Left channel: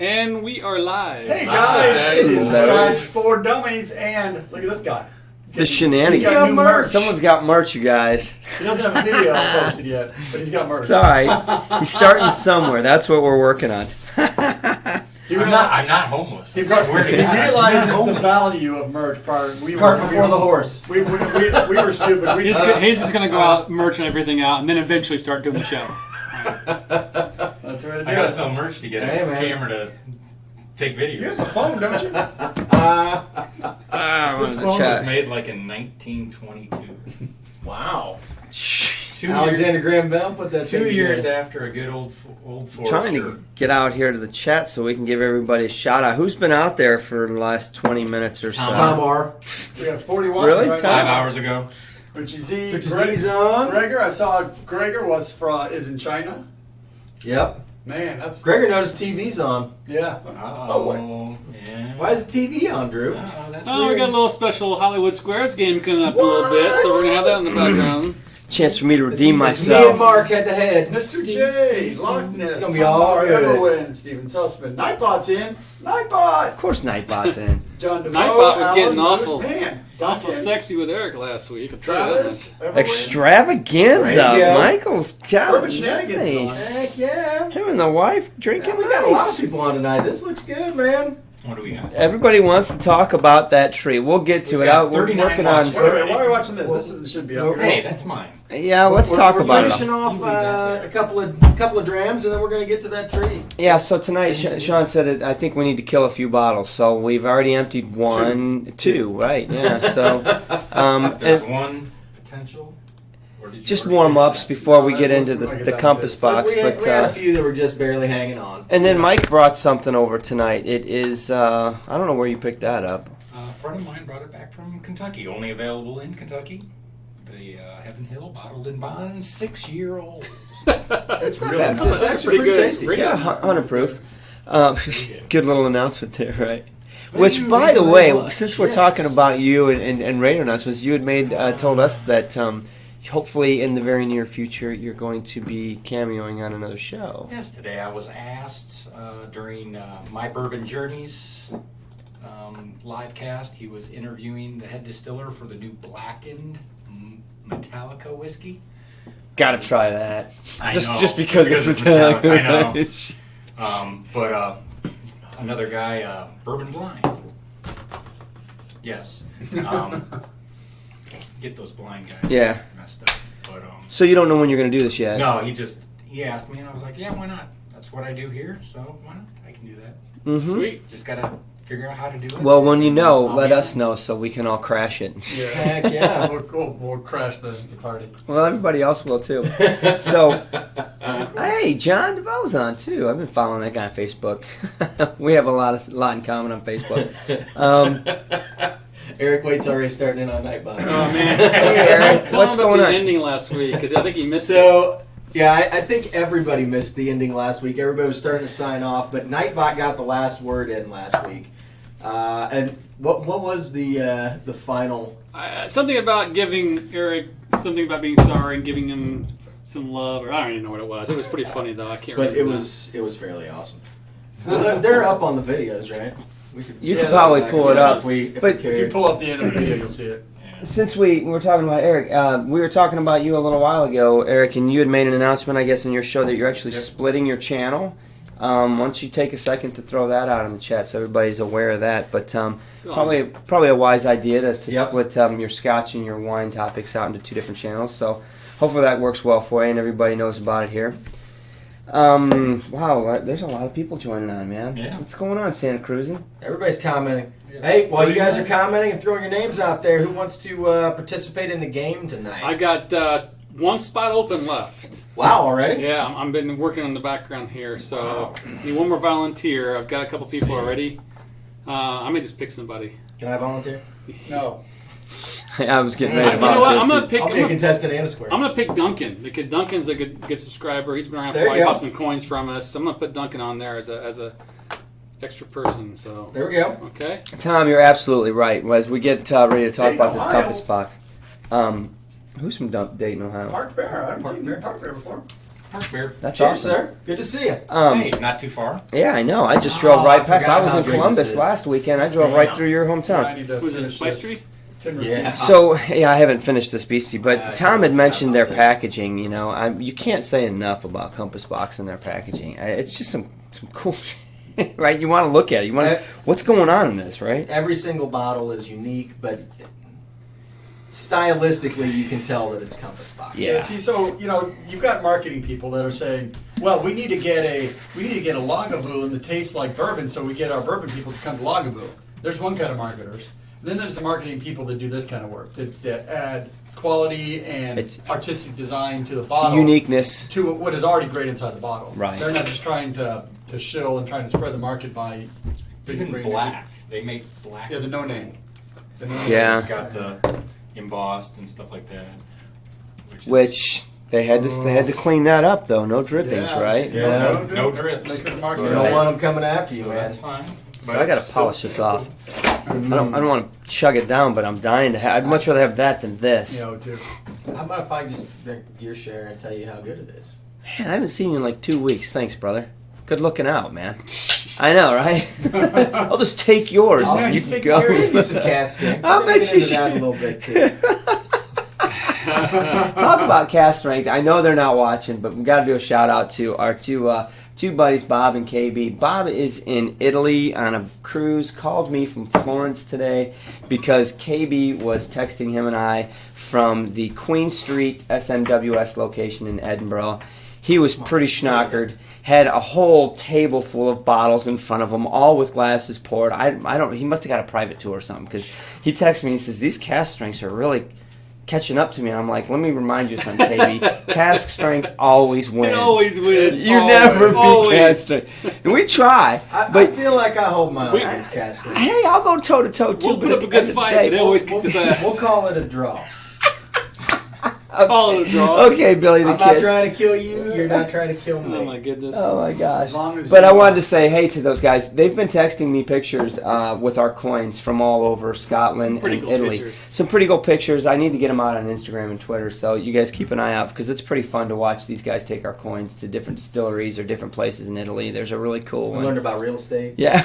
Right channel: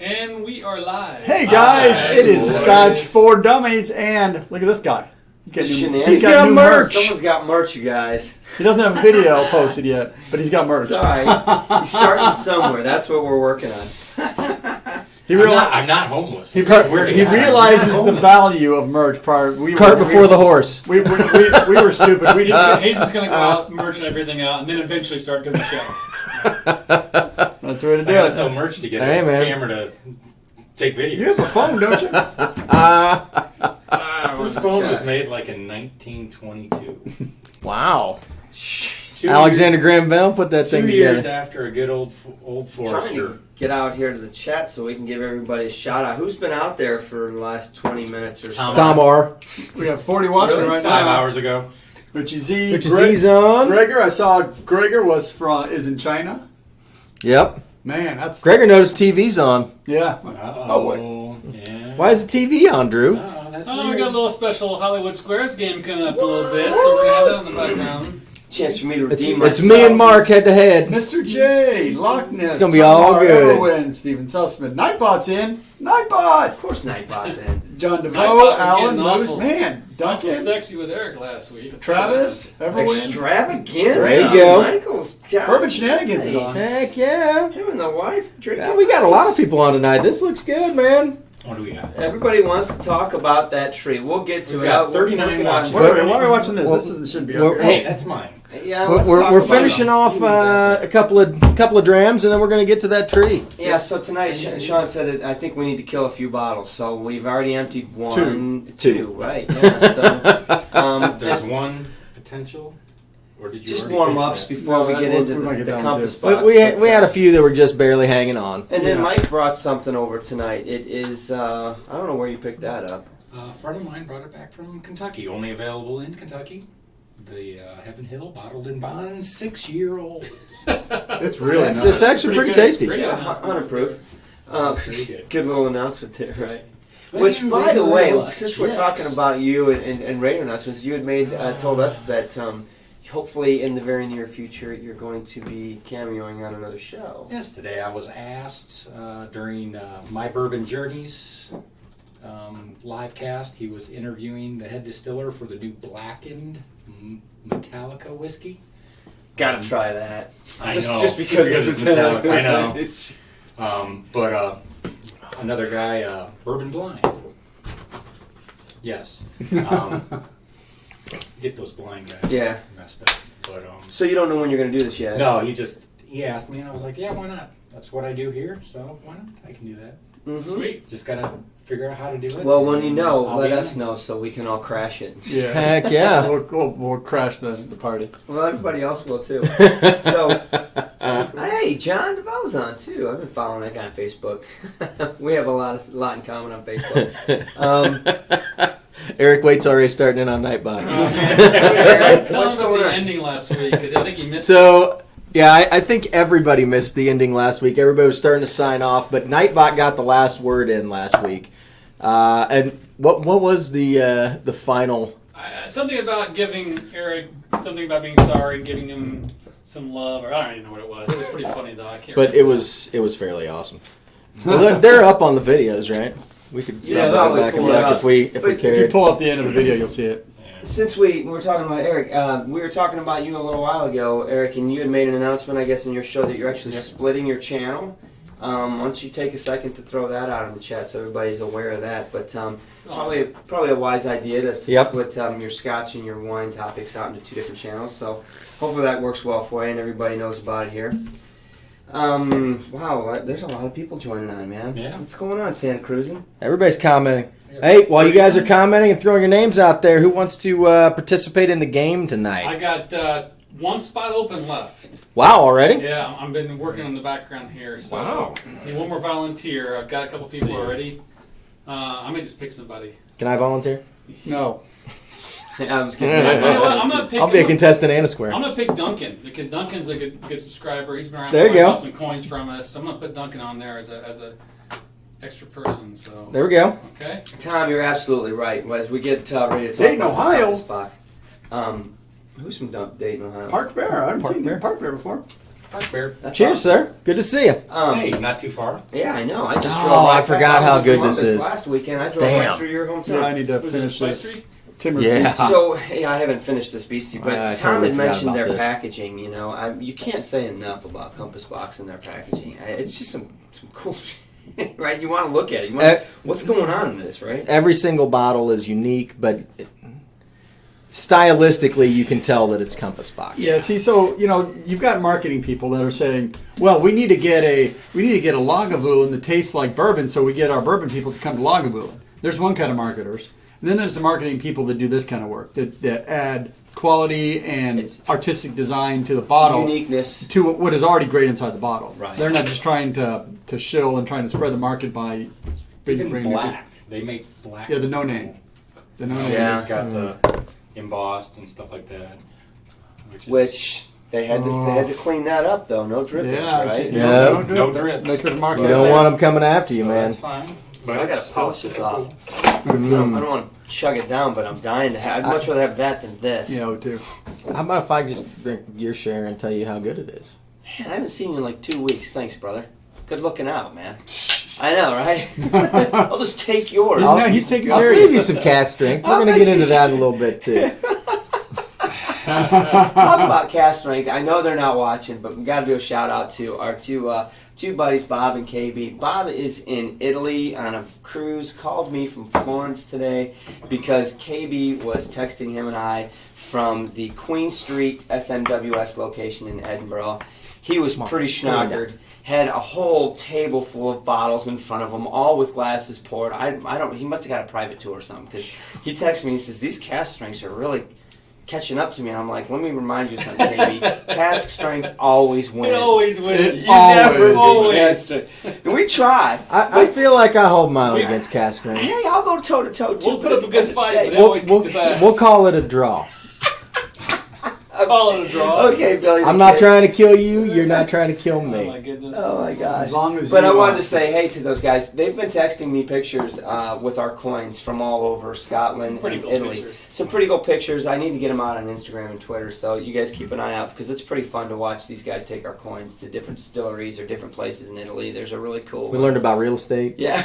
And we are live. Hey guys, it is Scotch for Dummies, and look at this guy. The shenanigans. He's got merch. Someone's got merch, you guys. He doesn't have video posted yet, but he's got merch. It's all right. He's starting somewhere. That's what we're working on. I'm not homeless. He realizes the value of merch prior. Cart before the horse. We were stupid. We just He's just going to go out, merch and everything out, and then eventually start doing the show. That's what it I gotta is. sell merch to get a camera to take videos. You have a phone, don't you? This phone was made like in 1922. Wow. 2 Alexander Graham Bell put that thing 2 together. years after a good old Forester. Trying to get out here to the chat so we can give everybody a shout out. Who's been out there for the last 20 minutes or so? Tom R. We have 40 watching Really? right 5 now. hours ago. Richie Z. Richie Z's on. Gregor, I saw Gregor is in China. Yep. Man, that's Gregor noticed TV's on. yeah. Oh, yeah. Why is the TV on, Drew? That's Oh, we weird. got a little special Hollywood Squares game coming up in a little bit, so we're going to have that in the background. Chance for me to redeem It's myself. me and Mark head to head. Mr. J, Loch Ness. It's gonna be all good. Everwin, Steven Sussman. Nightbot's in. Nightbot. Of course, Nightbot's in. John DeVoe, Nightbot was Alan, getting awful. man, Awful Duncan, sexy with Eric last week. Travis, Everwin. Extravaganza. There you go. Michael's got Urban Shenanigans is nice. Heck yeah. Him and the wife drinking. Yeah, we got a lot of nice. people on tonight. This looks good, man. What do we got? Everybody wants to talk about that tree. We'll get to it. got We're 39 working on. watching. Wait, why are we watching this? This shouldn't be up here. Hey, that's mine. Yeah, let's talk We're about finishing it. off a couple of drams, and then we're going to get to that tree. Yeah, so tonight, Sean said it, I think we need to kill a few bottles. So we've already emptied two, right? Yeah. So There's one potential. Or did you just already warm finish ups that? before No, we that get was- into we might get the down compass to box. we had a few that were just barely hanging on. And then Mike brought something over tonight. It is I don't know where you picked that up. A friend of mine brought it back from Kentucky. Only available in Kentucky. The Heaven Hill Bottled in Bond 6-year-old. It's Really really nice. nice. It's actually pretty good. tasty. Pretty Yeah, good. 100 proof. good. Good little announcement there, right? Thank Which, you by the very way, much. since we're Yes. talking about you and radio announcements, you had told us that hopefully in the very near future you're going to be cameoing on another show. Yes, today I was asked during My Bourbon Journeys live cast. He was interviewing the head distiller for the new blackened Metallica whiskey. Gotta try that. I just know, just because it's Metallica. Metallica. I know. But another guy, Bourbon Blind. Yes. Get those blind guys Yeah. messed up. But So you don't know when you're going to do this yet? no, he asked me, and I was like, yeah, why not? That's what I do here, so why not? I can do that. Mm-hmm. Sweet. Just gotta figure out how to do it. Well, when you know, I'll let be us on. know so we can all crash it. Yeah. Heck yeah. We'll crash the party. Well, everybody else will too. So, hey, John DeVoe's on too. I've been following that guy on Facebook. We have a lot in common on Facebook. Eric Waite's already starting in on Nightbot. Hey, Eric, Tell what's him about going the on? ending last week, because I think he missed So, yeah, I think everybody missed the ending last week. Everybody was starting to sign off, but Nightbot got the last word in last week. And what was the final? something about giving Eric something about being sorry and giving him some love, or I don't even know what it was. It was pretty funny though. I can't. But remember. it was fairly awesome. Well, they're up on the videos, right? We could You can probably back pull and it forth up. if we But If you cared. pull up the end of the video, you'll see it. Since we were talking about Eric, we were talking about you a little while ago, Eric, and you had made an announcement, I guess, in your show that you're actually splitting your channel. Why don't you take a second to throw that out in the chat so everybody's aware of that? But probably a wise idea to split your Scotch and your wine topics out into 2 different channels. So hopefully that works well for you and everybody knows about it here. Wow, there's a lot of people joining on, man. Yeah. What's going on, Santa Cruzin? Everybody's commenting. Hey, while you guys are commenting and throwing your names out there, who wants to participate in the game tonight? I got 1 spot open left. Wow, already? Yeah, I've been working in the background here, so Wow. need 1 more volunteer. I've got a couple people already. I may just pick somebody. Can I volunteer? No. I was getting You ready to know what? volunteer, I'm too. gonna pick. I'll be a contestant and a square. I'm gonna pick Duncan because Duncan's a good subscriber. He's been around There for you go. some coins from us. So I'm gonna put Duncan on there as a extra person. So There we go. okay. Tom, you're absolutely right. As we get ready to talk Dayton, about this Ohio. compass box, who's from Dayton, Ohio? Park Bear. I haven't Park seen Bear. Park Bear before. Park Bear. That's Cheers, awesome. sir. Good to see you. Hey, not too far. Yeah, I know. I just Oh, drove right I past. forgot I was how in good Columbus this is. last weekend. I drove Damn. right through your Yeah, hometown. I need to Was it finish Spice this. Tree? Timber Yeah. So yeah, I haven't finished this beastie, but I Tom totally had mentioned forgot their about this. packaging. You know, you can't say enough about Compass Box and their packaging. It's just some cool shit, right? You want to look at it. You want what's going on in this, right? Every single bottle is unique, but stylistically, you can tell that it's Compass Box. Yeah. See, so you've got marketing people that are saying, "Well, we need to get a Lagavulin that tastes like bourbon, so we get our bourbon people to come to Lagavulin." There's one kind of marketers. And then there's the marketing people that do this kind of work that add quality and artistic design to the bottle, Uniqueness to what is already great inside the bottle. Right. They're not just trying to shill and trying to spread the market by Even bringing black. They make black. Yeah, the no name. The no name. Yeah. It's got the embossed and stuff like that. which they had to clean that up though. No drippings, right? Yeah. No drips. Make it market. You don't want them coming after you, So man. that's fine. So But I gotta it's still polish this cool. off. I don't want to chug it down, but I'm dying to have. I'd much rather have that than this. Too. How about if I just drink your share and tell you how good it is? Man, I haven't seen you in like 2 weeks. Thanks, brother. Good looking out, man. I know, right? I'll just take yours. No, You he's can taking go. I'll yours. save you some cast strength. How We're going to much get into is- that a little bit, too. Talk about cast strength. I know they're not watching, but we got to do a shout out to our two buddies, Bob and KB. Bob is in Italy on a cruise. Called me from Florence today because KB was texting him and I from the Queen Street SMWS location in Edinburgh. He was pretty schnockered. Had a whole table full of bottles in front of him, all with glasses poured. I don't. He must have got a private tour or something because he texted me and he says these cast strengths are really catching up to me. I'm like, let me remind you something, KB. Cask strength always wins. It always wins. You never beat Always. cask strength. And we try. I feel like I hold my own against cast strength. Hey, I'll go toe to toe too. We'll but put at up the a good end of the fight, day- but it always kicks his ass. We'll call it a draw. Call it a draw. Okay, Billy. The I'm not Kid. trying to kill you. You're not trying to kill Oh my me. goodness. Oh my gosh! As long as But you I wanted want. to say hey to those guys. They've been texting me pictures with our coins from all over Scotland Some pretty and cool Italy. pictures. Some pretty cool pictures. I need to get them out on Instagram and Twitter, so you guys keep an eye out because it's pretty fun to watch these guys take our coins to different distilleries or different places in Italy. There's a really cool. We learned about real estate. Yeah,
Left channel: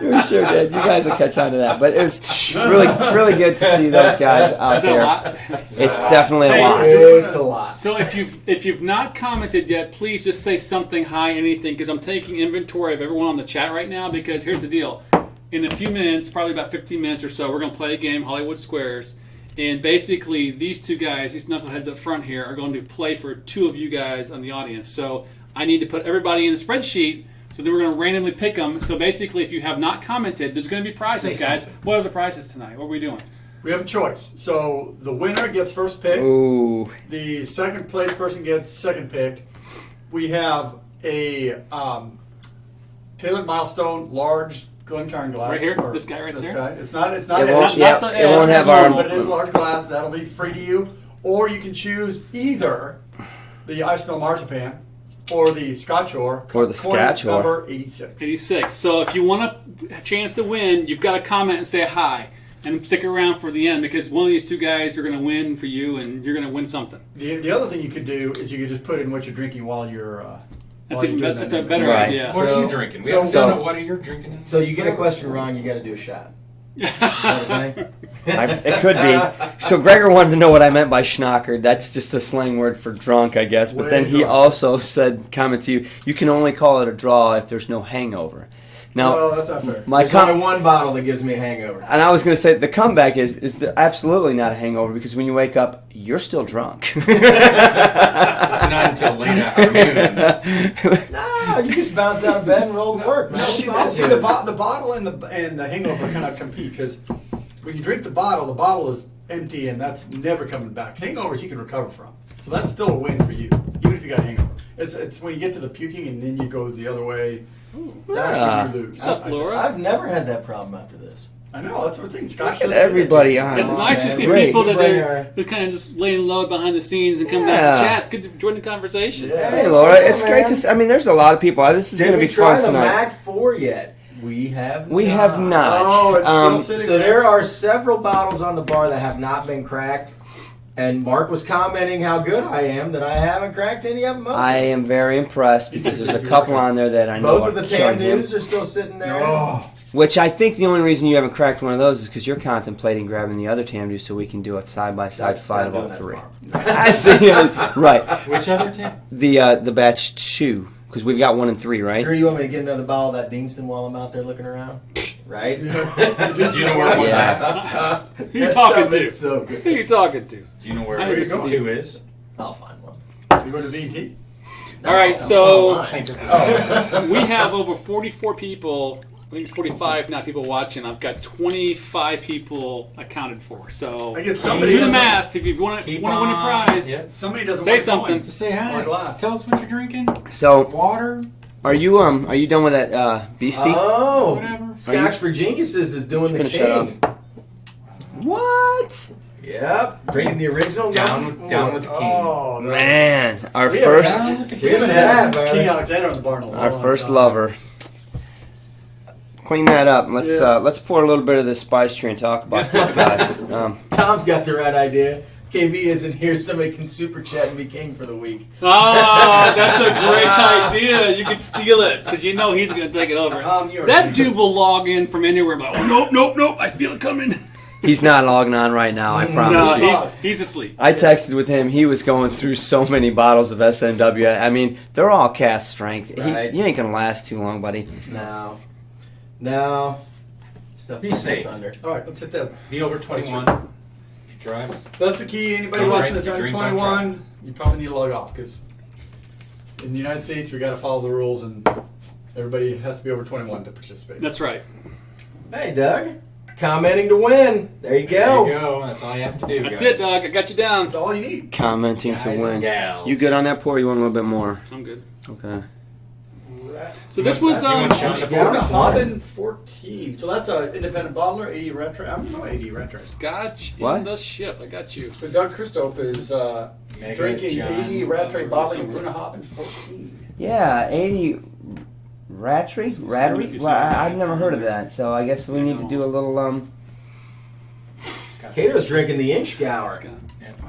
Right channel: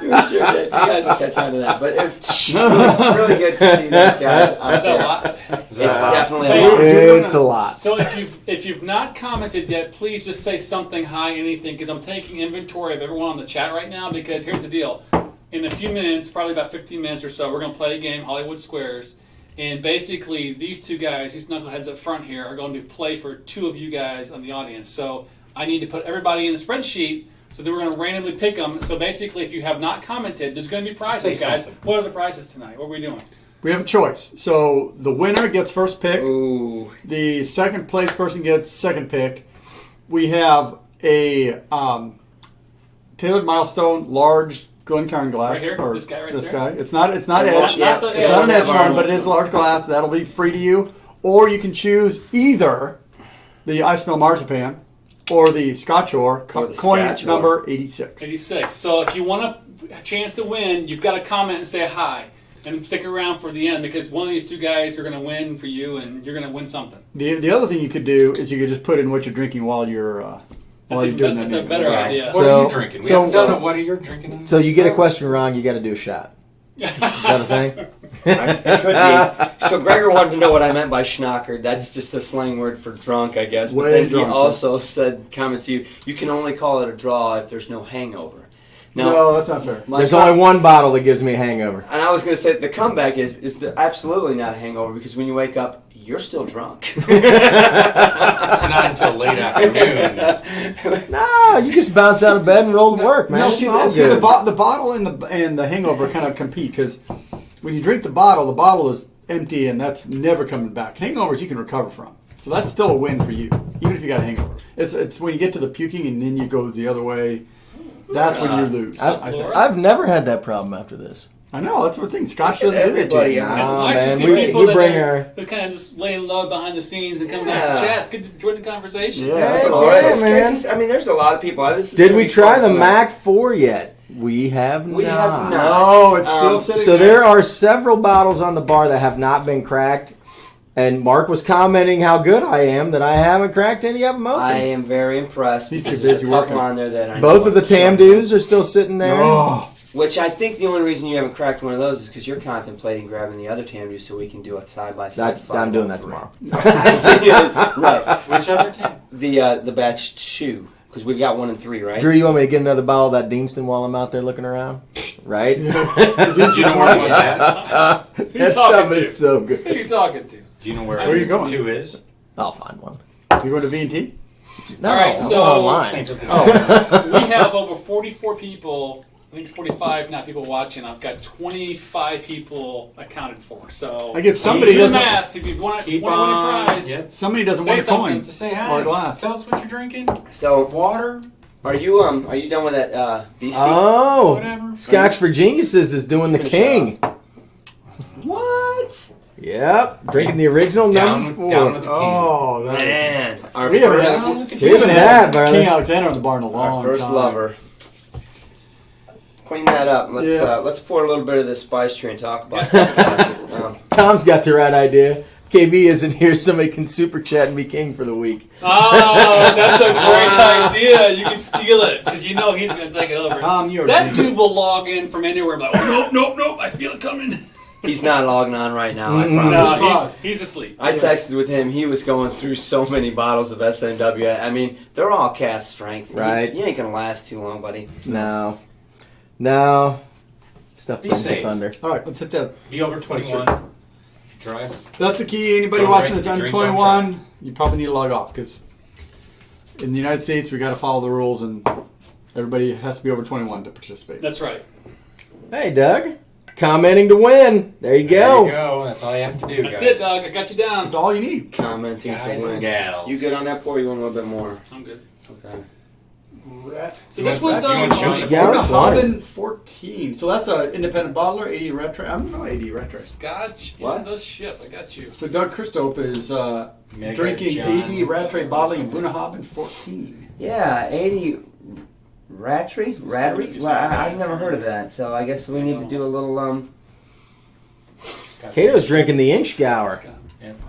we sure did. You guys will catch on to that. But it was really good to see those guys out Is that a there. lot? It's definitely a Hey, lot. It's a lot. So if you've not commented yet, please just say something, hi, anything, because I'm taking inventory of everyone on the chat right now. Because here's the deal: in a few minutes, probably about 15 minutes or so, we're going to play a game, Hollywood Squares, and basically these two guys, these knuckleheads up front here, are going to play for two of you guys on the audience. So I need to put everybody in the spreadsheet. So then we're going to randomly pick them. So basically, if you have not commented, there's going to be prizes, Say guys. something. What are the prizes tonight? What are we doing? We have a choice. So the winner gets first pick. Ooh. The second place person gets second pick. We have a tailored milestone large Glencairn glass. Right here? Or This guy right this there? guy. It's not It won't, edged. yeah, the- it won't have edged, our. but it is a large glass. That'll be free to you. Or you can choose either the Ice Mill Marzipan or the Scotch Or Or the coin Scotch Or. number 86. 86. So if you want a chance to win, you've got to comment and say hi. And stick around for the end because one of these two guys are going to win for you and you're going to win something. The other thing you could do is you could just put in what you're drinking while you're doing That's that. a better Right. idea. What So- are you drinking? We so- haven't done it. What are you drinking? So you get a question wrong, you got to do a shot. Is that a thing? It could be. So Gregor wanted to know what I meant by schnockered. That's just a slang word for drunk, I guess. But Way then he drunk. also said, comment to you, you can only call it a draw if there's no hangover. Now, No, that's not fair. There's only one bottle that gives me a hangover. and I was going to say the comeback is absolutely not a hangover because when you wake up, you're still drunk. It's not until late afternoon. No, you just bounce out of bed and roll to work, man. No, It's see, all the good. bottle and the hangover kind of compete because when you drink the bottle is empty and that's never coming back. Hangovers you can recover from, so that's still a win for you, even if you got a hangover. It's when you get to the puking and then you go the other way. That's when you lose. I think. I've never had that problem after this. I know, that's what I think. Scotch Look at doesn't do that everybody to you. on. It's Oh, nice to man, see we- people we that bring are kind of just laying low behind the scenes and come back Yeah. to chat. It's good to join the conversation. Yeah. Hey, Laura, Yeah, it's man. great to see. I mean, there's a lot of people. This is Did gonna we be try fun the tonight. Mac 4 yet? We have We not. have not. Oh, it's still Um, sitting So there are several bottles on the bar that have not been cracked. And Mark was commenting how good I am that I haven't cracked any of them open. I am very impressed He's because too there's a busy couple working. on there that I know. Both of the are killing Tamdoos them. are still sitting there. Oh, Which I think the only reason you haven't cracked one of those is because you're contemplating grabbing the other Tamdoo so we can do a side by side. I'm doing that tomorrow. I see it. Right. Which other team? The batch 2 because we've got 1 and 3, right? Drew, you want me to get another bottle of that Deanston while I'm out there looking around? Right? Do you know where it was at? Who you That talking stuff to? is so Who good. are you talking to? Do you know where Where are you going? 2 is? I'll find one. you going to V&T? No, All right, I'm so- online. Claim to Oh, we have over 44 people. I think 45 now people watching. I've got 25 people accounted for. So I guess somebody do the doesn't- math if you want to Keep win a on. prize. Yep. Somebody doesn't Say want a something. coin Just say or hi. a glass. Tell us what you're drinking. So Water. are you done with that beastie? Oh, Whatever. Scotch for Geniuses is doing the Finish king. What? Yep, drinking the original Down number with 4. the king. Oh, no. Man, our We haven't first Down with the We king. haven't Cheers to that, had brother. King Alexander in the bar in a long our first time. lover. Clean that up. Let's Yeah. let's pour a little bit of this spice tree and talk about this guy. Tom's got the right idea. KB isn't here, somebody can super chat and be king for the week. Oh, that's a great idea. You can steal it because you know he's going to take it over. Tom, you're That dude will log in from anywhere. Like, nope. I feel it coming. He's not logging on right now. I promise you. No, he's asleep. I texted with him. He was going through so many bottles of SNW. I mean, they're all cast strength. Right. You ain't gonna last too long, buddy. No. Stuff Be comes to safe. thunder. All right, let's hit that. Be over 21. If you drive. That's the key. Anybody Don't watching drink, that's under drink, don't 21, you probably need to log off because in the United States we got to follow the rules and everybody has to be over 21 to participate. That's right. Hey, Doug. Commenting to win. There you go. There you go. That's all you have to do, That's guys. it, dog. I got you down. That's all you need. Commenting Guys to and win. gals. You good on that pour? Or you want a little bit more? I'm good. Okay. So this was Do you want Sean to Gower pour? 20. Robin 14. So that's an independent bottler, 80 retro. I don't know 80 retro. Scotch What? in the ship. I got you. So Doug Christoph is Mega drinking John. 80 Rattray bottling Bunnahabhain 14. Yeah, 80 Ratry? Rattery? Well, I've never heard of that, so I guess we need to do a little Scotch. Kato's drinking the Inchgour.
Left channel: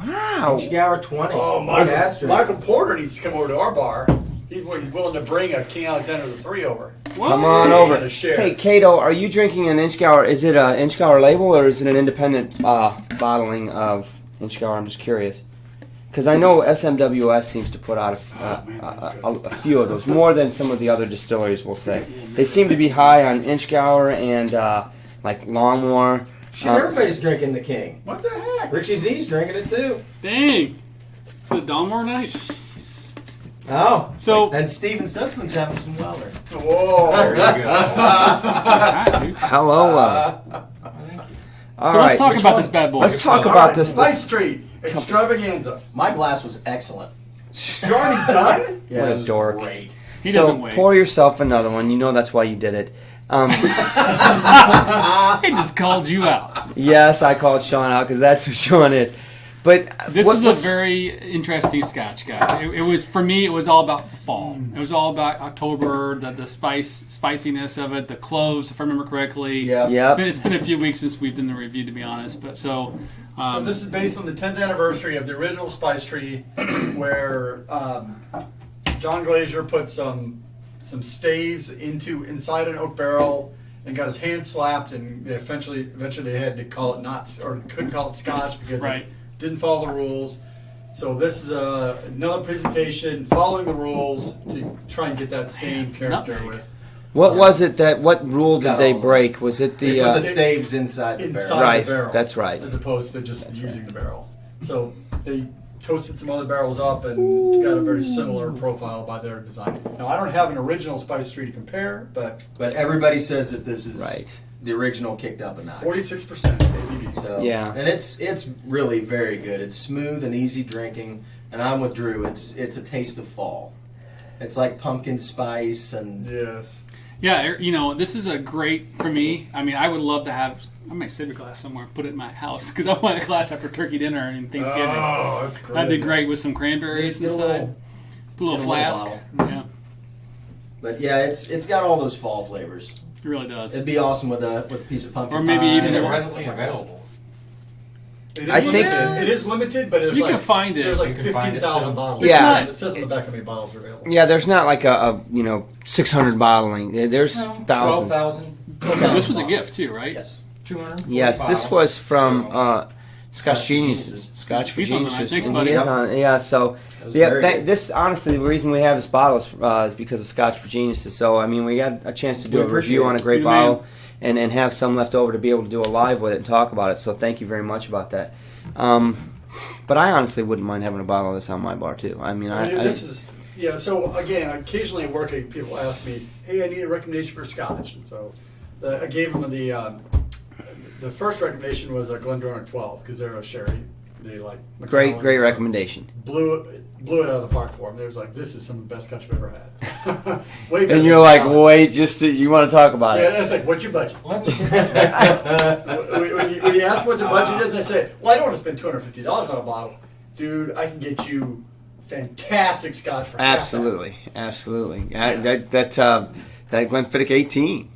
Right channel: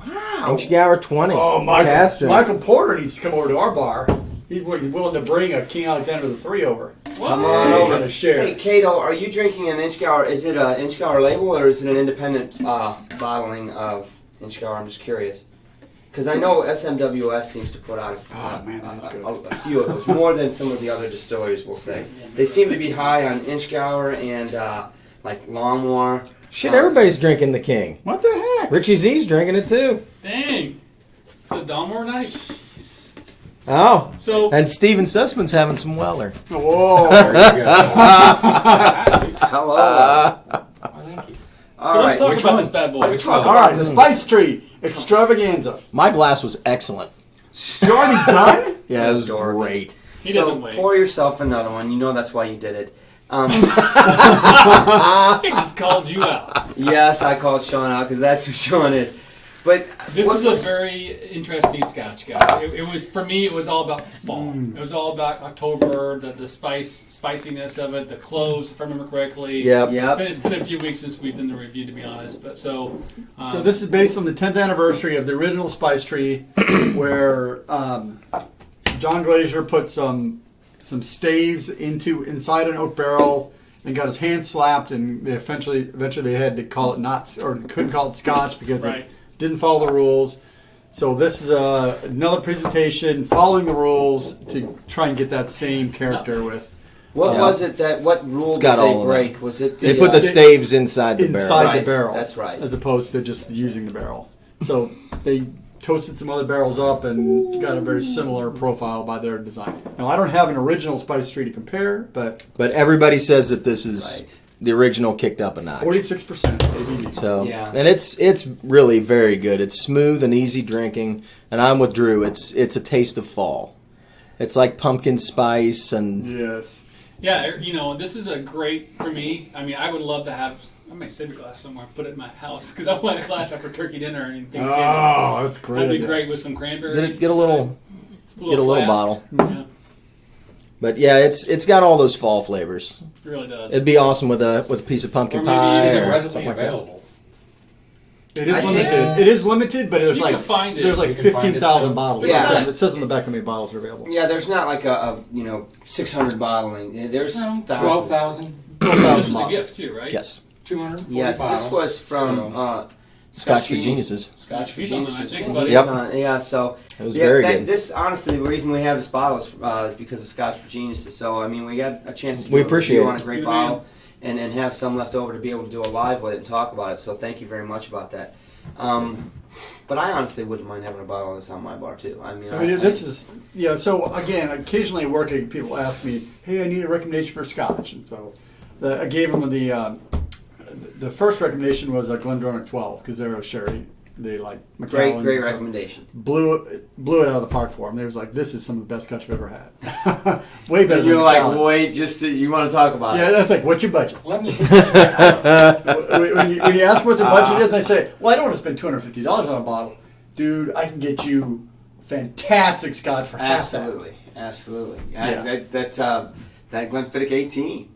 Wow. Inchgour 20. Oh, Cast drink. Michael Porter needs to come over to our bar. He's willing to bring a King Alexander the III over. Come on He's over. gonna share. Hey, Cato, are you drinking an Inchgour? Is it an Inchgour label or is it an independent bottling of Inchgour? I'm just curious. Because I know SMWS seems to put out a few of those, more than some of the other distilleries will say. They seem to be high on Inchgour and like Longmore. Shit, everybody's drinking the king. What the heck? Richie Z's drinking it too. Dang. It's a Donmore night. Oh. So And Steven Sussman's having some Weller. Whoa. There you go. Hello. Well, thank you. All so let's right. talk which about one? this bad boy. Let's talk All about right, this. Spice Street Extravaganza. My glass was excellent. You already done? Yeah, it was Dork. great. He So doesn't wait. pour yourself another one. You know that's why you did it. I just called you out. Yes, I called Sean out because that's who Sean is. But This is what's a very interesting Scotch, guys. It was for me. It was all about fall. It was all about October, the spiciness of it, the cloves, if I remember correctly. Yep. Yep. It's been a few weeks since we've done the review, to be honest. But so This is based on the 10th anniversary of the original Spice Tree, where John Glazier put some staves inside an oak barrel and got his hand slapped, and they eventually they had to call it couldn't call it Scotch because it didn't follow the rules. So this is another presentation following the rules to try and get that same character with. What was it what rule did they break? Was it the they put the staves inside the barrel? Inside the barrel. That's right. As opposed to just using the barrel. So they toasted some other barrels up and got a very similar profile by their design. Now I don't have an original Spice Tree to compare, but everybody says that this is the original kicked up a notch. 46% ABV. So and it's really very good. It's smooth and easy drinking, and I'm with Drew. It's a taste of fall. It's like pumpkin spice and yes. Yeah, this is a great for me. I mean, I would love to have. I might save a glass somewhere, put it in my house because I want a glass after turkey dinner and Thanksgiving. Oh, that's great! That'd be great with some cranberries. Get a little bottle. Yeah, but yeah, it's got all those fall flavors. It really does. It'd be awesome with a piece of pumpkin or maybe pie. Is it or readily something like available? It is limited. It is limited, but there's you like can find it. there's like You can find it 15,000 still. bottles. Yeah. It says on the back how many bottles are available. Yeah, there's not like a 600 bottling. There's thousands. 12,000. This was a gift too, right? Yes. 200. Yes, this was from Scotch for Geniuses. Scotch for He's on Geniuses. the- thanks, And buddy. he is on- yeah, so It was very good. this honestly, the reason we have this bottle is because of Scotch for Geniuses. So I mean, we got a chance to do We a appreciate review it. on a great Yeah, bottle and have some left over to be able to do a live with it and talk about it. So thank you very much about that. But I honestly wouldn't mind having a bottle of this on my bar too. I mean, So again, occasionally working, people ask me, "Hey, I need a recommendation for Scotch," and so I gave them the first recommendation was a Glendronach 12 because they're a sherry. They like great Macallan, so recommendation. Blew it out of the park for them. They was like, "This is some of the best Scotch I've ever had." Way better. And you're than like, Macallan. wait, you want to talk about Yeah, it? that's like, what's your budget? Let me. when you ask what their budget is, they say, "Well, I don't want to spend $250 on a bottle, dude. I can get you fantastic Scotch for half that." Absolutely. Yeah. That Glenfiddich 18,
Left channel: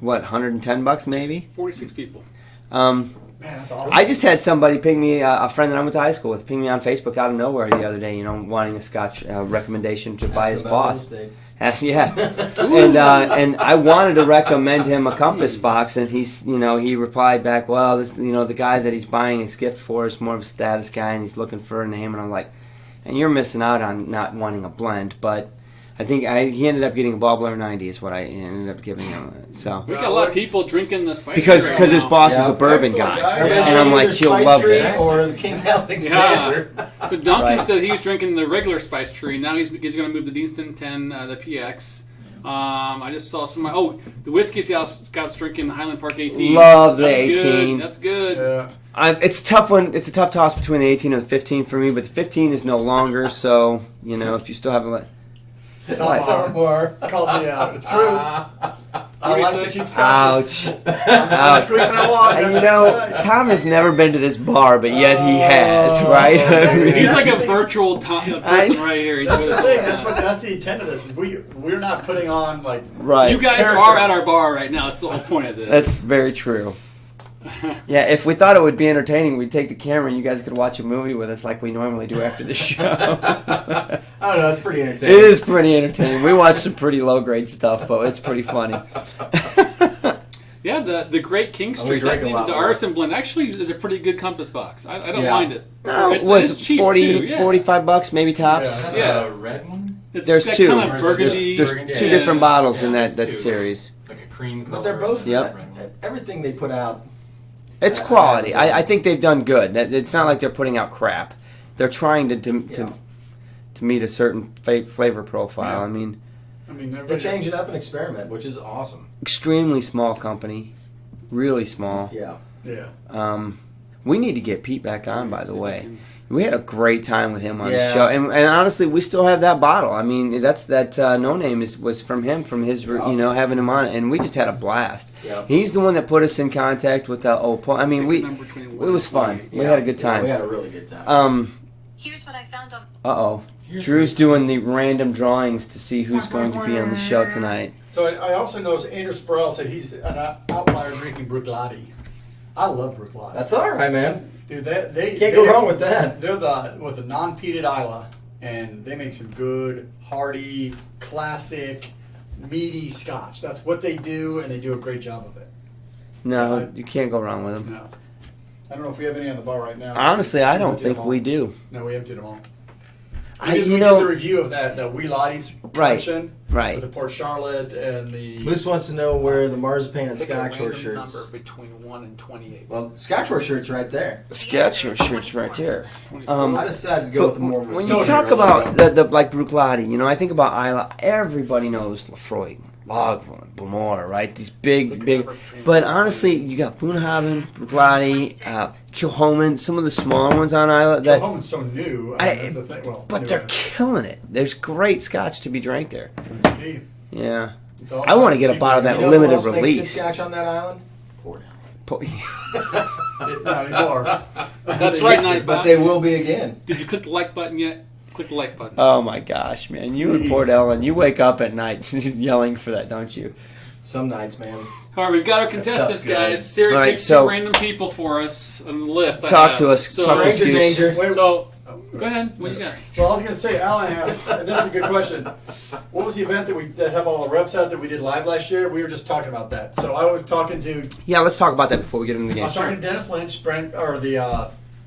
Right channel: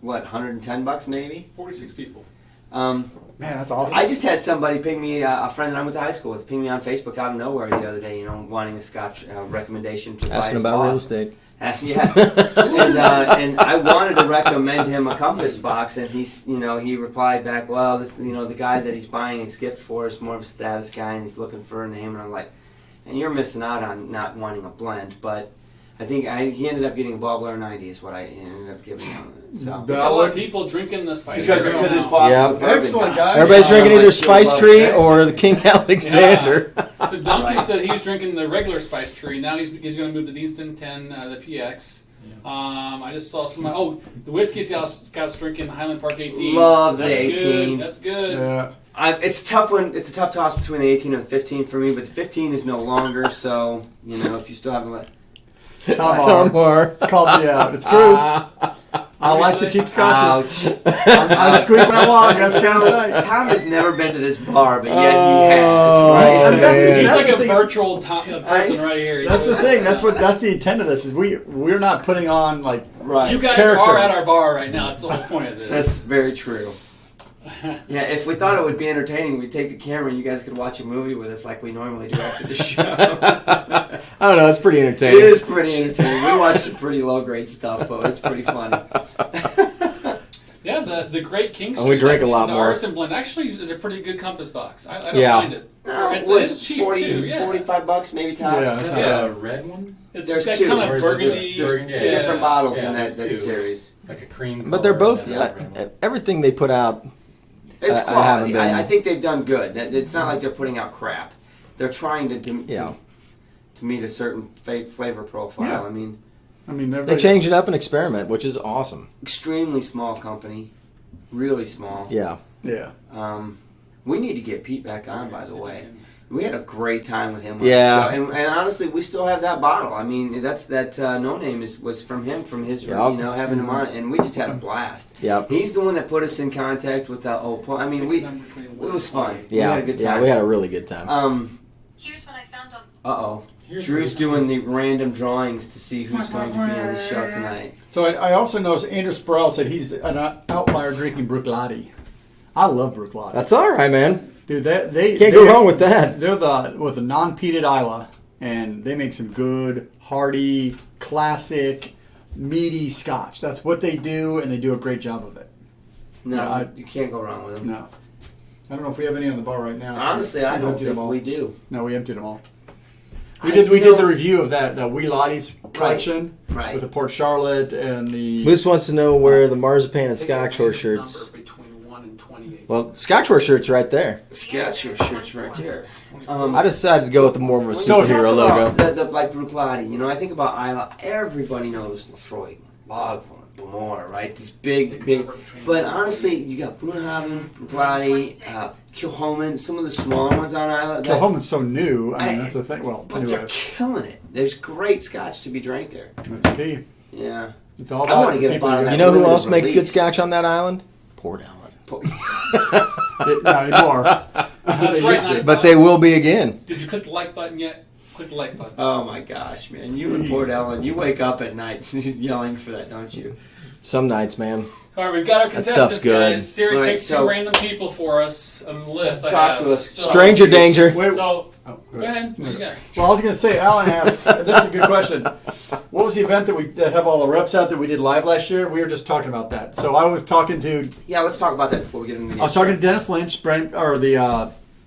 what, $110 maybe? 46 people. Man, that's awesome. I just had somebody ping me, a friend that I went to high school with, ping me on Facebook out of nowhere the other day, wanting a Scotch recommendation to buy Asking his about boss. real estate. And I wanted to recommend him a compass box, and he replied back, well, this, the guy that he's buying his gift for is more of a status guy, and he's looking for a name, and I'm like, and you're missing out on not wanting a blend, but I think he ended up getting a Ballblair 90 is what I ended up giving him. So We got a lot of people drinking the spice. because his boss is a bourbon Excellent, guy. guys. Everybody's And I'm drinking like, either you'll Spice love Tree this. or the King Alexander. So Duncan Right. said he was drinking the regular Spice Tree. Now he's going to move the Deanston 10, the PX. I just saw some. Oh, the whiskey Scout's drinking Highland Park 18. Love the That's 18. Good. That's good. Yeah. It's a tough one. It's a tough toss between the 18 and the 15 for me, but the 15 is no longer. So if you still haven't Tom Moore. Called me out. It's true. I like the cheap scotches. ouch. Squeaking along. Tom has never been to this bar, but yet he has, right? man. He's That's like the a thing. virtual person right here. That's the thing. That's the intent of this. Is we're not putting on like Right. You guys characters. are at our bar right now. That's the whole point of this. That's very true. Yeah, if we thought it would be entertaining, we'd take the camera and you guys could watch a movie with us like we normally do after the show. I don't know. It's pretty It entertaining. is pretty entertaining. We watch some pretty low-grade stuff, but it's pretty funny. Yeah, the Great King And Street. we drink a lot the more. Artisan blend actually is a pretty good compass box. I don't Yeah. mind it. No, It's- it was it's cheap 40, too, yeah. $45 maybe tops. Yeah. Yeah. The red one? It's There's that two. Kind Or of is it just burgundy. There's Burgundy, two yeah. different bottles in there's that two. series. Like a cream. But they're color both and Yep. red one. everything they put out. It's I quality. haven't been- I think they've done good. It's not like they're putting out crap. They're trying to meet a certain flavor profile. Yeah. I mean, They change it up and experiment, which is awesome. extremely small company, really small. Yeah. Yeah. We need to get Pete back on, by the way. We had a great time with him on Yeah. the show, and honestly, we still have that bottle. I mean, that no name was from him, from his Yep. having him on, and we just had a blast. Yep. He's the one that put us in contact with old Paul. I mean, it was fun. We had a good time. We had a really good time. Here's what I found on. Uh-oh. Drew's doing the random drawings to see who's going to be on the show tonight. So I also noticed Andrew Sproul said he's an outlier drinking Bruichladdich. I love Bruichladdich. That's all right, man. Dude, they Can't go wrong with that. They're with a non-peated Isla, and they make some good, hearty, classic, meaty Scotch. That's what they do, and they do a great job of it. No, you can't go wrong with them. No. I don't know if we have any on the bar right now. Honestly, I don't emptied think them all. we do. No, we emptied them all. I- We you did know- the review of that Wee Lottie's collection Right. with the Port Charlotte and the. Moose wants to know where the marzipan and I think a Scotch horse random shirts. number between 1 and 28. Well, Scotch horse shirts right there. Scotch shirts right there. I decided to go with the more of a When you So talk Sub-Zero about logo. the like Bruichladdich, you know, I think about Isla. Everybody knows Lefroy, Lagavulin, Blamore, right? These big. But honestly, you got Boonhaven, Bruichladdich, Kilhoman, some of the smaller ones on Isla. That, Kilhoman's so new. I mean, that's the thing. Well, but anyway, they're killing it. There's great Scotch to be drank there. that's the key. Yeah. It's all I wanna about get a people bottle of who- that You know who limited else makes good release. Scotch on that island? Port Allen. Not anymore. That's They right, used to. Night. But they will be again. Did you click the like button yet? Click the like button. Oh my gosh, man! You and Port Ellen, you wake up at night yelling for that, don't you? Some nights, man. All right, we've got our That stuff's contestants, good. guys. Siri All right, picks so- some random people for us on the list. I Talk have. to us. So, Stranger danger. Wait, So, go ahead. What's next? well, I was going to say, Alan asked, and this is a good question. What was the event that have all the reps out that we did live last year? We were just talking about that. So I was talking to Yeah, let's talk about that before we get into the I game. was talking to Dennis Lynch, general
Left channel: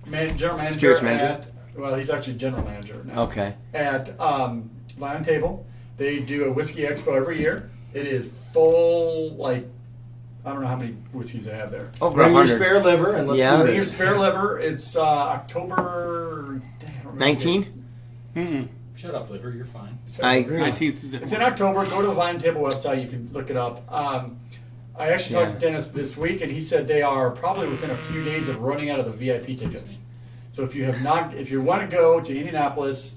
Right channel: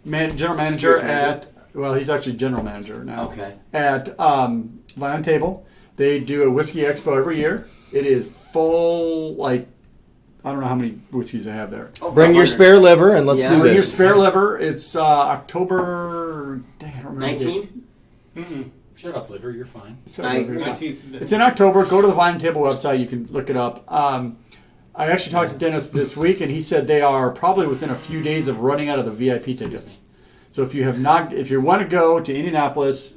manager Spirits manager. well, he's actually general manager now. Okay. At Lion Table, they do a whiskey expo every year. It is full, like I don't know how many whiskeys they have there. Over Bring your 100. spare liver and let's Yeah. do Bring your this. spare liver. It's October. Dang, I don't remember. 19? Mm-mm. Shut up, liver. You're fine. I agree. 19th. It's in October. Go to the Lion Table website. You can look it up. I actually talked to Dennis this week, and he said they are probably within a few days of running out of the VIP tickets. So if you want to go to Indianapolis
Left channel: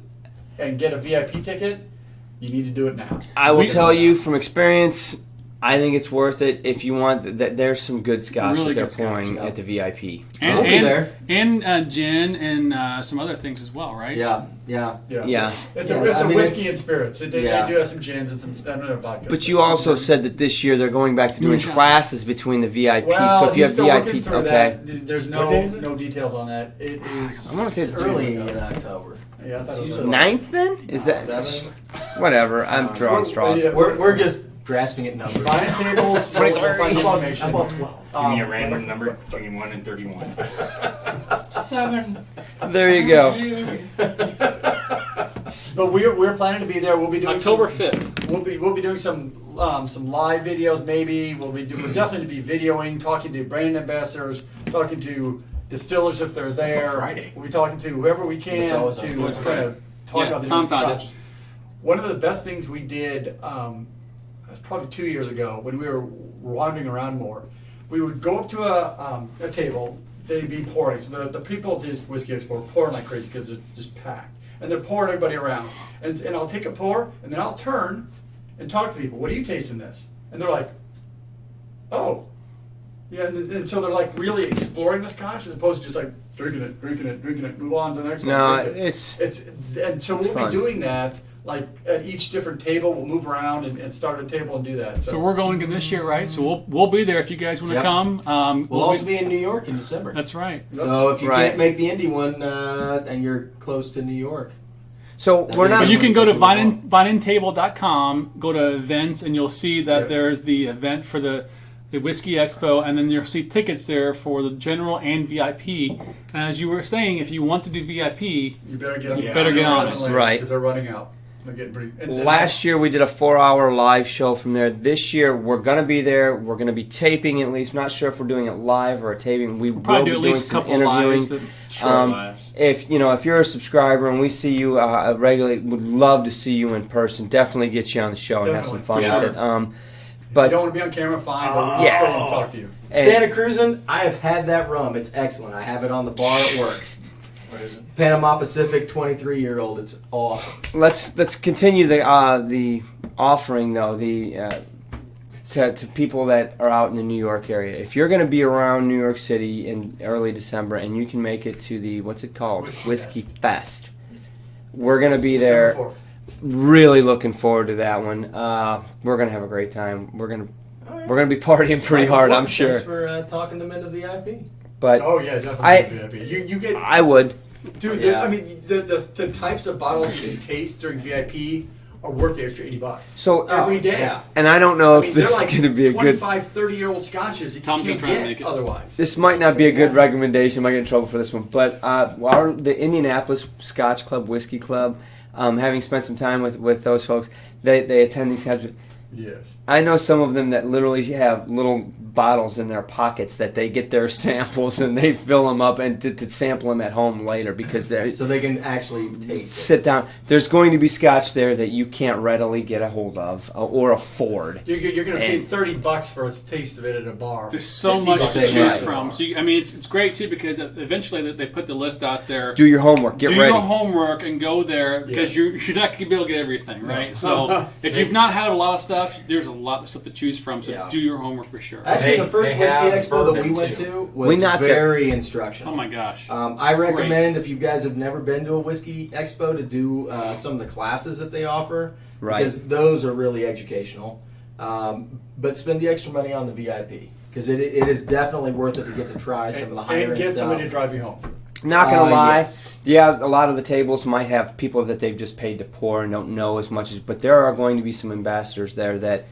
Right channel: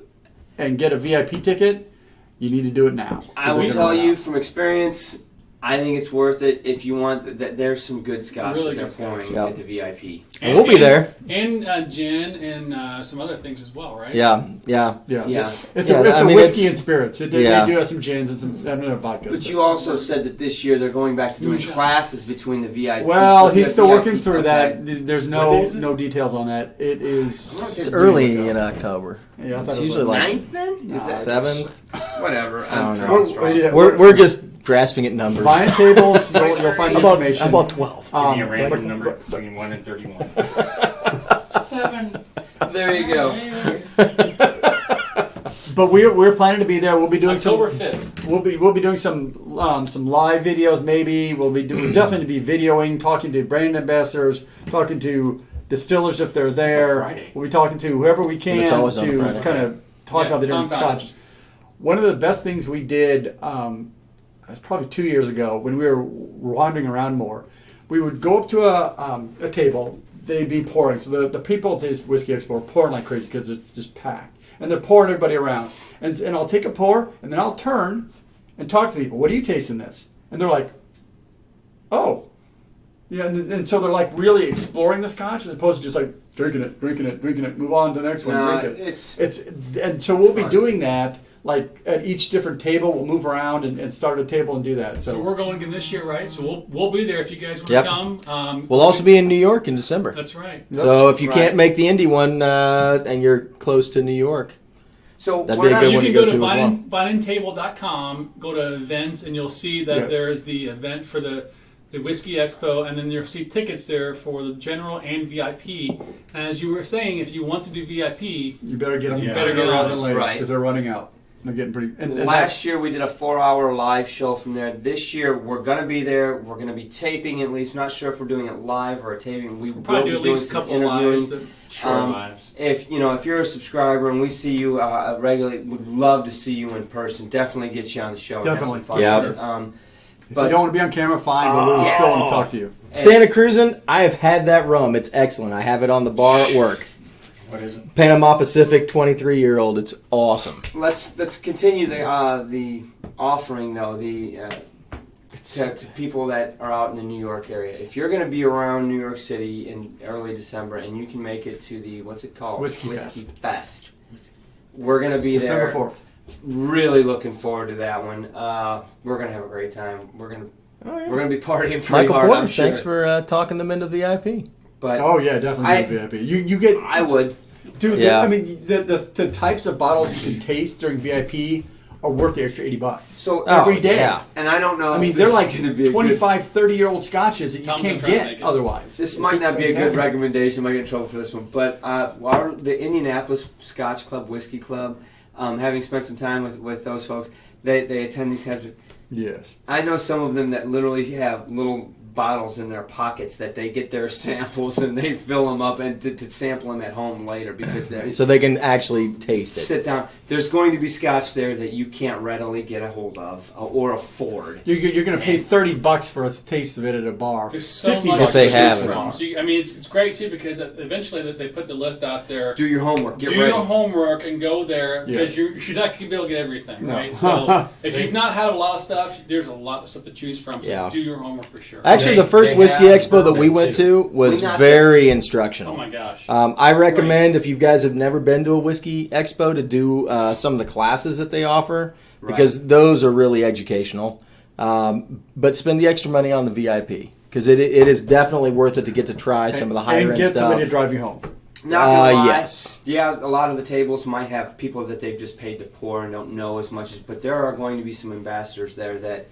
and get a VIP ticket, you need to do it now. I will tell you from experience, I think it's worth it if you want that. There's some good Scotch Really that they're good Scotch, pouring yeah. at the VIP. And, We'll be there. And gin and some other things as well, right? Yeah. Yeah. It's Yeah, a I mean, whiskey it's- and spirits. They do have some gins and some vodka. But you also said that this year they're going back to doing classes between the VIP. Well, so if you he's have still VIP, working through okay. that. There's What day is it? no details on that. It is. I'm gonna say It's it's early in October. Yeah, I thought It's it was usually like- like 9th then? Is that 7. whatever? I'm drawing straws. Yeah. We're just grasping at numbers. Lion Tables. You'll find information. How about 12? Give me a random number between 1 and 31. 7. There you go. But we're planning to be there. We'll be doing October some, 5th. We'll be doing some live videos. Maybe we'll definitely be videoing, talking to brand ambassadors, talking to distillers if they're there. Friday. We'll be talking to whoever we can It's always on to Friday. kind of talk about the different compound. scotches. One of the best things we did, it was probably 2 years ago when we were wandering around more. We would go up to a table. They'd be pouring. So the people at this whiskey expo are pouring like crazy because it's just packed. And they're pouring everybody around. And I'll take a pour, and then I'll turn and talk to people. What do you taste in this? And they're like, oh. Yeah, and so they're like really exploring the scotch as opposed to just like drinking it, move on to the next one. No, drink it. it's And so we'll fun. be doing that. Like at each different table, we'll move around and start a table and do that. So So we're going again this year, right? So we'll be there if you guys want to Yep. come. We'll also be in New York in December. That's right. So if you Right. can't make the Indy one and you're close to New York, so That'd we're be a not. good You one can to go go to to as well. vinentable.com, go to events, and you'll see that Yes. there's the event for the Whiskey Expo, and then you'll see tickets there for the general and VIP. And as you were saying, if you want to do VIP, you better get them Yeah. sooner Better get rather on than it. later Right. because they're running out. They're getting pretty. And Last year we did a 4-hour live show from there. This year we're going to be there. We're going to be taping at least. Not sure if we're doing it live or a taping. We will probably be do at doing least a some couple interviewing. lives. If you're a subscriber and we see you regularly, would love to see you in person. Definitely get you on the show and have some fun Definitely. with it. if but you don't want to be on camera, fine. But we'll Yeah. still want to talk to you. Hey. Santa Cruzan, I have had that rum. It's excellent. I have it on the bar at work. What is it? Panama Pacific 23-year-old. It's awesome. let's continue the offering though. To people that are out in the New York area. If you're going to be around New York City in early December and you can make it to the, what's it called? Whiskey Fest. We're going to be December there. 4th. Really looking forward to that one. We're going to have a great time. We're going to be partying pretty Michael hard, Porter, I'm sure. Thanks for talking them into VIP. But Oh yeah, definitely VIP. You get. I would. Dude, Yeah. I mean, the types of bottles you can taste during VIP are worth the extra $80. So every day. Yeah. and I don't know I if mean, this they're like is going to be a good. 25, 30-year-old scotches that you Tom's can't gonna try to make get it. otherwise. This might not be a good recommendation. I might get in trouble for this one, but the Indianapolis Scotch Club, Whiskey Club, having spent some time with those folks, they attend these kinds of. Yes. I know some of them that literally have little bottles in their pockets that they get their samples and they fill them up and to sample them at home later because they're So they can actually taste it. sit down. There's going to be scotch there that you can't readily get a hold of or afford. You're going to pay $30 for a taste of it at a bar. There's so $50 much If they to have choose it. from. So I mean, it's great too because eventually that they put the list out there. Do your homework. Get Do ready. your homework and go there because Yes. you're not going to be able to get everything, right? So if you've not had a lot of stuff, there's a lot of stuff to choose from. So Yeah. do your homework for sure. Actually, They- the first they whiskey have expo that we bourbon, went too. to was We not very instructional. Oh my gosh. I recommend if you guys have never been to a whiskey expo to do some of the classes that they offer Right. because those are really educational. But spend the extra money on the VIP because it is definitely worth it to get to try some of the higher and end get stuff. somebody to drive you home. Not gonna lie. Yes. Yeah, a lot of the tables might have people that they've just paid to pour and don't know as much as. But there are going to be some ambassadors there that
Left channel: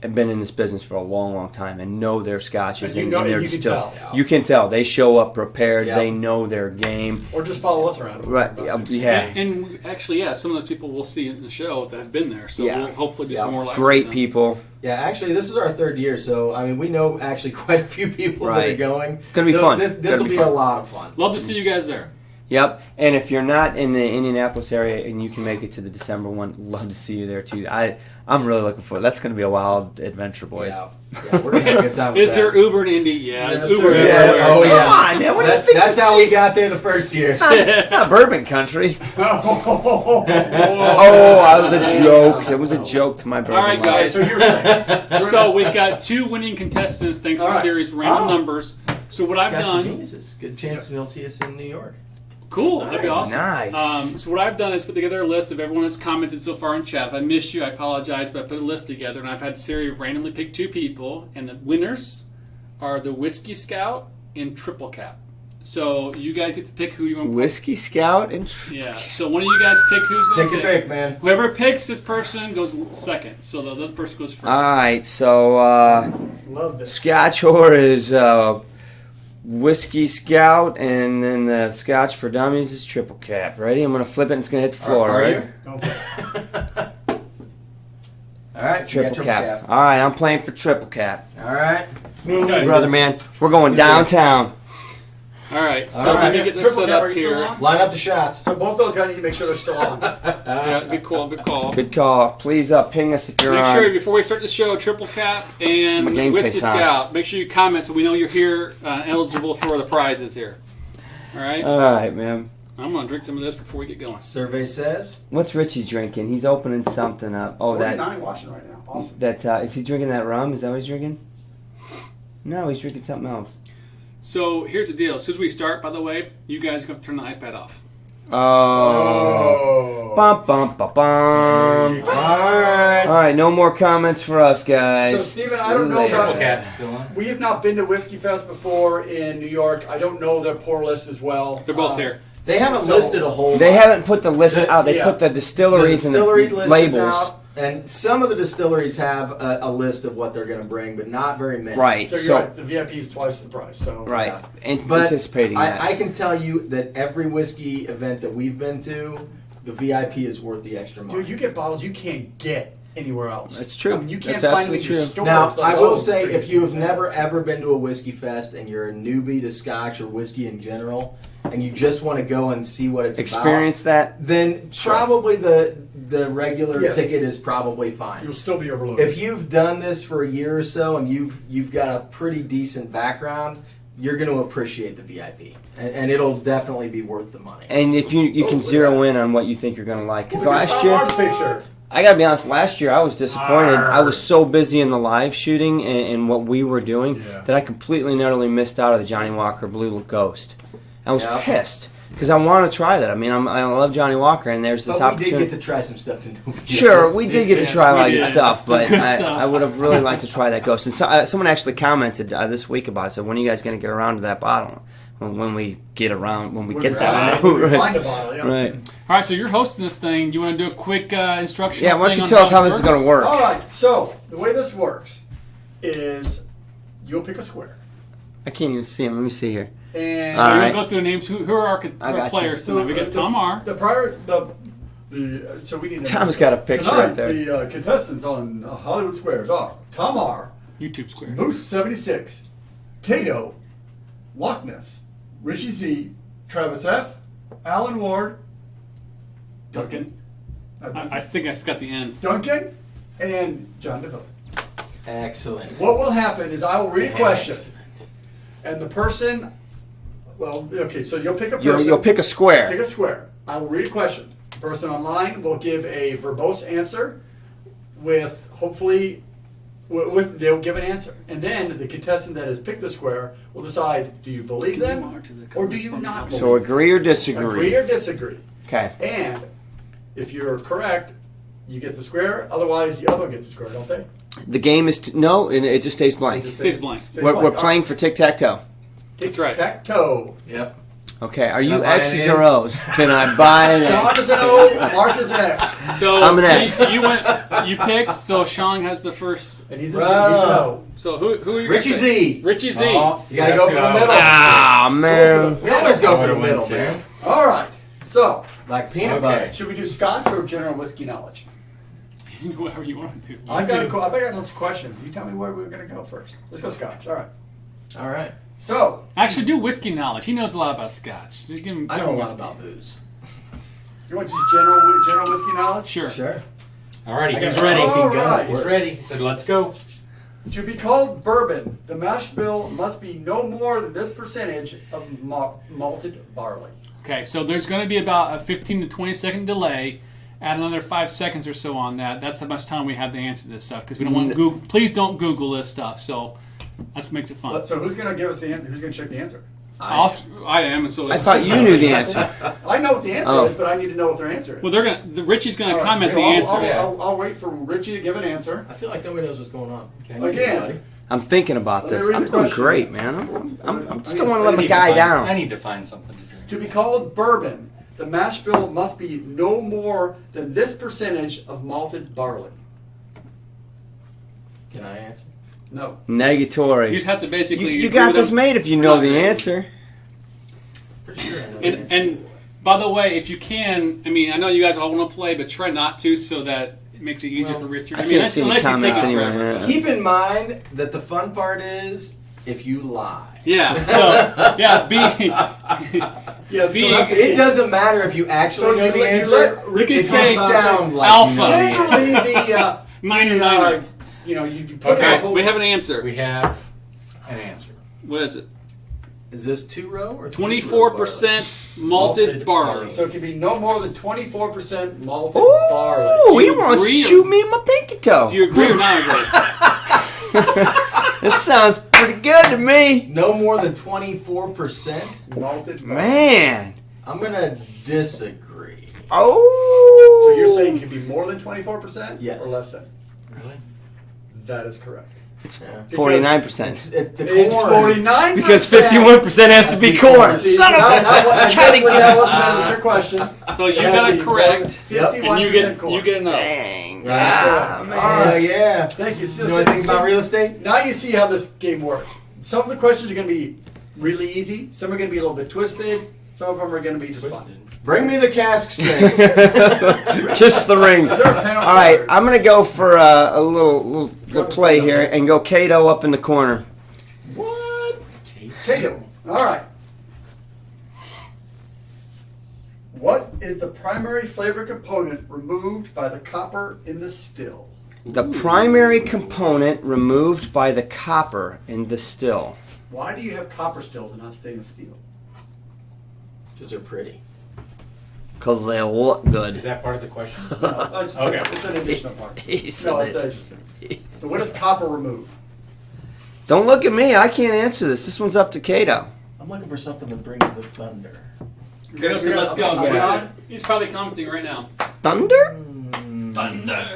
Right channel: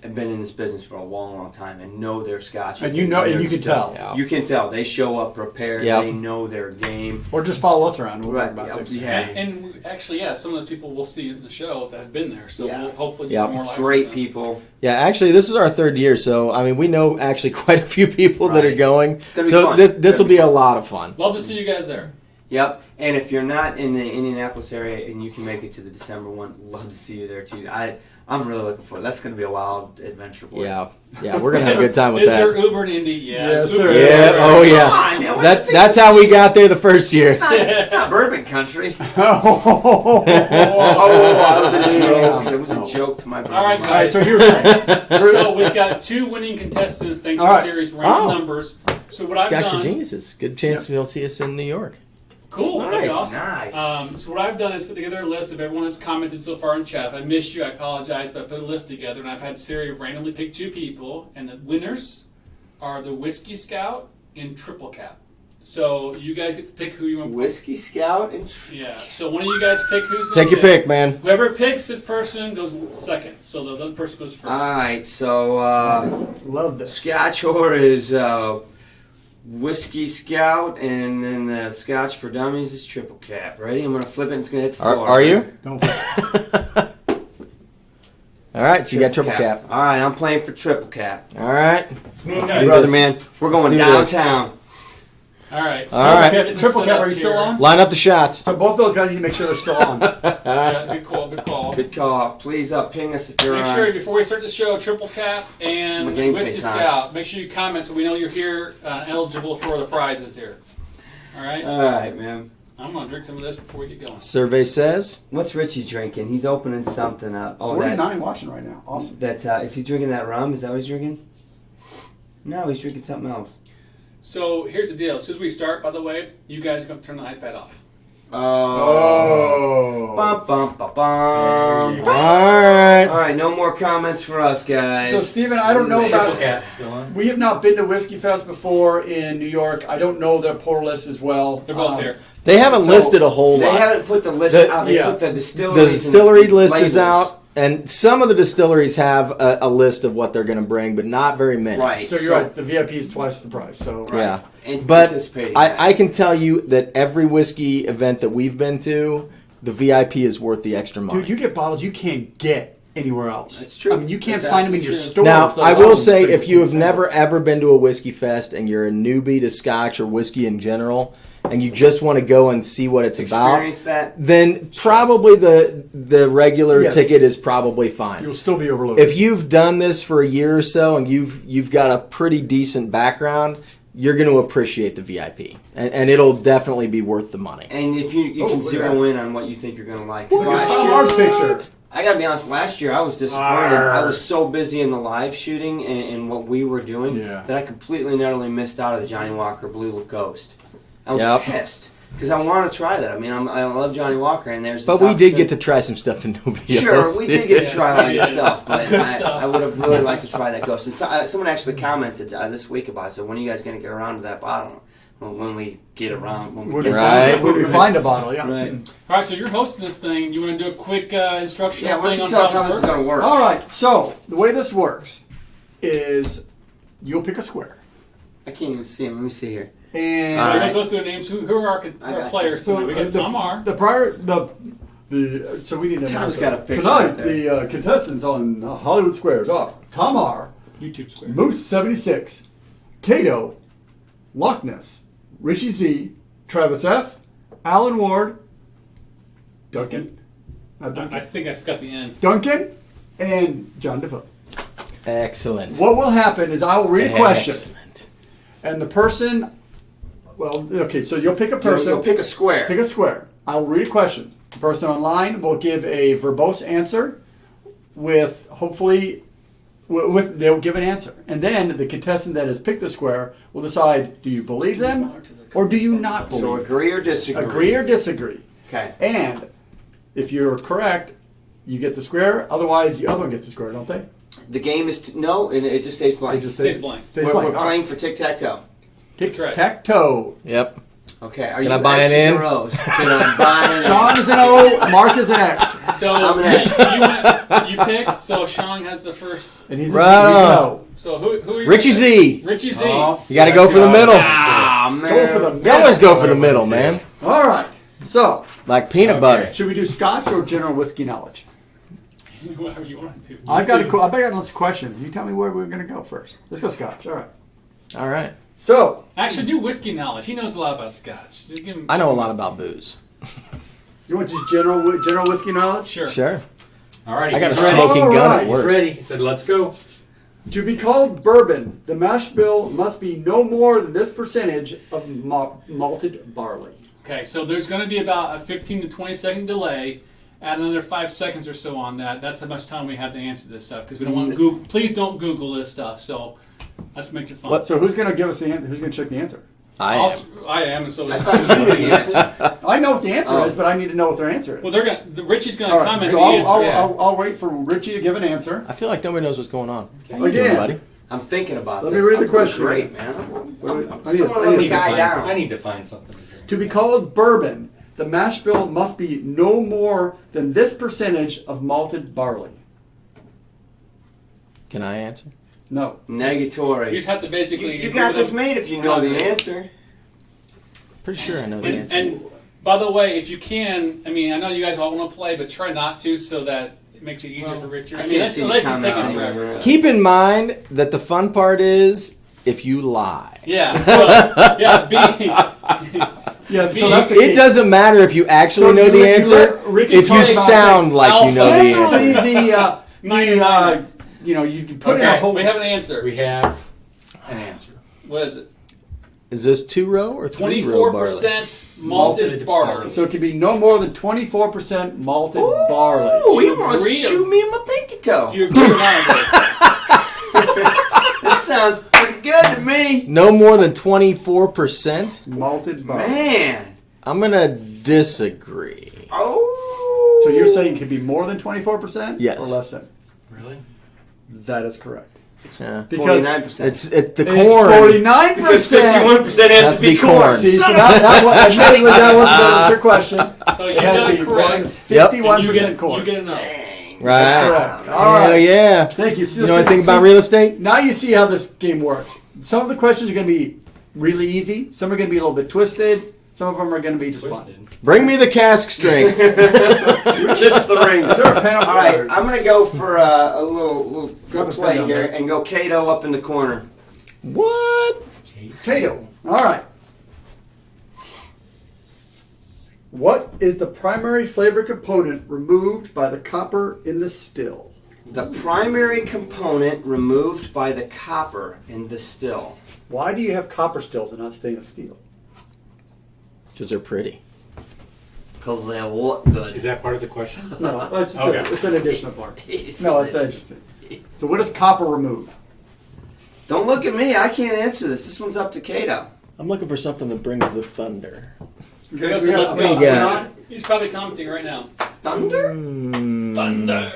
have been in this business for a long, long time and know their scotches. And you know, and they're you can still- tell. Yeah. You can tell they show up prepared. Yeah. They know their game. Or just follow us around. Right? Yeah. And actually, yeah, some of the people we'll see in the show that have been there. So Yeah. we'll hopefully get Yeah. some more life. Great from them. people. Yeah, actually, this is our third year, so I mean, we know actually quite a few people that are Right. going. Gonna be so fun. This Gonna will be be a fun. lot of fun. Love to see you guys there. Yep. And if you're not in the Indianapolis area and you can make it to the December one, love to see you there too. I'm really looking forward. That's going to be a wild adventure, boys. Yeah, we're gonna have a good time with Is that. there Uber in Indy? Yeah, Yes, it's Uber. sir. Yeah. everywhere. Oh yeah. Come on, man, what do you think That's this how we is? got there the first year. It's not bourbon country. Oh, Oh, that was a joke. It was a joke to my bourbon. All right, life. guys. so here's So we've got 2 winning contestants thanks to All the right. series Random Oh. Numbers. So what I've Scotch for done, geniuses. Good chance you'll see us in New York. cool, that'd be awesome. Nice. So what I've done is put together a list of everyone that's commented so far in chat. If I missed you, I apologize, but I put a list together, and I've had Siri randomly pick 2 people, and the winners are the Whiskey Scout and Triple Cap. So you guys get to pick who you want. Whiskey Scout and Yeah. So one of you guys pick who's going Take your pick, man. Whoever picks this person goes second. So the other person goes first. All right, so love this. Scotch whore is Whiskey Scout, and then the Scotch for Dummies is Triple Cap. Ready? I'm going to flip it and it's going to hit the floor. Are right? you? Don't All right, so you got triple cap. All right, I'm playing for Triple Cap. All right. Okay. Brother, man, we're going Let's do this. downtown. All right. So All right. we're getting Triple set Cap, up are you still here. on? Line up the shots. So both those guys need to make sure they're still on. Yeah, good call. Good call. Good call. Please ping us if you're Make on. sure before we start the show, Triple Cap and My game Whiskey face on. Scout. Make sure you comment so we know you're here, eligible for the prizes here. All right. All right, man. I'm gonna drink some of this before we get going. Survey says. What's Richie drinking? He's opening something up. Oh, that 49 watching right now. Awesome. is he drinking that rum? Is that what he's drinking? No, he's drinking something else. So here's the deal. As soon as we start, by the way, you guys are gonna turn the iPad off. Oh. Bum, bum, bum, bum. All right. All right, no more comments for us, guys. So, Steven, I don't know Later. about Triple Cap still on. We have not been to Whiskey Fest before in New York. I don't know their pour list as well. They're both there. They haven't So, listed a whole They lot. haven't put the list The- out. They yeah. put the The distilleries distillery and the list labels. is out, and some of the distilleries have a list of what they're going to bring, but not very many. Right. So you're right. The VIP is twice the price. So Right. Yeah. And But anticipating that. I can tell you that every whiskey event that we've been to, the VIP is worth the extra money. dude, you get bottles you can't get anywhere else. That's true. I mean, you can't That's find them in your absolutely store. Now, It's like, I will oh, say, if you have 50%. never ever been to a whiskey fest and you're a newbie to Scotch or whiskey in general, and you just want to go and see what it's about, experience that. then probably the regular Yes. ticket is probably fine. you'll still be overloaded. If you've done this for a year or so and you've got a pretty decent background, you're going to appreciate the VIP, and it'll definitely be worth the money. And if you can Oh, zero yeah. in on what you think you're going to like. Because Look at last Tom's year, picture. I got to be honest, last year I was disappointed. Arr. I was so busy in the live shooting and what we were doing Yeah. that I completely and utterly missed out on the Johnny Walker Blue Ghost. I was Yep. pissed because I want to try that. I mean, I love Johnny Walker, and there's this But we did opportunity- get to try some stuff that nobody Sure, else we did get to Yes, try a lot of we good did. stuff, Some but good I stuff. would have really liked to try that Ghost. And someone actually commented this week about it. Said, "When are you guys going to get around to that bottle?" when we get around, when we When get we there. find, when we find a bottle, yeah. Right. All right, so you're hosting this thing. Do you want to do a quick instruction? Yeah, why don't you tell us how this is going to work? All right, so the way this works is you'll pick a square. I can't even see him. Let me see here. And All We're right. going to go through the names. Who are our I got players? so tonight? We got Tom R. So we need to. Tom's got a picture tonight, right there. The contestants on Hollywood Squares are Tom R, YouTube Square. Moose 76, Cato, Loch Ness, Richie Z, Travis F, Alan Ward, Duncan. I think I forgot the end. Duncan, and John Defoe. Excellent. What will happen is I will read a question, Excellent. and the person. Well, okay, so you'll pick a person. You'll pick a square. Pick a square. I will read a question. The person online will give a verbose answer with hopefully they'll give an answer. And then the contestant that has picked the square will decide, do you believe them or do you not believe So them? agree or disagree. Agree or disagree. Okay. And if you're correct, you get the square. Otherwise, the other one gets the square, don't they? The game is no, and it just stays blank. It just Stays blank. stays We're blank. playing for tic-tac-toe. That's right. Tic-tac-toe. Yep. Okay, are Can you I buy an X's in? or O's? Can I buy an Sean in? is an O, Mark is an X. So I'm an X. you picked. So Sean has the first. And he's, Right. he's an O. So who are you? Richie Z. Richie Z. Oh, You got to go for the middle. Ah, Go for man. the You always go for the Oh, middle, that's man. it. All right. So, Like peanut Okay. butter. should we do Scotch or general whiskey knowledge? Whatever you want to do. I've got lots of questions. You tell me where we're going to go first. Let's go Scotch. All right. All right. So, Actually, do whiskey knowledge. He knows a lot about Scotch. You give him- I know a lot about booze. you want just general whiskey knowledge? Sure. Sure. Alrighty, I got he's a ready. smoking gun Alright. at He's work. ready. He said, let's go. To be called bourbon, the mash bill must be no more than this percentage of malted barley. Okay, so there's going to be about a 15 to 20 second delay. Add another 5 seconds or so on that. That's how much time we have to answer this stuff because we don't want to Google. Please don't Google this stuff. So let's make it fun. So who's going to give us the answer? Who's going to check the answer? I am, and so I thought you knew the answer. I know what the answer Oh. is, but I need to know what their answer is. Well, Richie's going All to right, comment so on the answer. Yeah. I'll wait for Richie to give an answer. I feel like nobody knows what's going on. Okay. How you doing, Again. buddy? I'm thinking about Let me this. read I'm the doing question. great, man. I I'm need still to- want to I let my need guy I down. need to find something to drink. To be called bourbon, the mash bill must be no more than this percentage of malted barley. Can I answer? No. You Negatory. just have to basically. You do got this them- made if you know the answer. Pretty sure I know the And, answer. and by the way, if you can, I mean, I know you guys all want to play, but try not to, so that it makes it easier for Richard. I mean, can't see any unless he's comments taking anyway. forever. Yeah. Keep in mind that the fun part is if you lie. Yeah. So yeah, Yeah, B- so that's the It key. doesn't matter if you actually So know you- the you answer. let Ricky If you talk about sound like you know the answer. Generally, you put in a okay, whole. we have an answer. We have an answer. What is it? Is this 2 row or 3 row 24% malted barley. So it can be no more than 24% malted Ooh, barley. he wants to agree? shoot me in my pinky toe. Do you agree or not? That sounds pretty good to me. No more than 24%? Malted barley. Man. I'm going to disagree. Oh. So you're saying it can be more than 24%? Yes. Or less than? Really? That is correct. Yeah. 49%. It's the It's corn. 49%. Because 51% has to be corn. See, Son of that was your question. So you It had to got be it correct. Yep. And 51% corn. you get enough. Dang. Right. Ah, Correct. man. All right. Oh, yeah. Thank you. So, You know anything about real estate? Now you see how this game works. Some of the questions are going to be really easy. Some are going to be a little bit twisted. Some of them are going to be just Twisted. fun. Bring me the cask strength. Kiss the ring. Is there a pen up All right, there? I'm going to go for a little play here and go Cato up in the corner. What? Cato. All right. What is the primary flavor component removed by the copper in the still? The primary component removed by the copper in the still. Why do you have copper stills and not stainless steel? Because they're pretty. Because they look good. Is that part of the question? No, it's, Okay. it's an additional part. He's No, so it's interesting. So what does copper remove? Don't look at me. I can't answer this. This one's up to Cato. I'm looking for something that brings the thunder. Okay, so let's go. Yeah. He's probably commenting right now. Thunder? Thunder.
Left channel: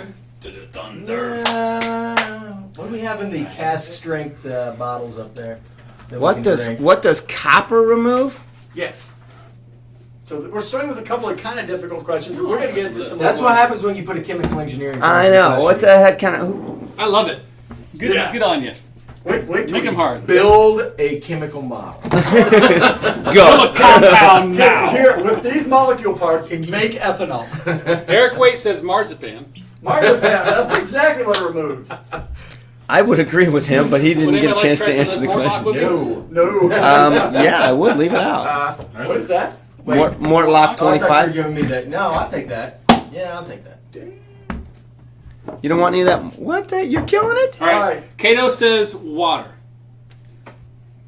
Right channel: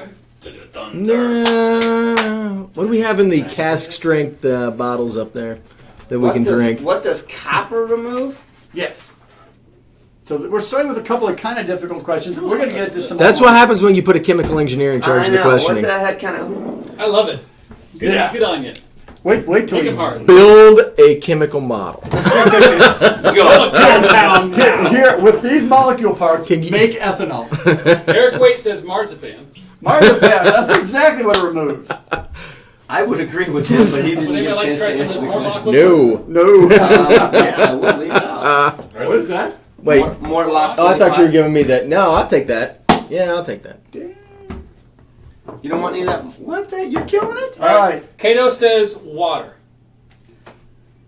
Thunder. No. What do we have in the cask strength bottles up there? that we can drink. What does copper remove? Yes. So we're starting with a couple of kind of difficult questions. We're going to get to some. That's what happens when you put a chemical engineer in charge I of the know. questioning. What the heck kind of? I love it. Yeah. On you. Wait till Make you him hard. Build a chemical model. Go. Down now. Here, with these molecule parts, Can you- make ethanol. Eric Waite says marzipan. Marzipan, that's exactly what it removes. I would agree with him, but he didn't Would get a anybody chance like to try answer the some question. No. No. Yeah, I would leave it out. What is that? Wait. More lock Oh, I thought you were 25. giving me that. No, I'll take that. Yeah, I'll take that. You don't want any of that? What? You're killing it? All right. Alright. Cato says water.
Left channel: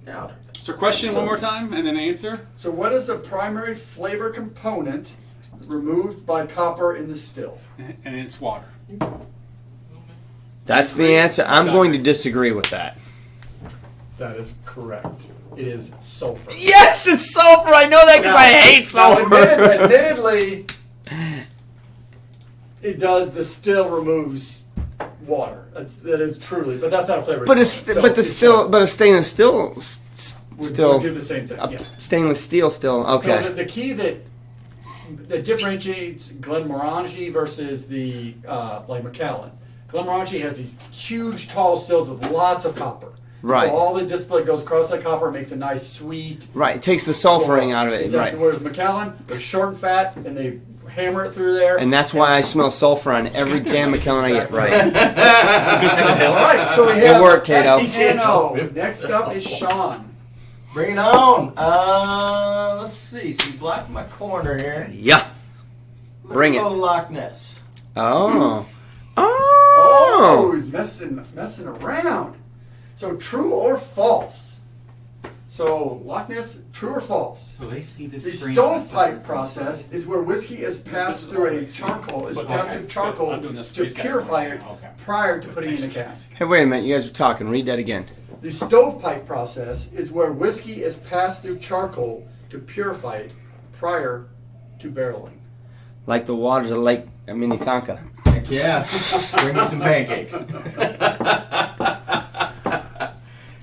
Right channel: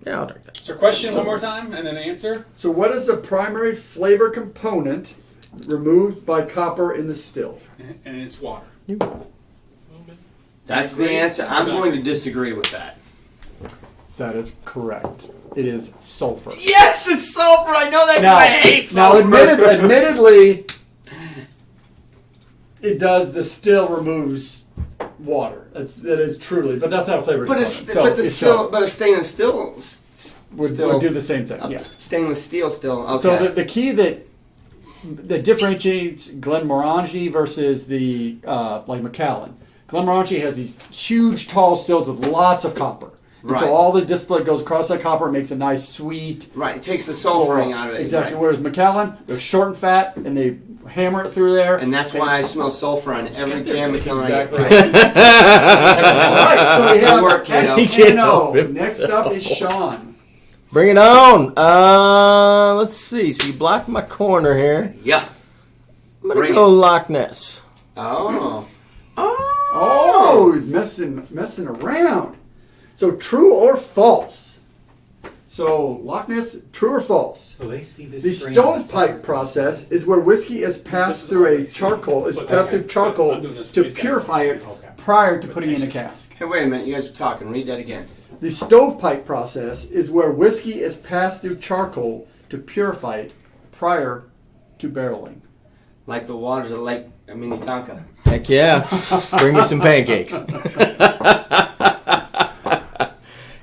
Yeah, I'll take that. So question one more time and then answer. So what is the primary flavor component removed by copper in the still? And it's water. That's the answer. I'm going to disagree with that. That is correct. It is sulfur. Yes, it's sulfur. I know that because I hate Now, sulfur. admittedly, it does. The still removes water. It is truly, but that's not a flavor. But component. a stainless steel would do the same thing. Yeah. stainless steel still okay. So the key that differentiates Glenmorangie versus the like Macallan. Glenmorangie has these huge, tall stills with lots of copper. Right. So all the distillate goes across that copper, makes a nice sweet. Right, it takes the sulfuring out of it. Exactly. Right. Whereas Macallan, they're short and fat, and they hammer it through there. And that's why I smell sulfur on every damn McKellen I get. Exactly. Right. All right, so we have Good work, Cato. X-N-O. Next up is Sean. Bring it on. Let's see. So you blocked my corner here. Yeah. I'm gonna Bring go it. Loch Ness. Oh. Oh, he's messing around. So true or false? So Loch Ness, true or false? So they see this. The strain on the stovepipe side. process is where whiskey is passed through a charcoal, I'm doing this for to these guys. purify it Okay. prior to putting it in a cask. Hey, wait a minute. You guys are talking. Read that again. The stovepipe process is where whiskey is passed through charcoal to purify it prior to barreling. Like the waters of Lake Minnetonka. Heck yeah. Bring me some pancakes.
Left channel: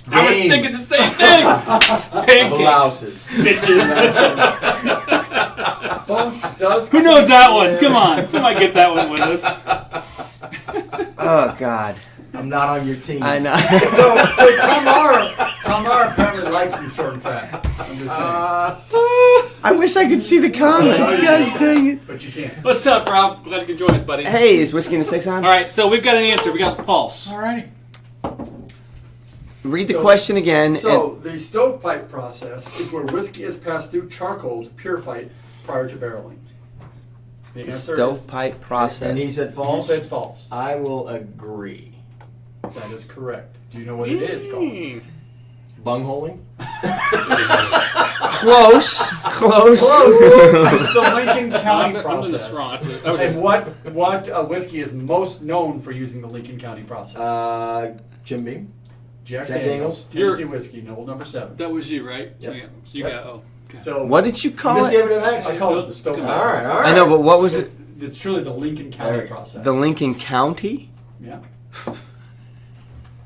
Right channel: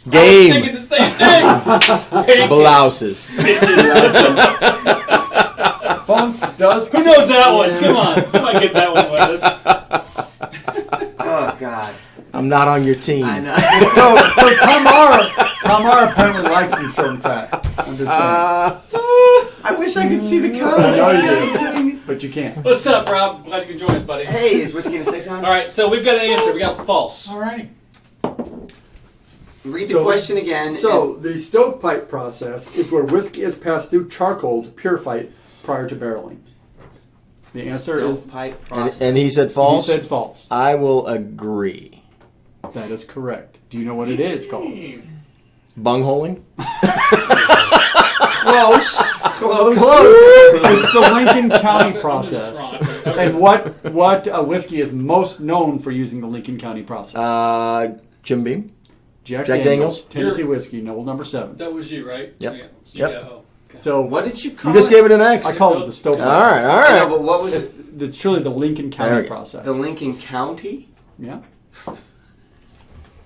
I was thinking Game. the same thing. Blouses. Funk does. Who knows that one? Come on, somebody get that one with us. Oh, God. I'm not on your team. I know. So Kamar apparently likes him short and fat. I'm just saying. I wish I could see the comments. Gosh dang it. But you can't. What's up, Rob? Glad you could join us, buddy. Hey, is Whiskey in a Six on? All right, so we've got an answer. We got false. Alrighty. Read the So- question again. So the stovepipe process is where whiskey is passed through charcoal to purify it prior to barreling. The answer Stovepipe process. And he said is false? He said false. I will agree. That is correct. Do you know what it is called? Bungholing? Close. Close. It's the Lincoln County I'm process. wrong. Okay. And what whiskey is most known for using the Lincoln County process? Jim Beam? Jack Jack Daniels, Daniels? Tennessee whiskey, Noble number 7. That was you, right? Yep. Yeah. So Yep. you got, okay. So What did you You call just it? gave it an X. I call it the stovepipe. All right, all right. I know, but what was it? It's truly the Lincoln There County we go. process. The Lincoln County? Yeah.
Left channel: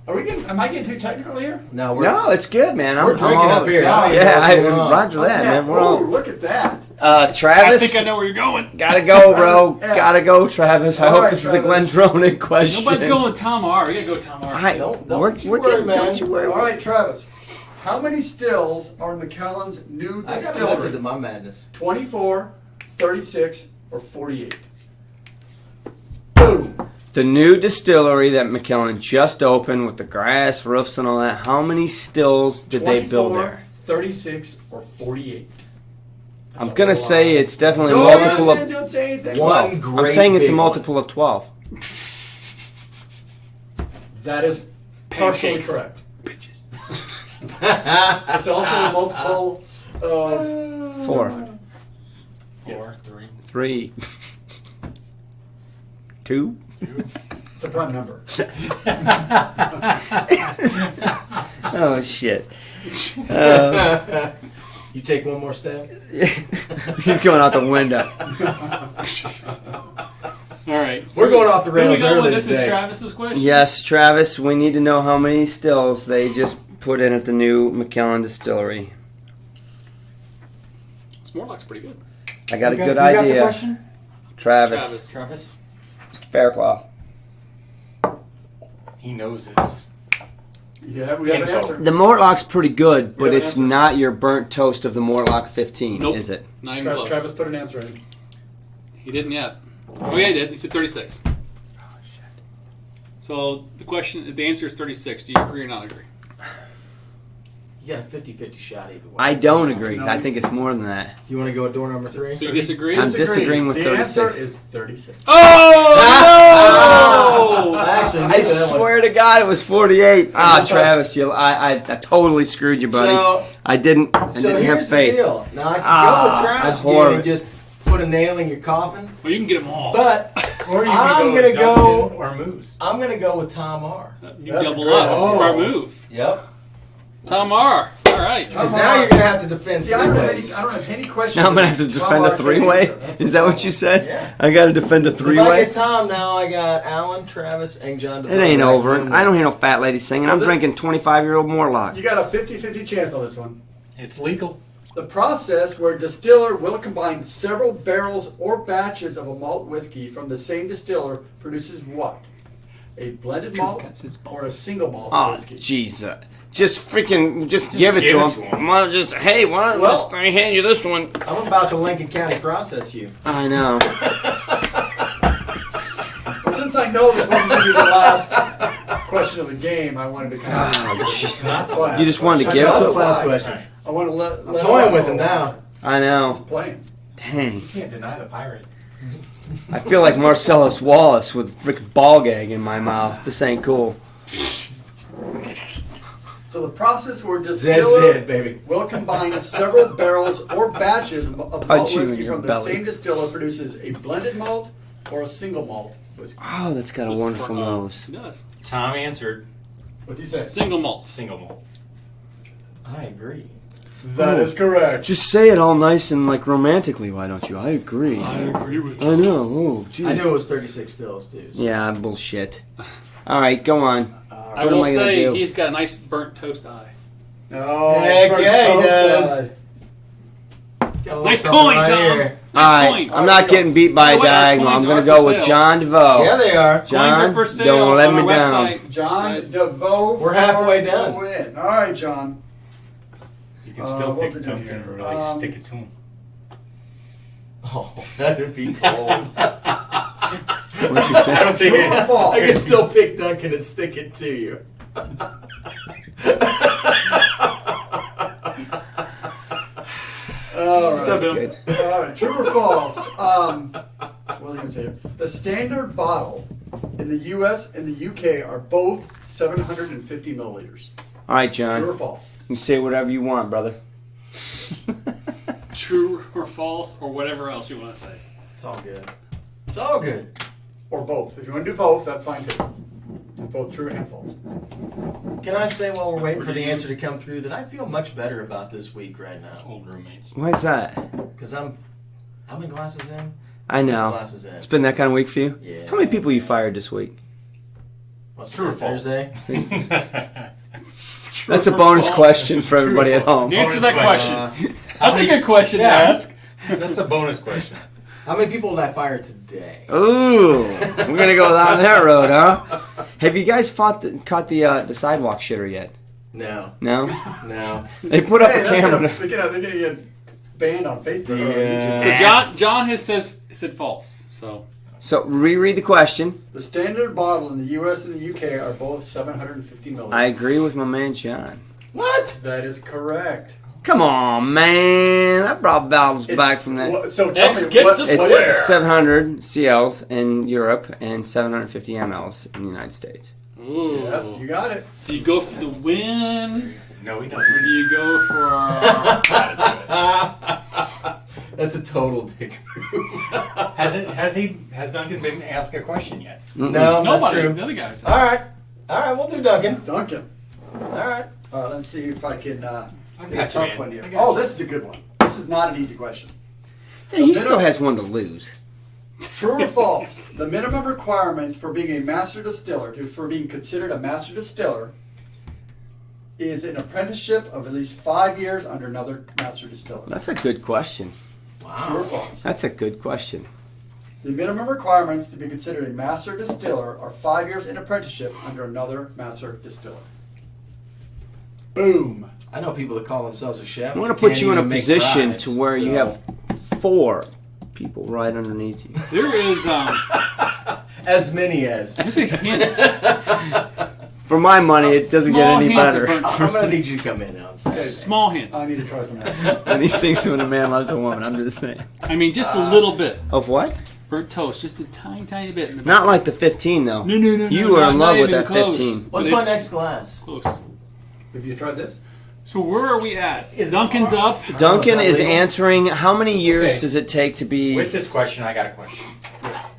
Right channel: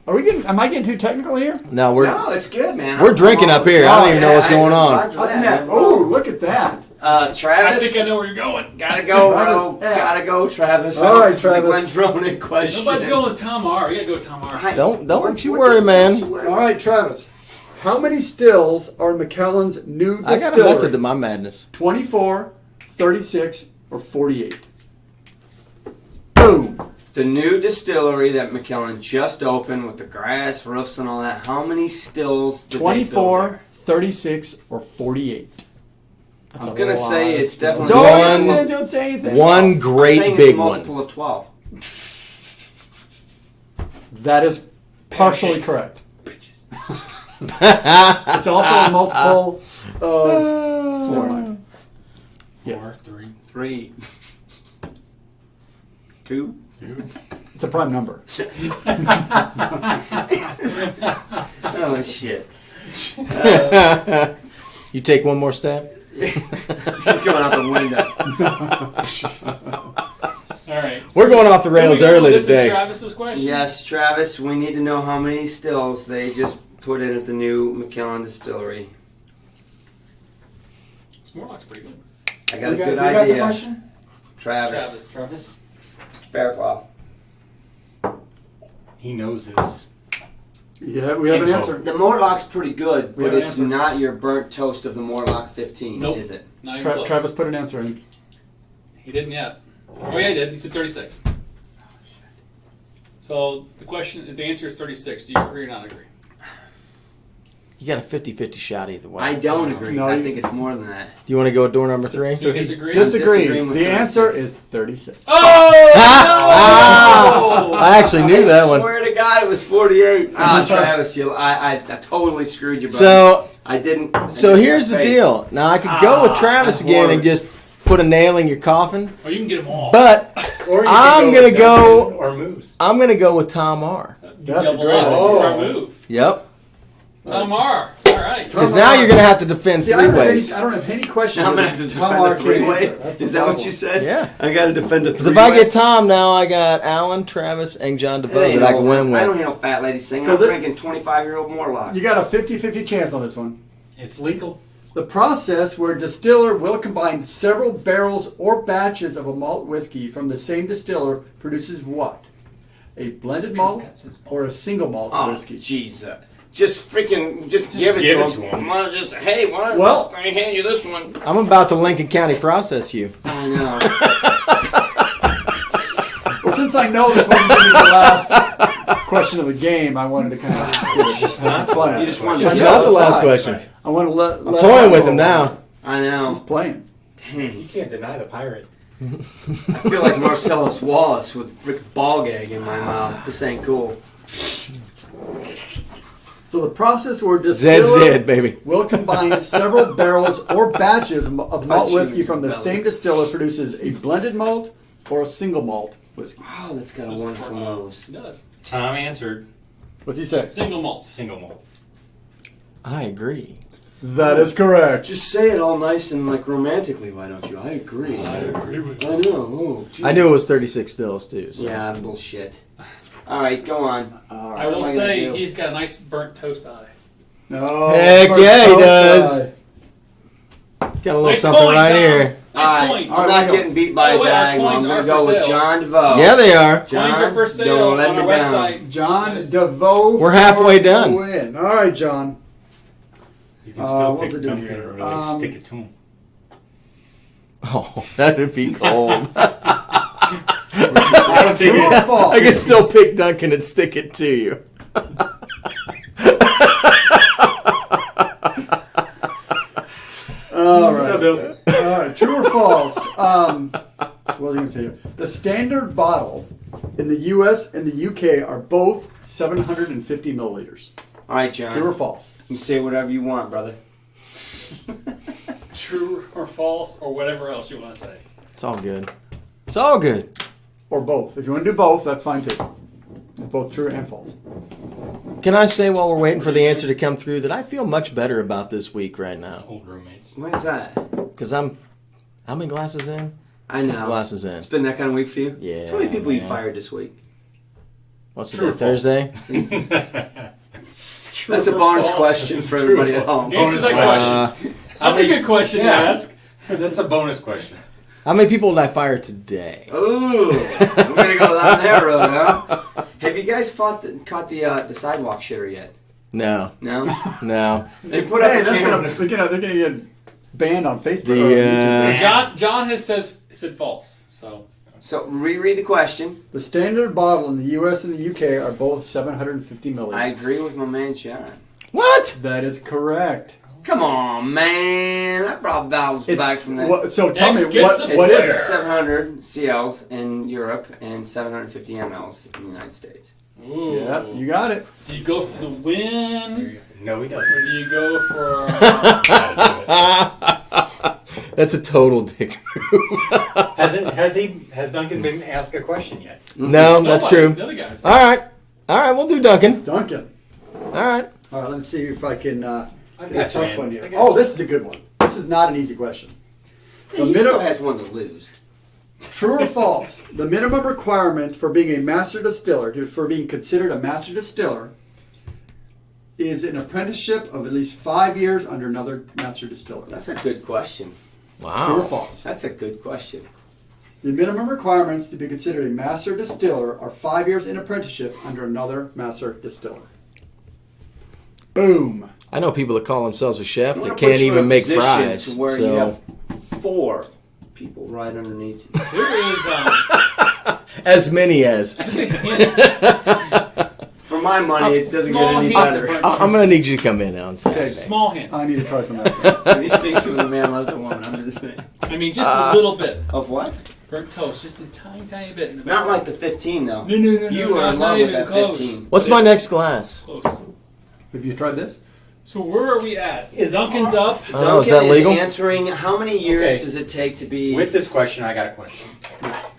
Are we getting? Am I getting too technical here? No, we're No, it's good, man. We're drinking up here. I don't even know what's going on. Roger that, man. We're Oh, on. look at that! I Travis, think I know where you're going. gotta go, bro. Travis F. Gotta go, Travis. I All hope right, this is a Travis. Glendronach question. Nobody's going Tom R. You gotta go Tom R. Don't you we're worry, good. man. Don't you worry. All right, Travis. How many stills are in Macallan's new I got a distillery? method to my madness. 24, 36, or 48? Boom. The new distillery that McKellen just opened with the grass roofs and all that, how many stills did they build 24, there? 36, or 48? I'm going to say it's definitely No, multiple of... don't say anything. One I'm great saying it's big a multiple of 12. That is partially Pancakes. correct. one. It's also a multiple of 4, 4, 3, 3, 2. 2. It's a prime number. Oh, shit. You take one more step? He's going out the window. All right. We're going off the rails Here we go. early This today. is Travis's question. Yes, Travis, we need to know how many stills they just put in at the new McKellen distillery? Morlock's pretty good. I got a good you got the idea. question? Travis. Travis, Mr. Faircloth. he knows his. Yeah, we have an Info. answer. The Mortlock's pretty good, but have an it's answer. not your burnt toast of the Morlock 15, Nope. is it? Not even close. Travis put an answer in. He didn't yet. Oh yeah, he did. He said 36. Oh shit. So the answer is 36. Do you agree or not agree? You got a 50-50 shot either way. I don't agree. No, I you- think it's more than that. Do you want to go with door number 3? So disagree? I'm Disagree. disagreeing with the 36. answer is 36. Oh! I actually knew I that one. swear to God, it was 48. Ah, Travis, I totally screwed you, buddy. So, I didn't. so here's the deal. Now I could go with Travis that's again horrible. and just put a nail in your coffin, Well, you can get them all. but Or you I'm can gonna go- Duncan or Moose. I'm gonna go with Tom R. You That's a double great- up. That's a oh. smart move. Yep. Tom R. All right. Because now you're gonna have to defend See, I three don't, have any, ways. I don't have any question. Now I'm going to have to Tom defend a R. can't three-way? answer. That's Is the that what problem. you said? Yeah. I got to defend a 'Cause if I three-way? get Tom now, I got Alan, Travis, and John DeVoe. It ain't that I can over. win with. I don't hear no fat lady singing. So I'm this- drinking 25-year-old Morlock. You got a 50-50 chance on this one. It's legal. The process where a distiller will combine several barrels or batches of a malt whiskey from the same distiller produces what? A blended malt or a single malt Oh, whiskey? jeez. Just give it give to it to him. 'em. Why don't just, hey, why don't Well- I hand you this one? I'm about to Lincoln County process you. I know. Well, since I know this one will be the last question of the game, I wanted to kind of. It's not fun. You just wanted to That's give not the it? last Right. question. I want to let. I'm toying with him now. I know. He's playing. Dang. You can't deny the pirate. I feel like Marcellus Wallace with a frick ball gag in my mouth. This ain't cool. So the process where Zed's distiller dead, baby. will combine several barrels or batches of malt Punch you in whiskey your from the belly. same distiller produces a blended malt or a single malt whiskey. Oh, that's got a wonderful nose. It does. Tom answered What's he say? Single malt. single malt. I agree. That is correct. Just say it all nice and like romantically, why don't you? I agree. I agree with I know. Oh, geez. I knew it was 36 stills, too. So. Yeah, bullshit. All right, go on. I What am will I gonna say do? he's got a nice burnt toast eye. No. Heck yeah, he does. Outside. Got a little Nice something coin, right Tom. here. All Nice right, coin. I'm not getting beat by a Oh, wait, diagonal. I'm coins going to are go for with sale. John DeVoe. Yeah, they are. Coins are John, for sale don't let on me our down. website. John Guys. DeVoe. We're halfway for done. the win. All right, John. You can still what's pick it doing Duncan here? or really stick it to him. Oh, that'd be cold. I don't think True or it, false? I can still pick Duncan and stick it to you. All right. So the- All right. True or false? What was I going to say? Here? The standard bottle in the U.S. and the U.K. are both 750 milliliters. All right, True or John. false? You say whatever you want, brother. True or false or whatever else you want to say. It's all good. It's all good. Or both. If you want to do both, that's fine too. It's both true and false. Can I say while we're waiting for the answer to come through that I feel much better about this week right now? old roommates. Why is that? Because I'm... How many glasses in? I know. Glasses in. It's been that kind of week for you? Yeah. How many people you man. fired this week? What's True today, or false? Thursday? That's a bonus question for everybody at home. Answer that question. question. That's a good question to Yeah. ask. That's a bonus question. How many people did I fire today? Ooh, we're gonna go down that road, huh? Have you guys caught the sidewalk shitter yet? No. No. No. They put up Hey, a that's camera. they're gonna get banned on Facebook. or Yeah. So YouTube. John has said false. So So reread the question. The standard bottle in the U.S. and the U.K. are both 750 milliliters. I agree with my man John. What? That is correct. Come on, man! I brought bottles back from that. So tell me, Next, get what the is square. it? 700 CLs in Europe and 750 mLs in the United States. ooh. Yeah, you got it. So you go for the win, No, he or doesn't. do you go for? That's a total dick move. Has Duncan been asked a question yet? No, that's Nobody. true. The other guys. All right. All right, we'll do Duncan. Duncan. All right. All right, let's see if I can I get a got you, tough man. one here. I got Oh, you. this is a good one. This is not an easy question. Hey, he still has one to lose. True or false? The minimum requirement for being a master distiller, for being considered a master distiller, is an apprenticeship of at least 5 years under another master distiller? That's a good question. True or Wow. false? That's a good question. The minimum requirements to be considered a master distiller are 5 years in apprenticeship under another master distiller. Boom. I know people that call themselves a chef I that want to can't put you in even a make position fries. to where you so- have 4 people right underneath you. There is as many as. there's a hint. For my money, it doesn't get any Small better. hint. I'm going to need you to come in on Saturday. Small hint. I need to try some of that. And these things when a man loves a woman, I'm just saying. I mean, just a little bit. Of what? Burnt toast, just a tiny bit. In the Not like the 15, though. No, You are in not love with even that close. 15. What's But my it's next glass? Close. Have you tried this? So where are we at? Is Duncan's up? Duncan that is legal? answering how many years Okay. does it take to be... With this question, I got a question. Yes.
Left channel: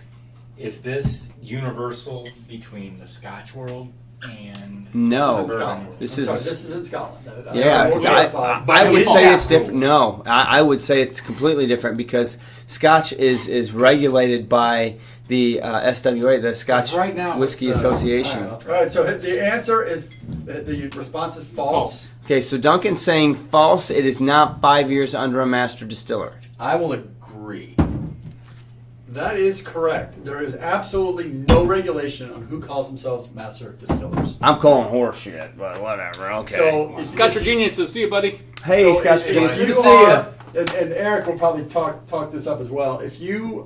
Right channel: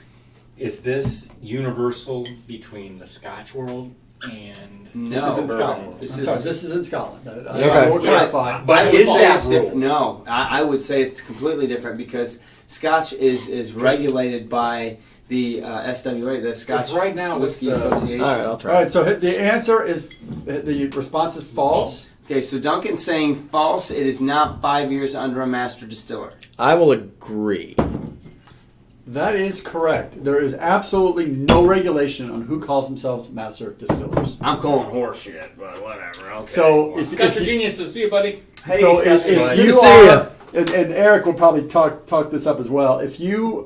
Is this universal between the Scotch world and No. This is in Scotland. This I'm is- sorry, this is in Scotland. Yeah, will 'cause clarify. I would It's say that it's different. rule. No, I would say it's completely different because Scotch is regulated by the SWA, the Scotch right now, Whiskey what's the- Association. All right, I'll All try. right, so the answer is, the response is false. Okay, so Duncan's saying false. It is not 5 years under a master distiller. I will agree. That is correct. There is absolutely no regulation on who calls themselves master distillers. I'm calling horse shit, but whatever. Okay. So, if, Scotch for geniuses. See you, buddy. hey, so Scotch. if Good you to see are, ya. and Eric will probably talk this up as well. If you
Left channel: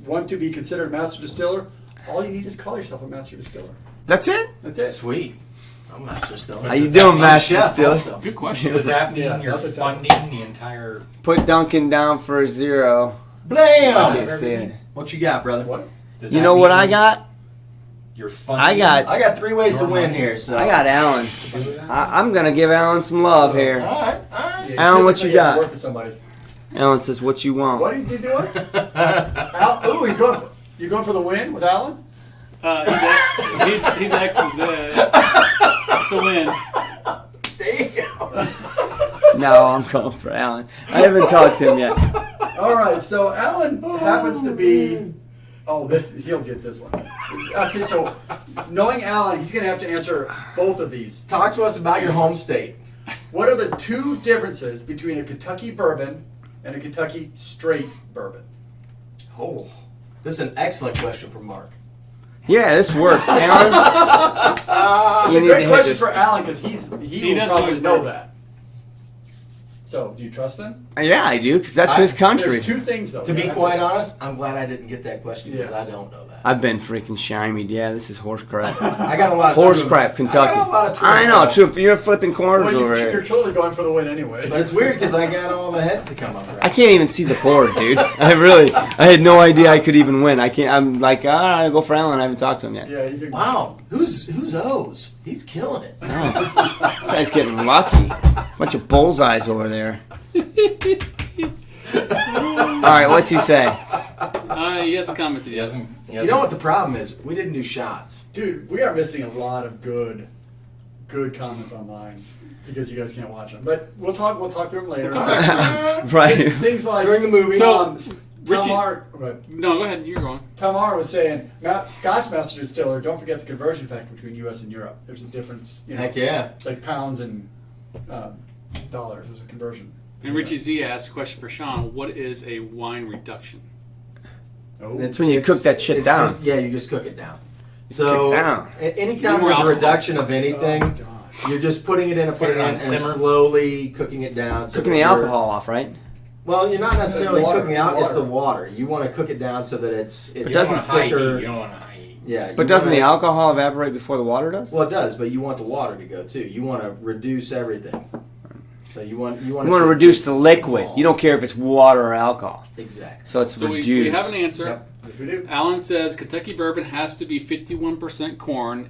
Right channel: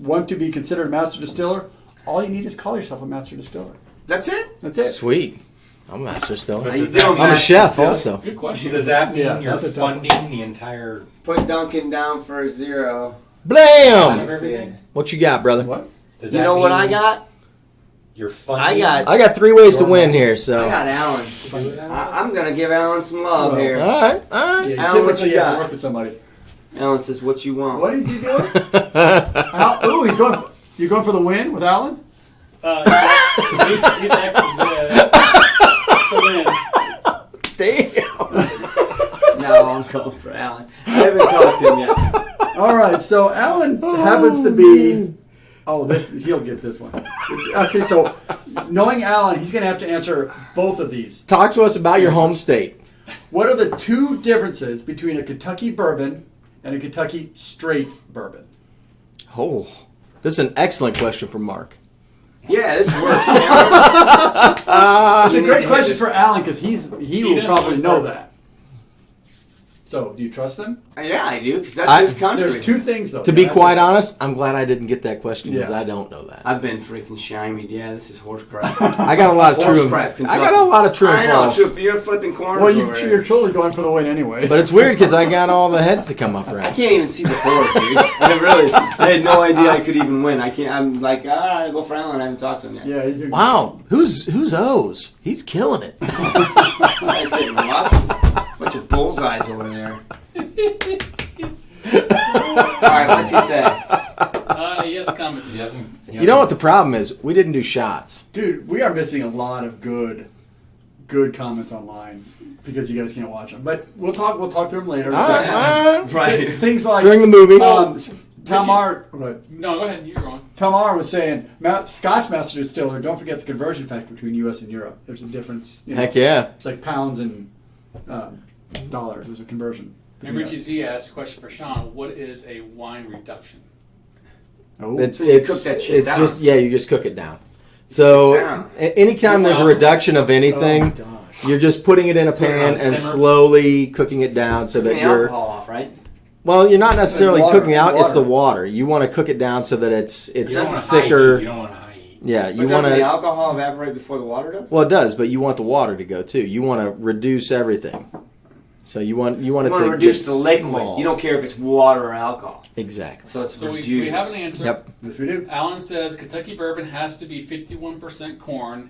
want to be considered a master distiller, all you need is call yourself a master distiller. That's it. That's it. Sweet. I'm a master distiller. How you Does that doing, mean I'm a master chef distiller? also. Good question. does that mean Yeah, you're that's a tough funding the entire? Put Duncan down for a 0. Blam! Let's see. What you got, brother? What? Does You that know what mean I got? You're funding. I got I got 3 ways to win here, so. I got Alan. I'm gonna give Alan some love All here. right, all right. Yeah, Alan, what typically you have to got? Work with somebody. Alan says, "What you want?" What is he doing? Ooh, he's going. You going for the win with Alan? He's excellent. To win. Damn. No, I'm going for Alan. I haven't talked to him yet. All right, so Alan happens to be. Oh, he'll get this one. Okay, so knowing Alan, he's going to have to answer both of these. Talk to us about your home state. What are the 2 differences between a Kentucky bourbon and a Kentucky straight bourbon? Oh, this is an excellent question for Mark. Yeah, this works, Aaron. It's a You need to great hit question this. for Alan because he He will doesn't probably know know bourbon. that. So, do you trust them? Yeah, I do, because that's his country. There's 2 things though. To be quite honest, I'm glad I didn't get that question because Yeah. I don't know that. I've been freaking shymied. Yeah, this is horse crap. I got a lot of Horse true- crap, Kentucky. I got a lot of true. I know, false. true. You're flipping corners Well, over you're here. totally going for the win anyway. But it's weird because I got all the heads to come up I right. can't even see the board, dude. I had no idea I could even win. I'm like, I go for Alan. I haven't talked to him yet. yeah, you Wow, who's O's? He's killing it. You guys getting lucky. Bunch of bullseyes over there. All right, what's he say? He has a comment. He doesn't. You know what the problem is? We didn't do shots. Dude, we are missing a lot of good comments online because you guys can't watch them. But we'll talk through them later. Right. Things like During the movie. Tamar, right. No, go ahead. You're going. Tamar was saying, Scotch master distiller. Don't forget the conversion factor between U.S. and Europe. There's a difference. You know, Heck yeah. It's like pounds and dollars. There's a conversion. And Richie Z asks a question for Sean. What is a wine reduction? Oh. It's when you cook that shit it's down. Just, yeah, you just cook it down. So cook it down. Anytime there's a reduction of Oh, anything, my gosh. you're just putting it in a Put it pan on and simmer. slowly cooking it down. So Cooking that the you're- alcohol off, right? Well, you're not necessarily Water, cooking out. It's the water. water. You want to cook it down so that it's You don't want high heat. thicker. You don't want high heat. Yeah, you But doesn't wanna, the alcohol evaporate before the water does? Well, it does, but you want the water to go too. You want to reduce everything. So you want You want to reduce the liquid. small. You don't care if it's water or alcohol. Exactly. So it's So we reduced. have an answer. Yep. Yes, we do. Alan says Kentucky bourbon has to be 51% corn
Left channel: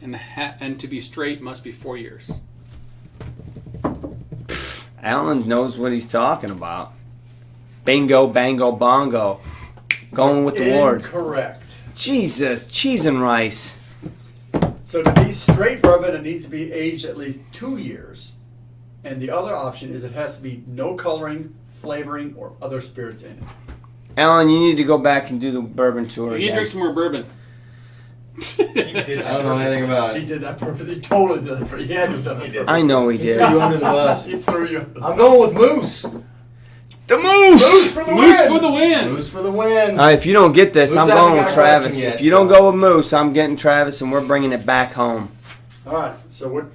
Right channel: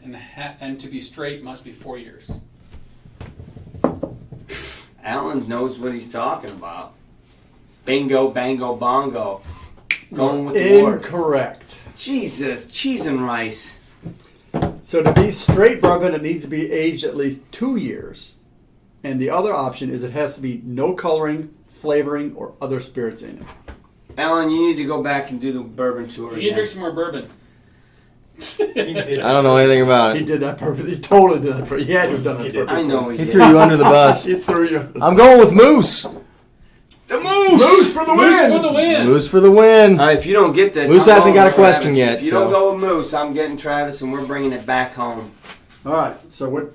and to be straight must be 4 years. Alan knows what he's talking about. Bingo, bango, bongo. Going with the Lord. Incorrect. Jesus, cheese and rice. So to be straight bourbon, it needs to be aged at least 2 years. And the other option is it has to be no coloring, flavoring, or other spirits in it. Alan, you need to go back and do the bourbon tour You need to again. drink some more bourbon. I don't know anything about He it. did that purpose. He totally did that purpose. He had to have done that purpose. I know he He did. threw you under the bus. He threw you. I'm going with Moose. The moose. Moose for the Moose win. for the win. Moose for the win. All right, if you don't get this, Moose I'm hasn't going got with a question Travis. yet, If you so- don't go with Moose, I'm getting Travis, and we're bringing it back home. All right. So what?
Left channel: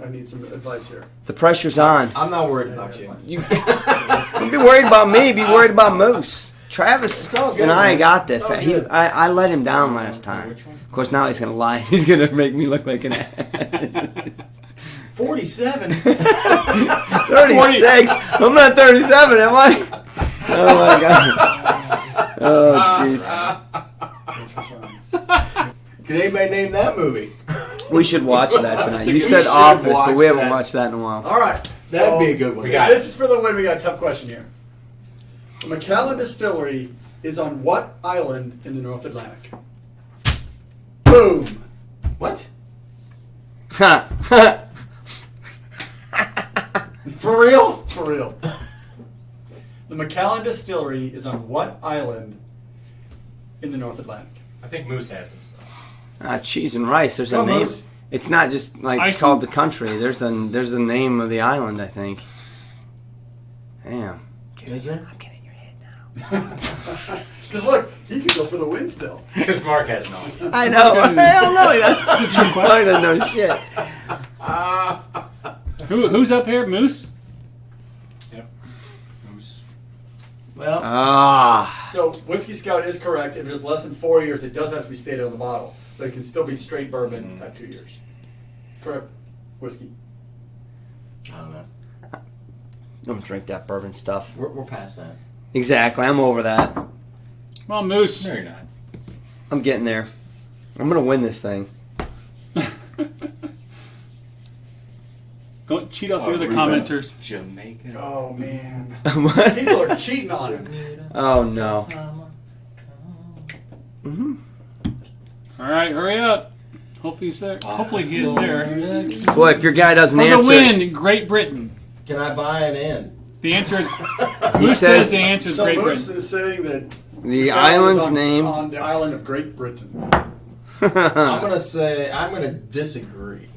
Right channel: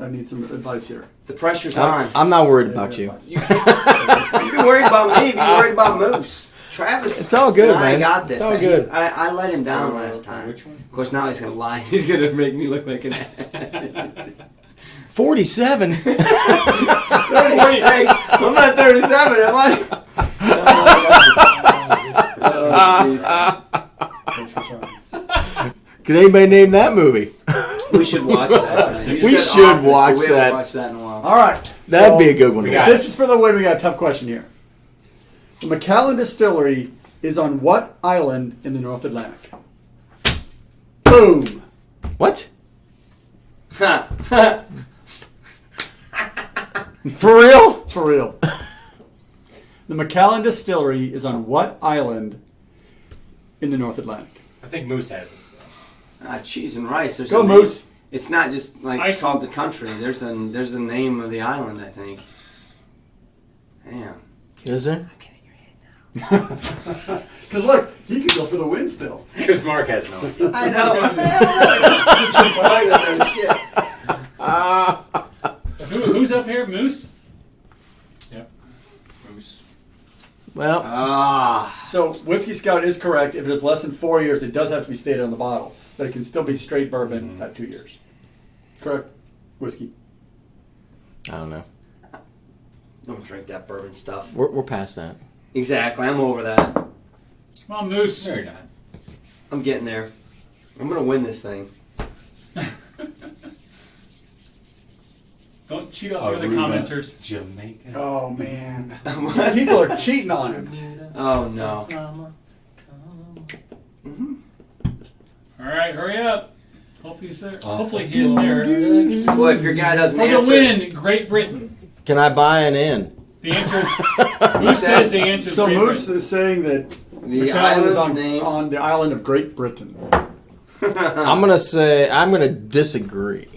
I need some advice here. The pressure's on. I'm not worried about you. You be worried about me. Be worried about Moose. Travis, It's all good, and I man. got this. It's all good. I let him down last time. Of course, now he's going to lie. He's going to make me look like an ass. 47. 36. I'm not 37, am I? Oh, my God. Oh, jeez. Can anybody name that movie? We should watch that tonight. You We said should Office, watch but we haven't that. watched that in a while. All right. That'd be a good one. We to got watch. This is for the win. We got a tough question here. The Macallan Distillery is on what island in the North Atlantic? Boom. What? Ha. For real? For real. The Macallan Distillery is on what island in the North Atlantic? I think Moose has this. Cheese and rice. There's Go, a name. Moose. It's not just like Iceland. called the country. There's a name of the island, I think. Damn. Is there? I'm getting in your head now. Because look, he could go for the win still. Because Mark has no idea. I know. I don't know shit. Who's up here? Moose? Yep. Moose. Well, Ah. So Whiskey Scout is correct. If it is less than 4 years, it does have to be stated on the bottle, but it can still be straight bourbon at 2 years. Correct. Whiskey. I don't know. Don't drink that bourbon stuff. We're past that. Exactly. I'm over that. Come on, Moose. No, you're not. I'm getting there. I'm gonna win this thing. Don't cheat off the Oh, other we commenters. Jamaican. Oh man, What? people are cheating on him. Oh no. Mm-hmm. All right, hurry up. Hopefully he's there. Hopefully he is there. Well, if your guy doesn't For the answer, win, Great Britain. Can I buy an in? The answer is he Moose says the answer is So Great Moose Britain. is saying that the Macallan is island's on, name. on the island of Great Britain. I'm gonna disagree.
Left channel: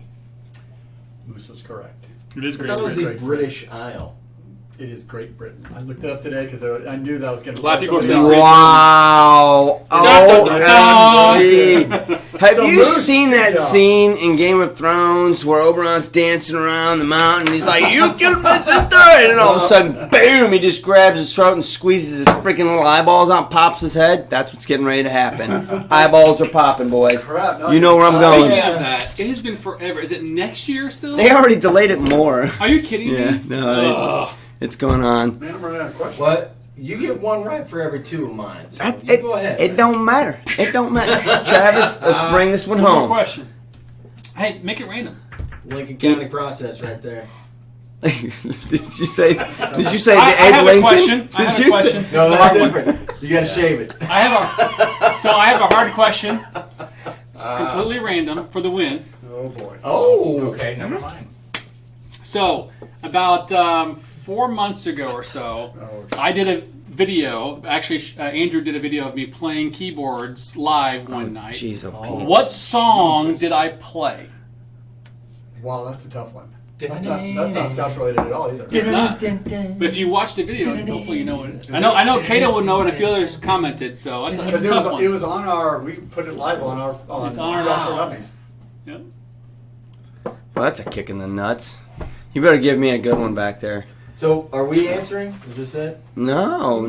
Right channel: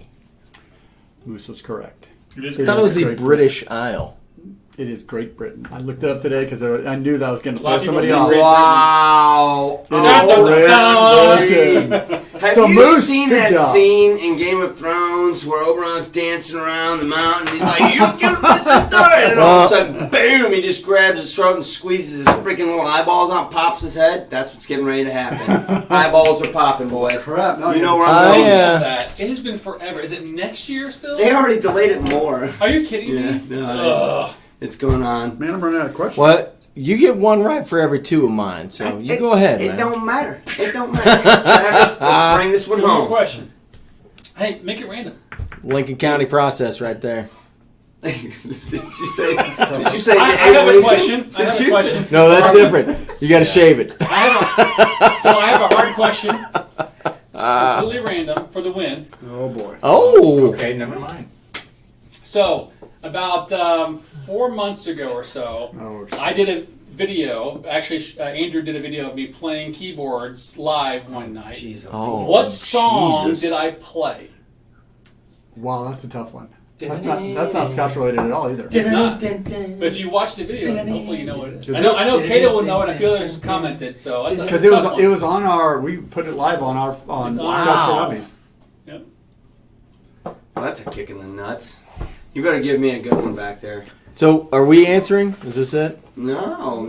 Moose was correct. It is I Great thought it was the Britain. British Isle. It is Great Britain. I looked it up today because I knew that I was going to A lot of throw people somebody say off. Wow. Oh, Have So you Moose, seen good that job. scene in Game of Thrones where Oberon's dancing around the mountain? He's like, "You killed Mr. Third," and then all of a sudden, boom! He just grabs his throat and squeezes his freaking little eyeballs out, pops his head. That's what's getting ready to happen. Eyeballs are popping, boys. Crap, no, You know where I'm Oh, going. yeah. that. It has been forever. Is it next year still? They already delayed it more. Are you kidding Yeah, me? no, Ugh. it's going on. Man, I'm running out of questions. What? You get one right for every two of mine, so you go ahead. It man. don't matter. It don't matter. Travis, let's bring this one One more home. question. Hey, make it random. Lincoln County process right there. Did you say? Did you say I Abe have a Lincoln? question. I have Did a you question. say? No, that's different. You got to shave it. So I have a hard question. Completely random for the win. Oh boy. Oh. Okay, never mind. So about 4 months ago or so, Oh, I did a video. Actually, Andrew did a video of me playing keyboards live one night. Jeez, Oh. What song Jesus. did I play? Wow, that's a tough one. That's not Scotch related at all either. It's not. But if you watch the video, hopefully you know what it is. I know Kato will know, and I feel there's commented. So that's Because a tough one. it was on our. We put it live on our on It's on Scotch for our- Dummies. Yep. Well, that's a kick in the nuts. You better give me a good one back there. So, are we answering? Is this it? No.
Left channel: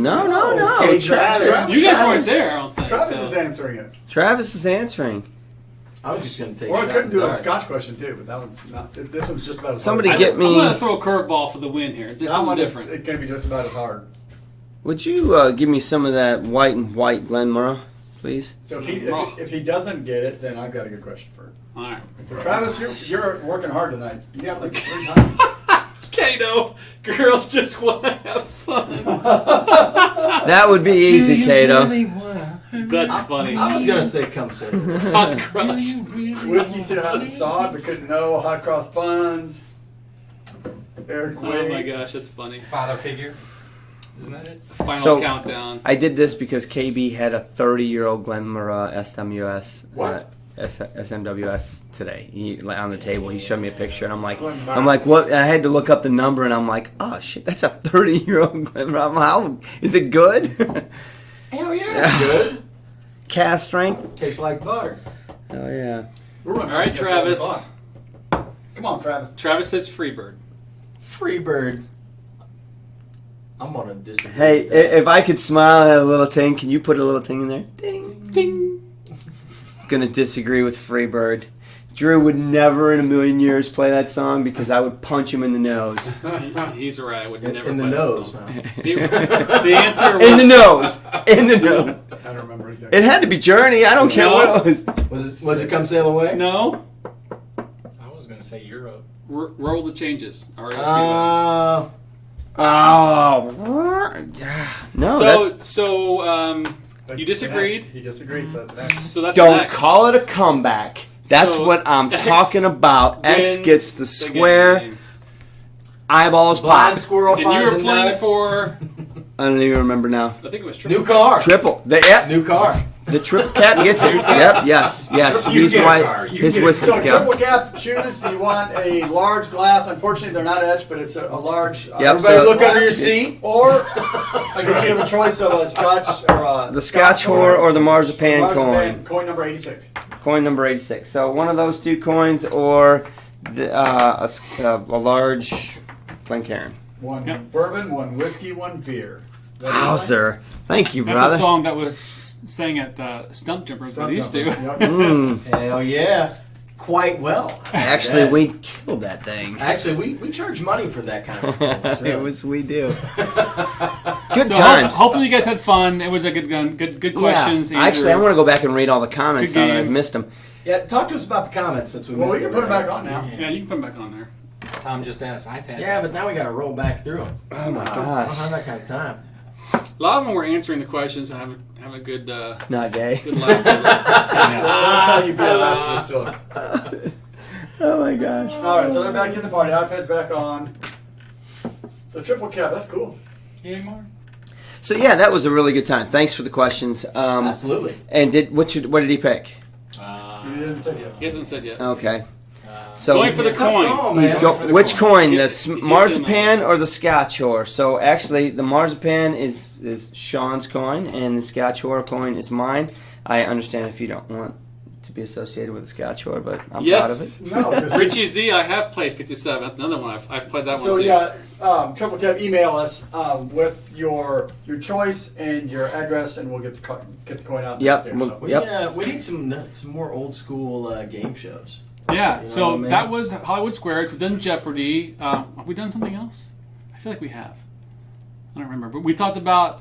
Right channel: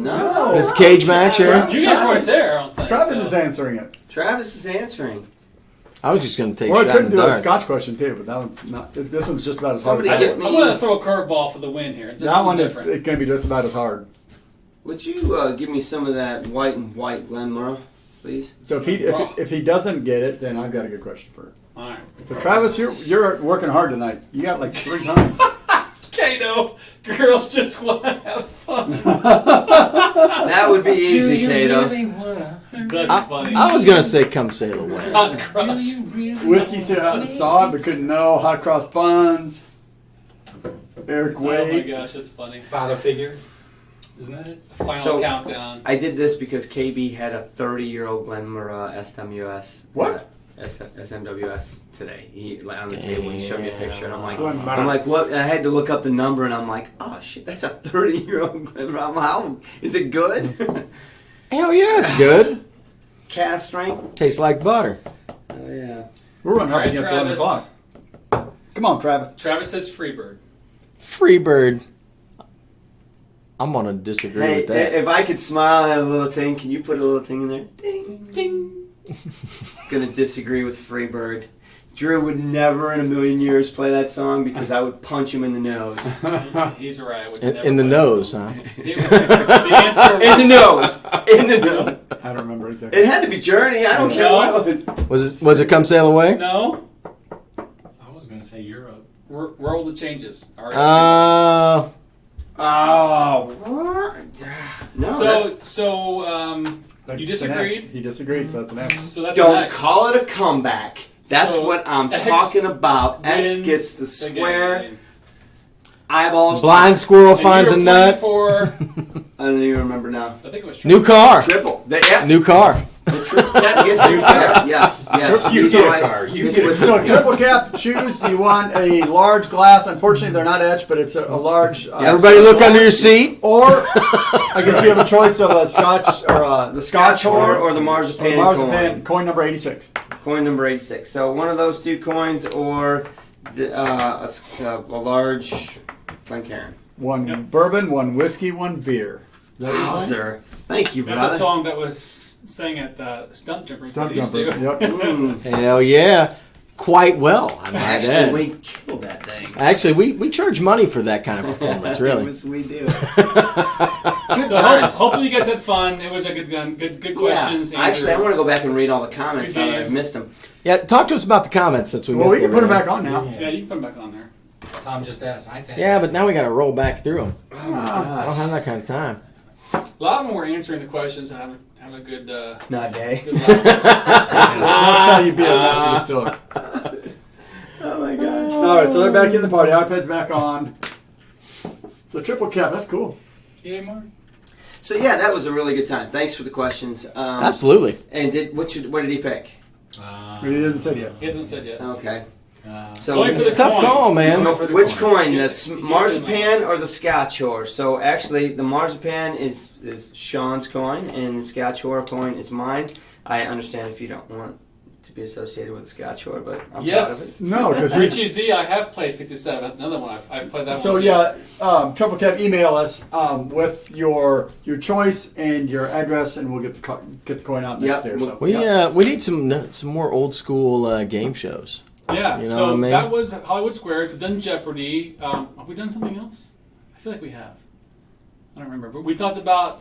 Is Cage match Travis. here? You guys weren't there, I don't think. Travis so. is answering it. Travis is answering. I was just going to take Or a I shot couldn't in the do a dark. Scotch question too, but that one's not. This one's just about as Somebody hard. get I'm me. going to throw a curveball for the win here. This That is one is different. it's going to be just about as hard. Would you give me some of that white and white Glenmora, please? So if he doesn't get it, then I've got a good question for him. All right. So Travis, you're working hard tonight. You got like 3 times. Kato, girls just want to have fun. That would be easy, Kato. That's funny. I was going to say come say it. Hot crush. Whiskey sit out and saw it, but couldn't know. Hot cross buns. Eric Oh my Way. gosh, that's funny. Father figure. Isn't that it? Final So- countdown. I did this because KB had a 30-year-old Glenmora SWS. What? SMWS today. He on the table. He showed me a picture, and I'm like, what? And I had to look up the number, and I'm like, oh shit, that's a 30-year-old Glenrod. How is it good? Hell yeah, it's good. Cast strength. Tastes like butter. Oh yeah. We're running All right, against 11 Travis. o'clock. Come on, Travis. Travis says Freebird. Freebird. I'm gonna disagree Hey, with that. if I could smile and have a little ting, can you put a little ting in there? Ding, ding. Gonna disagree with Freebird. Drew would never in a million years play that song because I would punch him in the nose. He's right. I would In, never in the play that nose, song. huh? The answer was In the nose. In the nose. I don't remember exactly. It had to be Journey. I don't care what it was. Was it Come Sail Away? No. I was going to say Euro. Roll the changes. All right. Oh. No, you disagreed. He disagreed, so that's an X. So that's don't X. call it a comeback. That's So, what I'm X talking about. X wins gets the square. game. Eyeballs. Blind pop. squirrel And finds you a were playing nut. For, I don't even remember now. I think it was New car. Triple. New car. The triple cap gets it. Yep. Yes. You He's get a right. car. You His get a whiskey So scout. triple cap shoes. Do you want a large glass? Unfortunately, they're not etched, but it's a large. Yep. Everybody So- look under your seat. Or I guess you have a choice of a Scotch or The Scotch whore or the marzipan Marzipan coin number 86. Coin number 86. So one of those two coins or a large Glencairn. One bourbon, one whiskey, one beer. Wowzer. Thank you, That's a brother. song that was sang at Stump Jumpers. Stop They used to. jumpers. Yep. Mm. Hell yeah. Quite well. Actually, we killed that thing. Actually, we charge money for that kind of performance, really. We do. Good So times. hopefully you guys had fun. It was a good questions. Yeah. Actually, I want to go back and read all the comments Good now that game. I've missed them. Yeah, talk to us about the comments since we Well, missed we can put it everything. back on now. Yeah, you can come back on there. Tom just asked iPad. Yeah, but now we got to roll back through them. Oh my I don't gosh. have that kind of time. A lot of them were answering the questions and have a good. Not gay. Good laugh. That's how you be a master distiller. Oh my gosh. All right, so they're back in the party. iPad's back on. So triple cap, that's cool. Yeah, Mark. So yeah, that was a really good time. Thanks for the questions. Absolutely. And what did he pick? He didn't say yet. He hasn't said yet. Okay. So Going for the Tough coin. call, man. He's going for the which coin? Yeah, The marzipan or the Scotch whore? So actually, the marzipan is Sean's coin, and the Scotch whore coin is mine. I understand if you don't want to be associated with the Scotch whore, but I'm Yes. No, because Richie Z, I have played 57. That's another one. I've played that So one too. yeah, triple cap. Email us with your choice and your address, and we'll get the coin out Yep. next year. So. We need some more old school game shows. Yeah, You know so what I mean? that was Hollywood Squares. We've done Jeopardy. Have we done something else? I feel like we have. I don't remember. But we talked about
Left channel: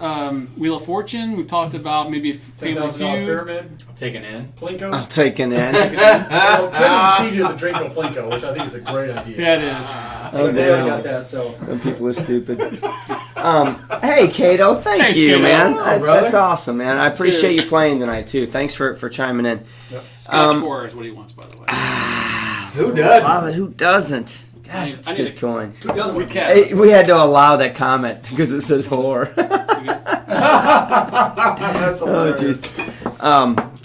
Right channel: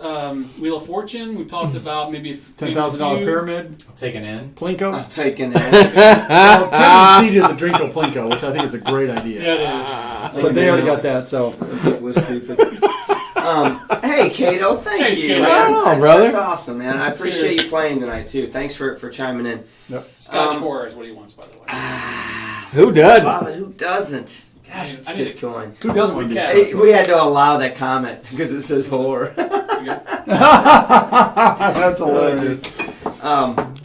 Wheel of Fortune. We talked about maybe $10,000 pyramid. Take an N. Plinko. I'm taking that. Well, Kevin seeded the Drinko Plinko, which I think is a great idea. Yeah, it is. So they already yeah. got that. So People are stupid. Hey, Cato, thank Thanks, you, Cato. man. Oh, brother. That's awesome, man. I appreciate Cheers. you playing tonight too. Thanks for chiming in. Scotch Horror is what he wants, by the way. Who does? Bob, who doesn't? Gosh, it's I a need good to- coin. who doesn't want to Recap. Hey, we had to allow that comment because it says whore. That's hilarious.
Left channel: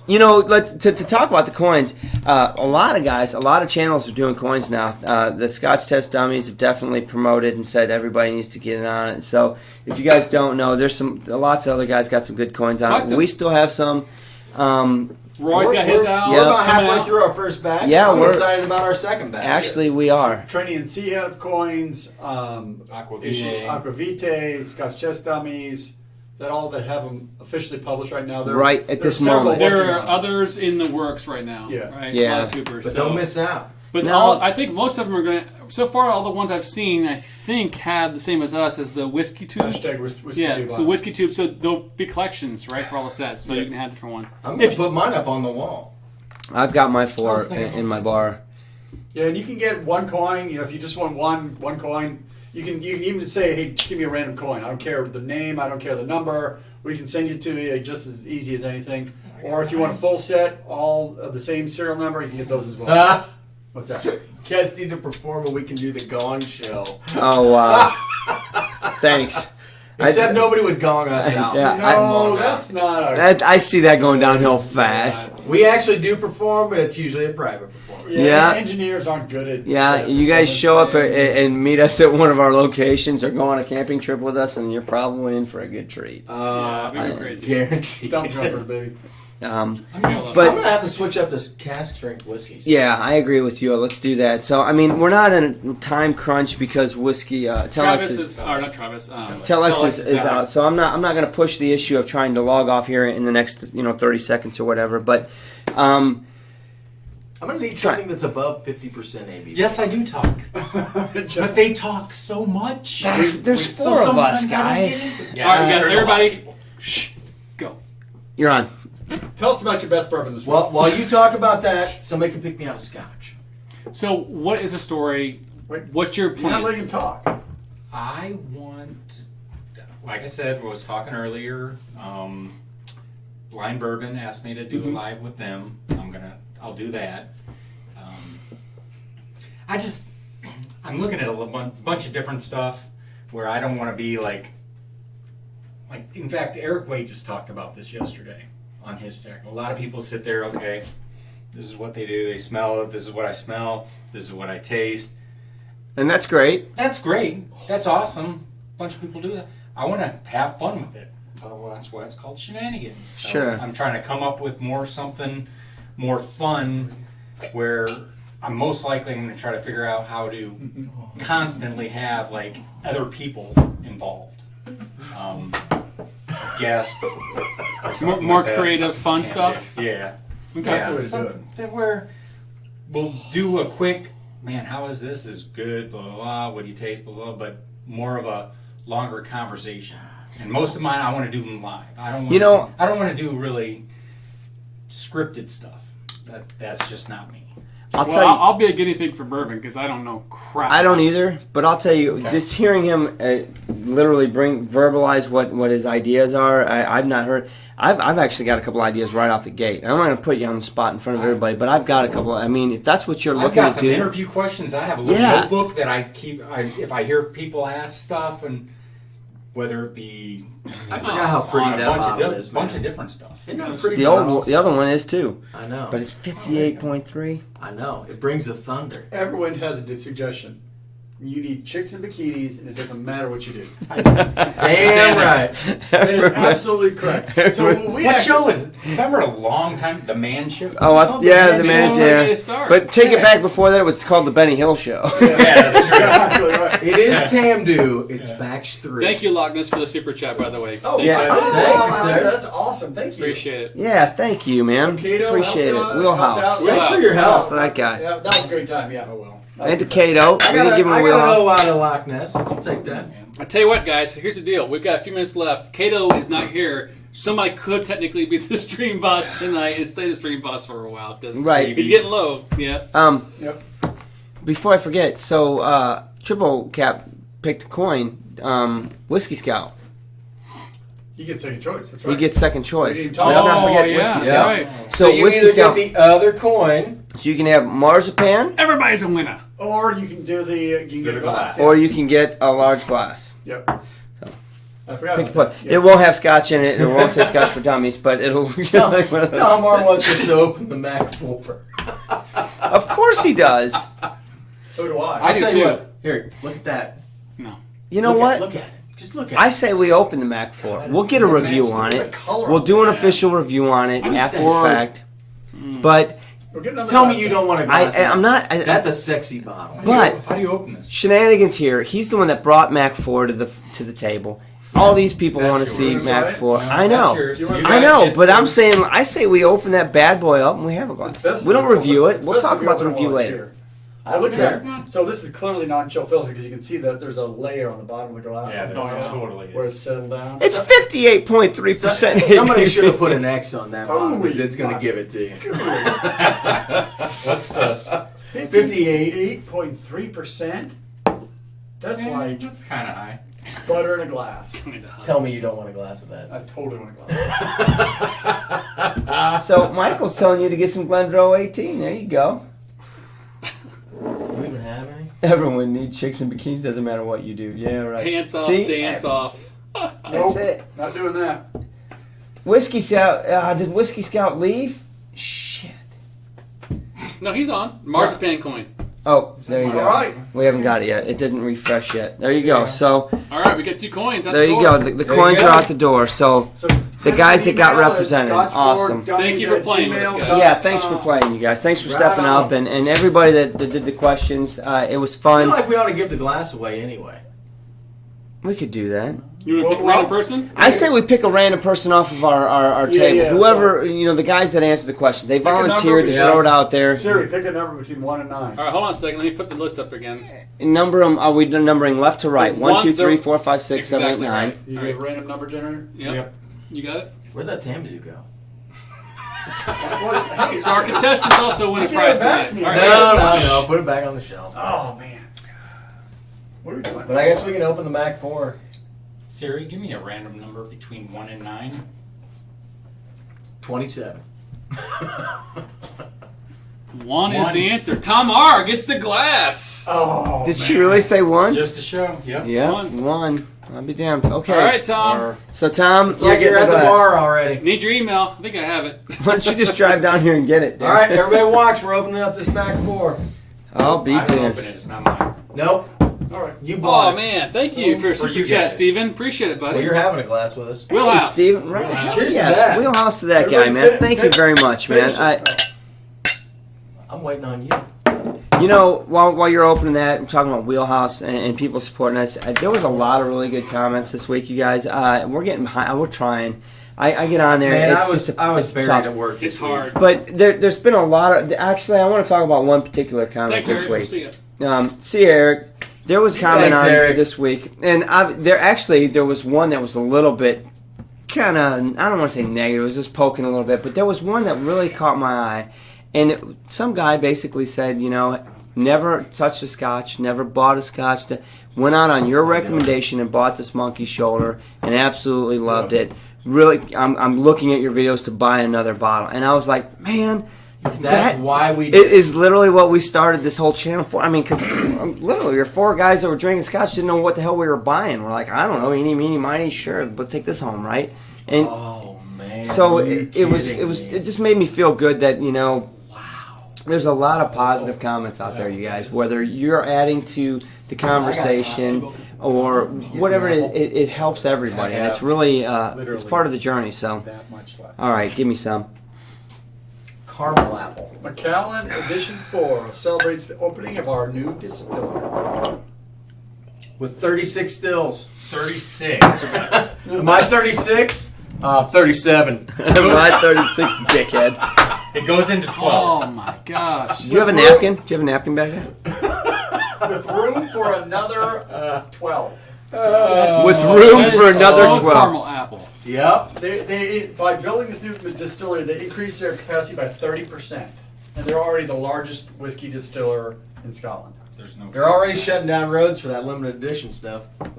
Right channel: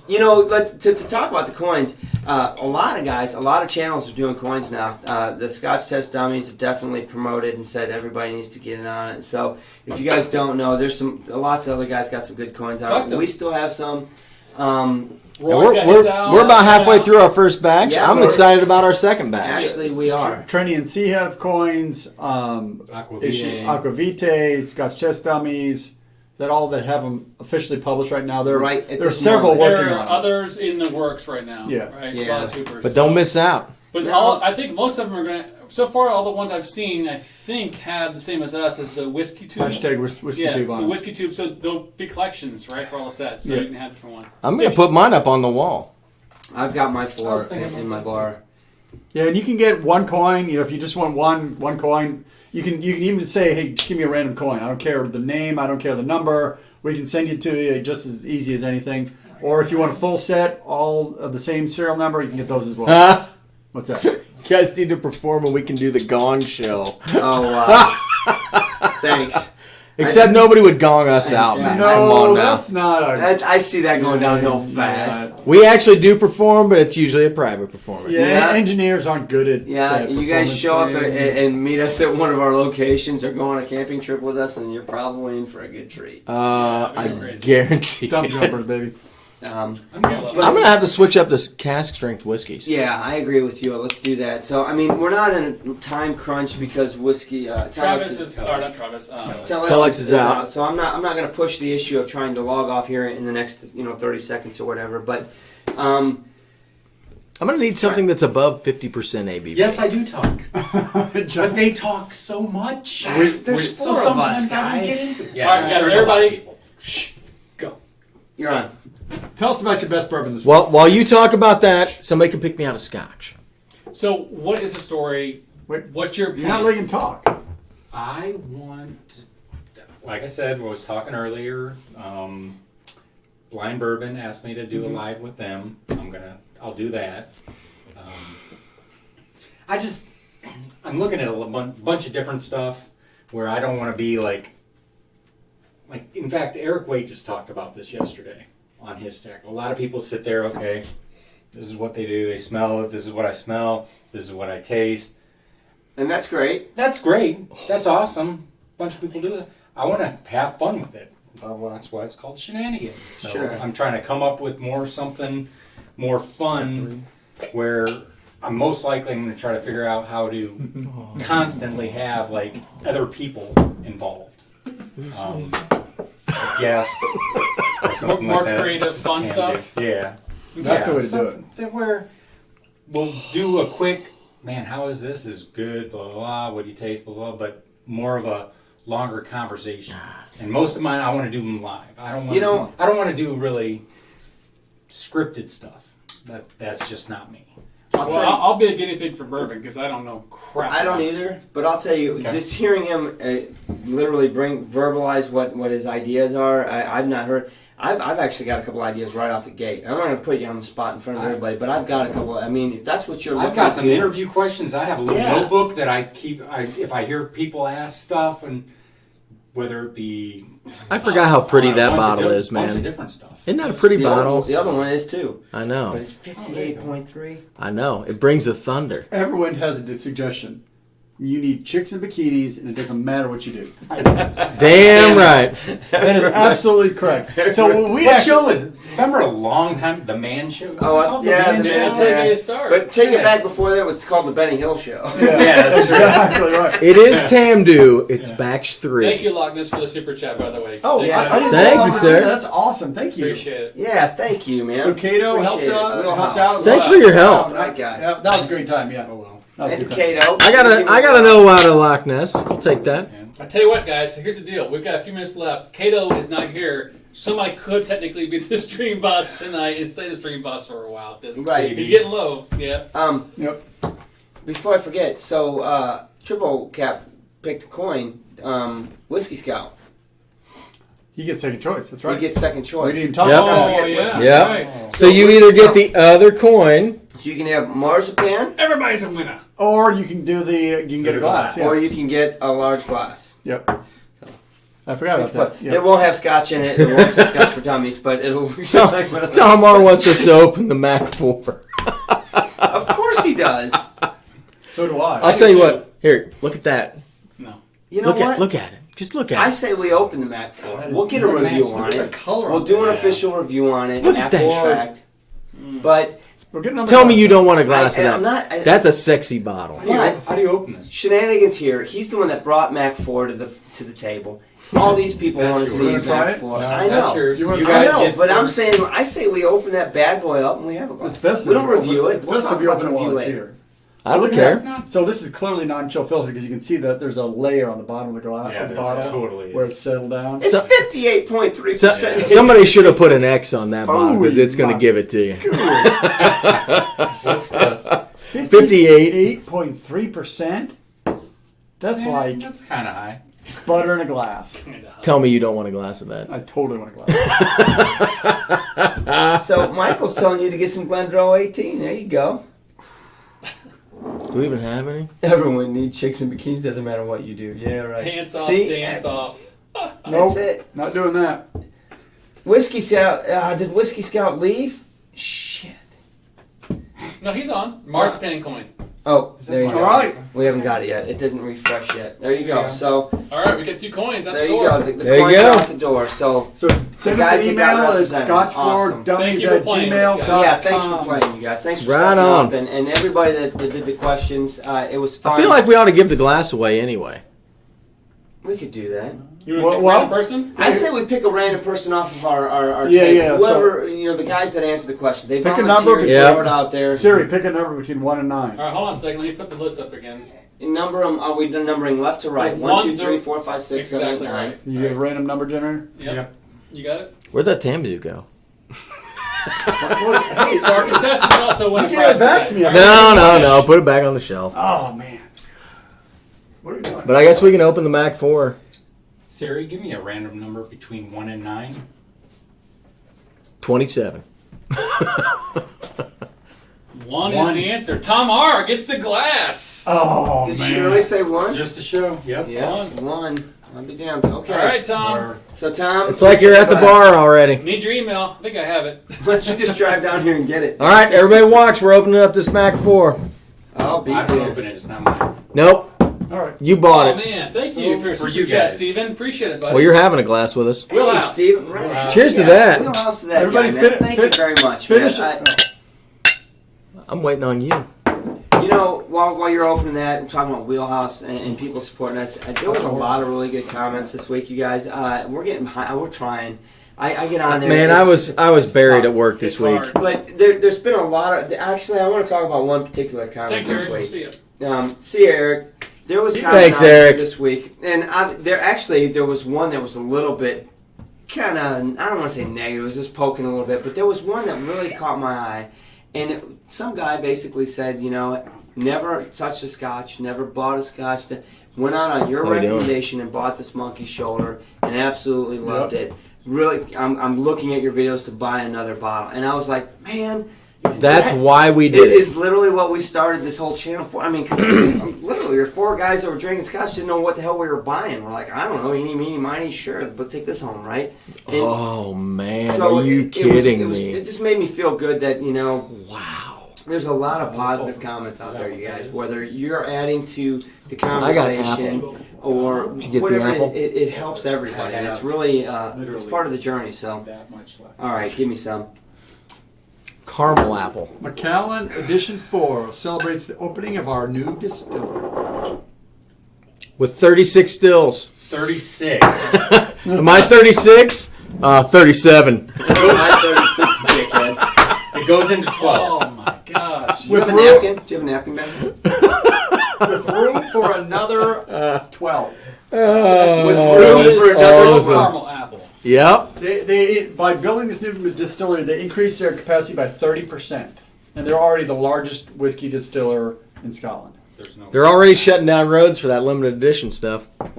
To talk about the coins, a lot of guys, a lot of channels are doing coins now. The Scotch Test Dummies have definitely promoted and said everybody needs to get in on it. So if you guys don't know, there's lots of other guys got some good coins on Talk it. to We them. still have some. Roy's got his out. We're about halfway through our first batch. Yeah, I'm we're- excited about our second batch. Actually, we are. Trenny and C have coins. Aquavitae. Aquavitae, Scotch Chest Dummies. That all that have them officially published right now. Right at there's this several moment. working There on are it. others in the works right now. Yeah. Right? Yeah. A lot of Coopers, But so- don't miss out. But No. I think most of them are going to. So far, all the ones I've seen, I think, have the same as us as the whiskey tube. Hashtag whiskey Yeah, tube so on it. whiskey tube. So there'll be collections, right, for all the sets. So Yeah. you can have different ones. I'm going to put mine up on the wall. I've got my I 4 was thinking in my about bar. Yeah, and you can get one coin. You know, if you just want one coin, you can even say, "Hey, just give me a random coin. I don't care the name. I don't care the number. We can send it to you just as easy as anything." Or if you want a full set, all of the same serial number, you can get those as well. You What's that? guys need to perform and we can do the gong show. Oh, wow. Thanks. Except nobody would gong us out. Yeah. Come on now. that's not our. I see that going downhill fast. We actually do perform, but it's usually a private performance. Yeah. Engineers aren't good at. Yeah, at you guys show up performance. and meet us at one of our locations or go on a camping trip with us, and you're probably in for a good treat. I crazy. guarantee. Stump jumpers, baby. But I'm going to have to switch up this cask strength whiskeys. yeah, I agree with you. Let's do that. So, I mean, we're not in a time crunch because whiskey. Travis is, or not Travis. Telex is is out. out. So I'm not going to push the issue of trying to log off here in the next 30 seconds or whatever. But I'm going to need something that's above 50% ABV. Yes, I do talk. But they talk so much. there's So four of us, sometimes I don't guys. get into it. All right, there's a lot. everybody, shh, go. You're on. Tell us about your best bourbon this week. Well, while you talk about that, somebody can pick me out a scotch. So, what is the story? Wait, What's your You're not letting him talk. I want, like I said, I was talking earlier. Blind Bourbon asked me to do a live with them. I'll do that. I'm looking at a bunch of different stuff where I don't want to be like. In fact, Eric Waite just talked about this yesterday on his deck. A lot of people sit there, okay, this is what they do. They smell it. This is what I smell. This is what I taste. And that's great. That's great. That's awesome. A bunch of people do that. I want to have fun with it. Well, that's why it's called shenanigans. So Sure. I'm trying to come up with something more fun where I'm most likely going to try to figure out how to constantly have like other people involved. A guest or something More like that. creative, fun Can stuff? do. Yeah. That's the way to do something that where we'll do a quick, man, how is this? Is good, blah, blah, blah. What do you taste, blah, blah, but more of a longer conversation. And most of mine, I want to do them live. I don't want to do really scripted stuff. That's just not me. I'll Well, tell you. I'll be a guinea pig for bourbon because I don't know crap. I don't either, but I'll tell you, just hearing him literally verbalize what his ideas are, I've not heard. I've actually got a couple ideas right off the gate. I'm not going to put you on the spot in front of everybody, but I've got a couple. I mean, if that's what you're I've looking got to some do, interview questions. I have a little Yeah. notebook that I keep. If I hear people ask stuff, and whether it be, I forgot how pretty on a that bunch of bottle di- is, bunch of man. different stuff. Isn't that a pretty the bottle? other one is too, I know. but it's 58.3. I know. It brings the thunder. Everyone has a suggestion. You need chicks and bikinis, and it doesn't matter what you do. Damn right. That is absolutely correct. So we What actually, show is it? Remember a long time, The Man Show? Oh, yeah, the man. Show. Yeah. Way to start. But take it back. Before that, it was called the Benny Hill Show. Yeah, that's true. exactly right. It is Tamdu. It's batch 3. Thank you, Loch Ness, for the super chat, by the way. Oh, Yeah. I didn't Thank know you, that. sir. That's awesome. Thank you. Appreciate it. Yeah, thank you, man. Cato Appreciate it. helped Wheelhouse. out. Thanks for your help. That guy. Yeah, that was a great time. Yeah. Oh, well. And to Cato. I gotta know out of Loch Ness. I'll take that. I tell you what, guys. Here's the deal. We've got a few minutes left. Cato is not here. Somebody could technically be the stream boss tonight and stay the stream boss for a while. 'Cause Right. He's getting low. Yeah. Yep. Before I forget, so Triple Cap picked a coin, Whiskey Scout. He gets second choice. That's right. He gets second choice. We didn't talk Yep. about Oh, that. yeah. Whiskey. Yeah. Right. So you Whiskey either Scout. get the other coin. So you can have marzipan, Everybody's a winner. Or you can do the. You can get a glass. or you can get a large glass. Yep. I forgot about that. It won't have Scotch in it. It won't say Scotch for Dummies, but it'll look like one of those. Tom R wants us to open the Mac 4. Of course he does. So do I. I'll tell you what. Here, look at that. No. You know what? Look at it. Just look at I it. say we open the Mac 4. We'll get a review on Look at it. the color We'll on do an that. official review on it Look at after the that. fact. But We're getting another Tell me glass. you don't want a glass. I'm of that. not. That's a sexy bottle. But How do you open this? Shenanigans here. He's the one that brought Mac 4 to the table. All these people That's want to see yours. Mac Right? 4. No, I that's know. yours. You You wanna- I guys know, get but I'm first. saying I say we open that bad boy up and we have a glass. That's We don't the- review it. We'll that's talk the about the other review one later. here. I don't Look at care. that. So this is clearly non-chill filter because you can see that there's a layer on the bottom of the glass. Yeah, of the there bottle totally where is. it's settled down. It's 58.3%. Somebody should have put an X on that bottle because it's going to my give it to you. What's the? 58.3%. That's like That's kind of high. butter in a glass. Tell me you don't want a glass of that. I totally want a glass. So Michael's telling you to get some Glendrow 18. There you go. Do we even have any? Everyone needs chicks in bikinis. Doesn't matter what you do. Yeah, right. Pants off, See? dance off. Nope, it. not doing that. Whiskey Scout. Did Whiskey Scout leave? Shit. No, he's on. Marzipan coin. Oh, there you All go. right. We haven't got it yet. It didn't refresh yet. There you go. So All right, we got 2 coins. there you go. The There you coins go. are out the door. So So the guys that got represented, awesome. Thank you for playing with us, guys. Yeah, thanks for playing, you guys. Thanks for Right stepping on. up and everybody that did the questions. It was I fun. feel like we ought to give the glass away anyway. We could do that. You want to pick Well, one person? I say we pick a random person off of our Yeah, table. yeah, Whoever, the guys that answer the question. They Pick a volunteered number. to Yeah. throw it out there. Siri, pick a number between 1 and 9. All right, hold on a second. Let me put the list up again. Number them. Are we numbering left to right? 1, 2, 3, 4, 5, 6, 7, 8, Exactly 9. right. You get a random number generator? Yep. You got it? Where'd that Tambu go? Hey, So our contestants also win You a gave prize it back today. to me. No. Put it back on the shelf. Oh, man. What are we doing? But I guess we can open the Mac 4. Siri, give me a random number between 1 and 9. 27. 1 is One. the answer. Tom R. gets the glass. Oh, Did man. she really say 1? Just to show. Yep. Yeah, One. 1. I'll be damned. Okay. All right, Tom. So Tom, It's like you're at the bar already. Need your email. I think I have it. Why don't you just drive down here and get it? All right, everybody watch. We're opening up this Mac 4. I'll be I can damned. open it. It's not mine. Nope. All right. You bought Oh, it. man. Thank So, you for your for super you chat, guys. Steven. Appreciate it, buddy. Well, you're having a glass with us. Hey, Wheelhouse. Steven. Right. Cheers to Yes, that. Wheelhouse to that guy, Everybody man. fin- Thank fin- you very much, man. finish I'm waiting on you. While you're opening that, we're talking about Wheelhouse and people supporting us. There was a lot of really good comments this week, you guys. We're getting behind. We're trying. I get on there. Man, it's I was it's buried tough. at work this It's week. hard. But there's been a lot of. Actually, I want to talk about one particular comment Thanks, this Eric. week. See ya. See you, Eric. There was comment Thanks, on Eric. this week, and there was one that was a little bit kind of, I don't want to say negative. It was just poking a little bit, but there was one that really caught my eye, and some guy basically said, never touched a Scotch, never bought a Scotch. Went out on your How you doing? recommendation and bought this Monkey Shoulder, and absolutely loved it. Really, I'm looking at your videos to buy another bottle, and I was like, man. That's that- why we It did it. is literally what we started this whole channel for. I mean, because literally, your 4 guys that were drinking Scotch didn't know what the hell we were buying. We're like, I don't know, eeny, meeny, miny, sure, but take this home, right? And Oh, man. so Are you it kidding was me? it just made me feel good that wow. There's a lot of positive comments out there, you guys. Whether you're adding to the conversation or get whatever, the apple? it helps everybody, and it's really it's part of the journey. So, That much left. all right, give me some. Caramel apple. Macallan Edition 4 celebrates the opening of our new distillery. With 36 stills. 36. Am I 36? 37. My 36 dickhead. It goes into 12. Oh, my gosh. Do you have a napkin? Do you have a napkin back there? With room for another 12. With room for another awesome. 12. Caramel apple. Yep. They by building this new distillery, they increased their capacity by 30%, and they're already the largest whiskey distiller in Scotland. There's no. They're already shutting down roads for that limited edition stuff. I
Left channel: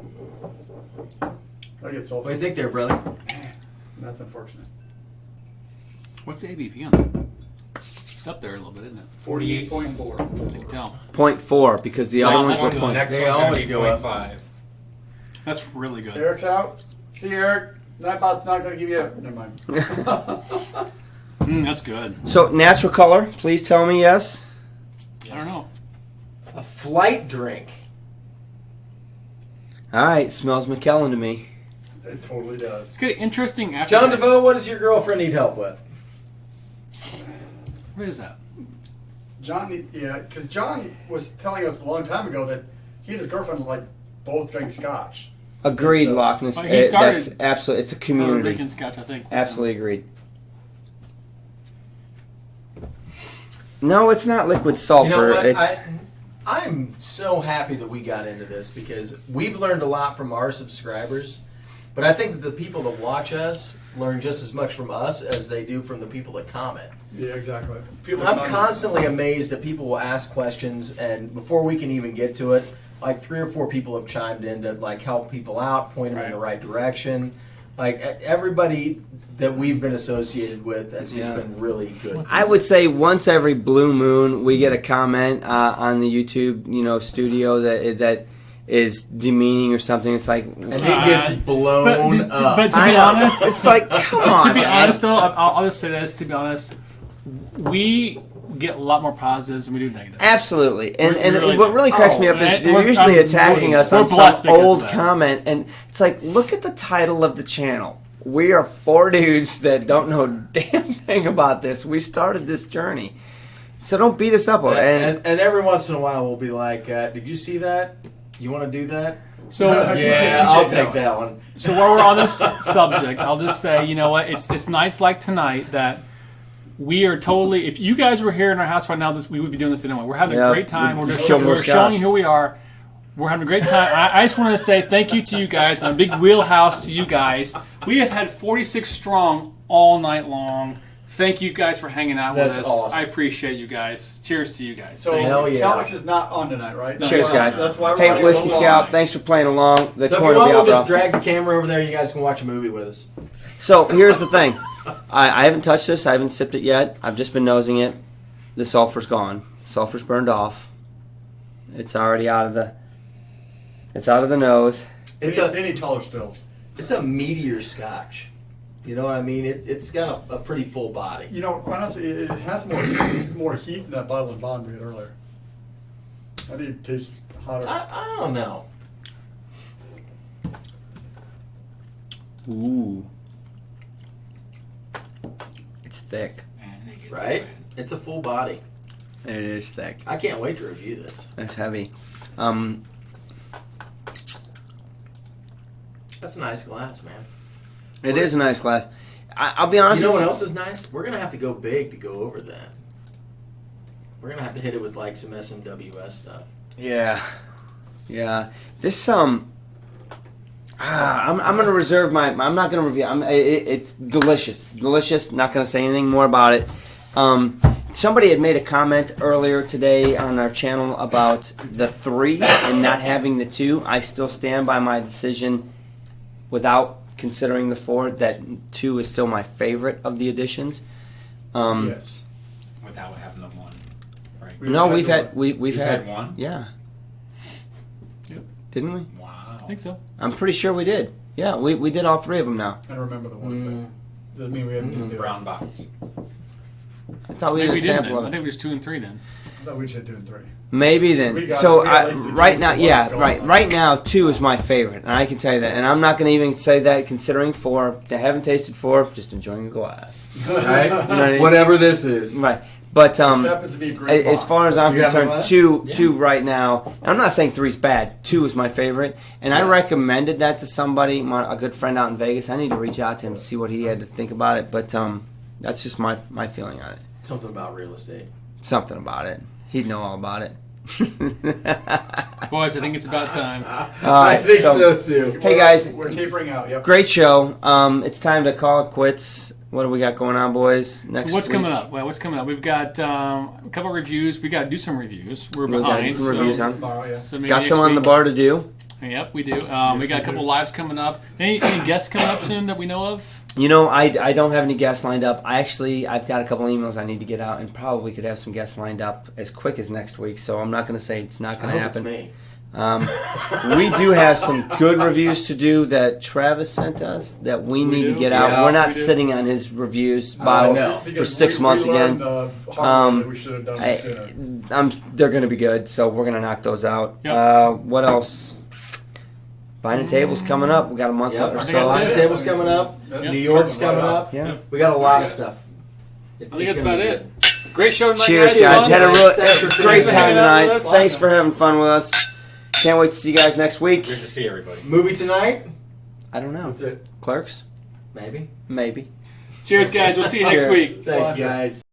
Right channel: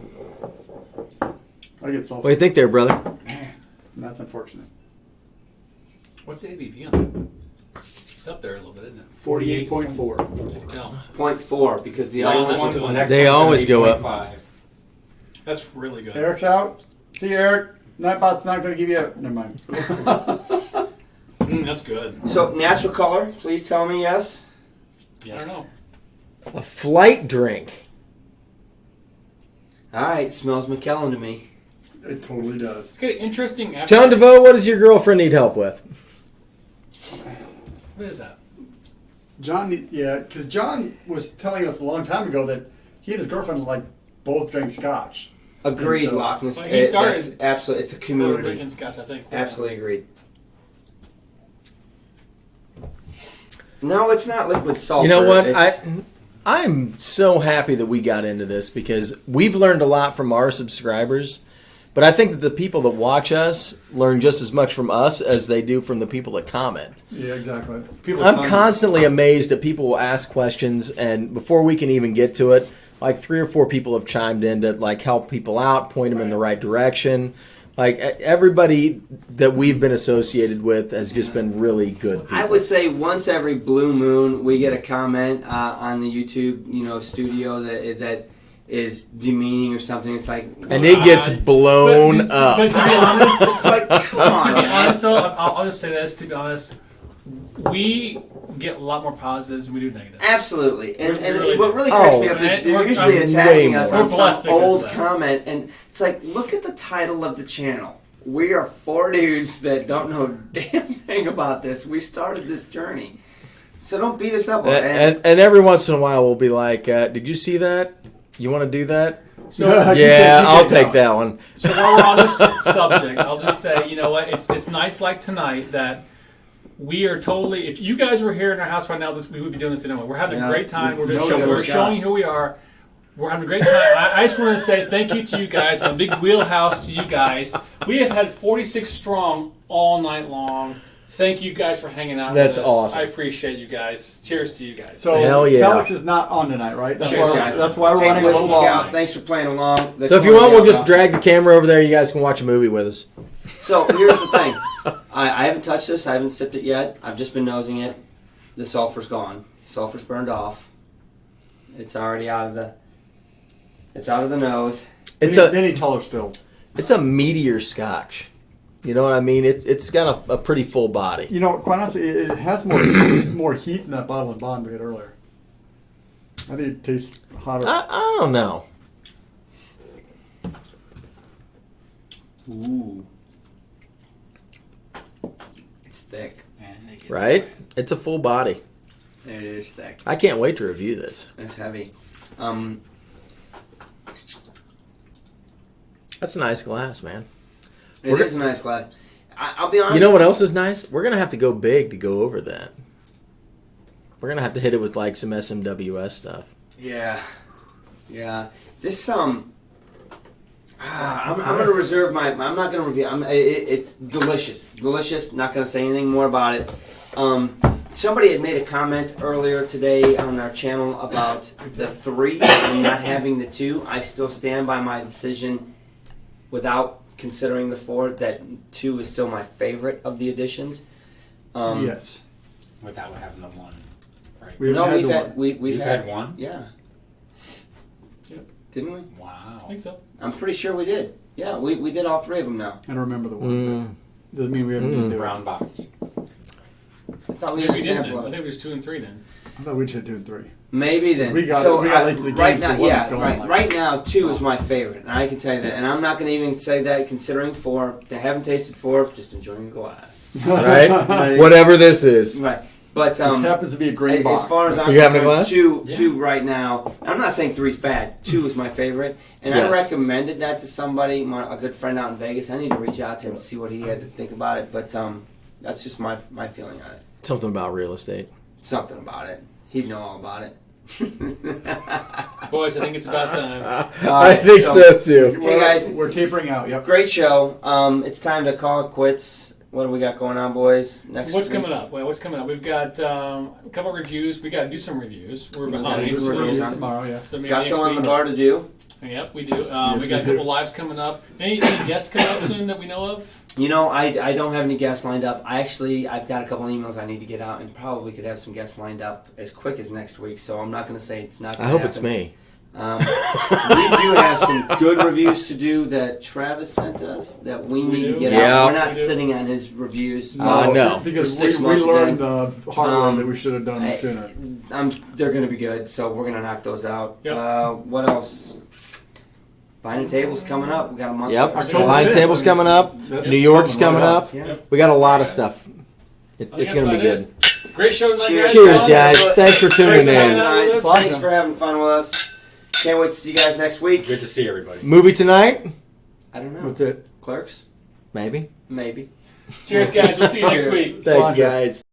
get so. What do you think there, brother? That's unfortunate. What's the ABV on it? It's up there a little bit, isn't it? 48.4. You can tell. 0.4 because the other ones were The 0.4. next They one's gonna always be go up. 0.5. That's really good. Eric's out. See you, Eric. Nightbot's not going to give you a. Never mind. That's good. So, natural color, please tell me yes. I don't know. A flight drink. All right, smells McKellen to me. It totally does. It's got an interesting. John DeVoe, what does your girlfriend need help with? What is that? John, yeah, because John was telling us a long time ago that he and his girlfriend both drank Scotch. Agreed, So- Loch Ness. Oh, he started- That's absolutely. It's a Puerto community. Rican Scotch, I think. Absolutely agreed. No, it's not liquid sulfur. You know what? It's, I'm so happy that we got into this because we've learned a lot from our subscribers, but I think that the people that watch us learn just as much from us as they do from the people that comment. Yeah, exactly. People I'm comment. constantly amazed that people will ask questions, and before we can even get to it, like 3 or 4 people have chimed in to like help people out, point them in the right direction. Like everybody that we've been associated with has just been really good. I would say once every blue moon we get a comment on the YouTube studio that is demeaning or something. It's like, And it gets blown up. But to be honest, it's like, come on, to be man. honest, though, I'll just say this. To be honest, we get a lot more positives than we do negatives. Absolutely. And Really- what really cracks me up is and they're usually we're attacking us on some blessed because old of that. comment, and it's like, look at the title of the channel. We are 4 dudes that don't know a damn thing about this. We started this journey. So don't beat us up. And every once in a while we'll be like, did you see that? You want to do that? So Yeah, I'll take that one. So while we're on this subject, I'll just say, you know what? It's nice like tonight that we are totally. If you guys were here in our house right now, we would be doing this anyway. We're having a great time. We're showing you who we are. We're having a great time. I just want to say thank you to you guys and a big wheelhouse to you guys. We have had 46 strong all night long. Thank you guys for hanging out That's with us. awesome. I apprete you guys. Cheers to you guys. So Hell yeah. Telex is not on tonight, right? That's Cheers, why, guys. That's why we're Hey, running a Whiskey little Scout, long. thanks for playing along. The So if corner you want, of the we'll just outro. drag the camera over there. You guys can watch a movie with us. So here's the thing. I haven't touched this. I haven't sipped it yet. I've just been nosing it. The sulfur's gone. Sulfur's burned off. It's already out of the. It's out of the nose. It's They need taller stills. It's a meteor Scotch. You know what I mean? It's got a pretty full body. You know, quite honestly, it has more heat in that bottle than Bond did earlier. I think it tastes hotter. I don't know. Ooh. It's thick. Right? It's a full body. It is thick. I can't wait to review this. It's heavy. That's a nice glass, man. It is a nice glass. I'll be honest. You know what else is nice? We're gonna have to go big to go over that. We're gonna have to hit it with like some SMWS stuff. Yeah. This I'm gonna reserve my. I'm not gonna review. It's delicious. Not gonna say anything more about it. Somebody had made a comment earlier today on our channel about the 3 and not having the 2. I still stand by my decision, without considering the 4, that 2 is still my favorite of the additions. Yes. Without having the 1, right? We've You've had had 1? Yeah. Yep. Didn't we? Wow. I think so. I'm pretty sure we did. Yeah, we did all 3 of them now. I don't remember the one. Doesn't mean we haven't been doing it. Brown box. I thought we Maybe did a we sample did. of I it. think there's 2 and 3 then. I thought we should do 3. Maybe then. We got late to the right game, now, so yeah, what's going right. on? Right now, 2 is my favorite, and I can tell you that. And I'm not going to even say that considering 4. I haven't tasted 4. Just enjoying a glass. Right? Right. Whatever this is. Right. But This happens to be a great box. as far as I'm You having a concerned, glass? 2 right now. I'm not saying 3's bad. 2 is my favorite, and I Yes. recommended that to somebody, a good friend out in Vegas. I need to reach out to him and see what he had to think about it. But that's just my feeling on it. Something about real estate. Something about it. He'd know all about it. Boys, I think it's about time. I think so too. Hey, guys. We're tapering out. Yep. Great show. It's time to call it quits. What do we got going on, boys? Next So what's week? coming up? Well, what's coming up? We've got a couple of reviews. We got to do some reviews. We're We gotta behind. do some reviews, huh? Tomorrow, yeah. So maybe Got some on the next bar to do. week- Yep, we do. We got a couple lives coming up. Any guests coming up soon that we know of? You know, I don't have any guests lined up. I've got a couple emails I need to get out, and probably could have some guests lined up as quick as next week. So I'm not going to say it's not I going to hope it's happen. me. We do have some good reviews to do that Travis sent us that we need to get Yeah, out. We're not we do. sitting on his reviews. No. Because For 6 months we learned again. the hard way that we should have done I- it sooner. They're going to be good, so we're going to knock those out. Yep. What else? Buying tables coming up. We got a month Yep. or I think so. that's Line it. table's coming up. That's New York's coming coming right up. Yeah. We got a lot of stuff. I think It's that's going to be about good. it. Great show tonight, Cheers, guys. guys. Thanks for tuning Great in. time tonight. Awesome. Thanks for having fun with us. Can't wait to see you guys next week. Good to see everybody. Movie tonight? I don't know. That's it. Clerks? Maybe. Maybe. Cheers, guys. We'll see you next Cheers. week. Thanks, Sláinte. guys.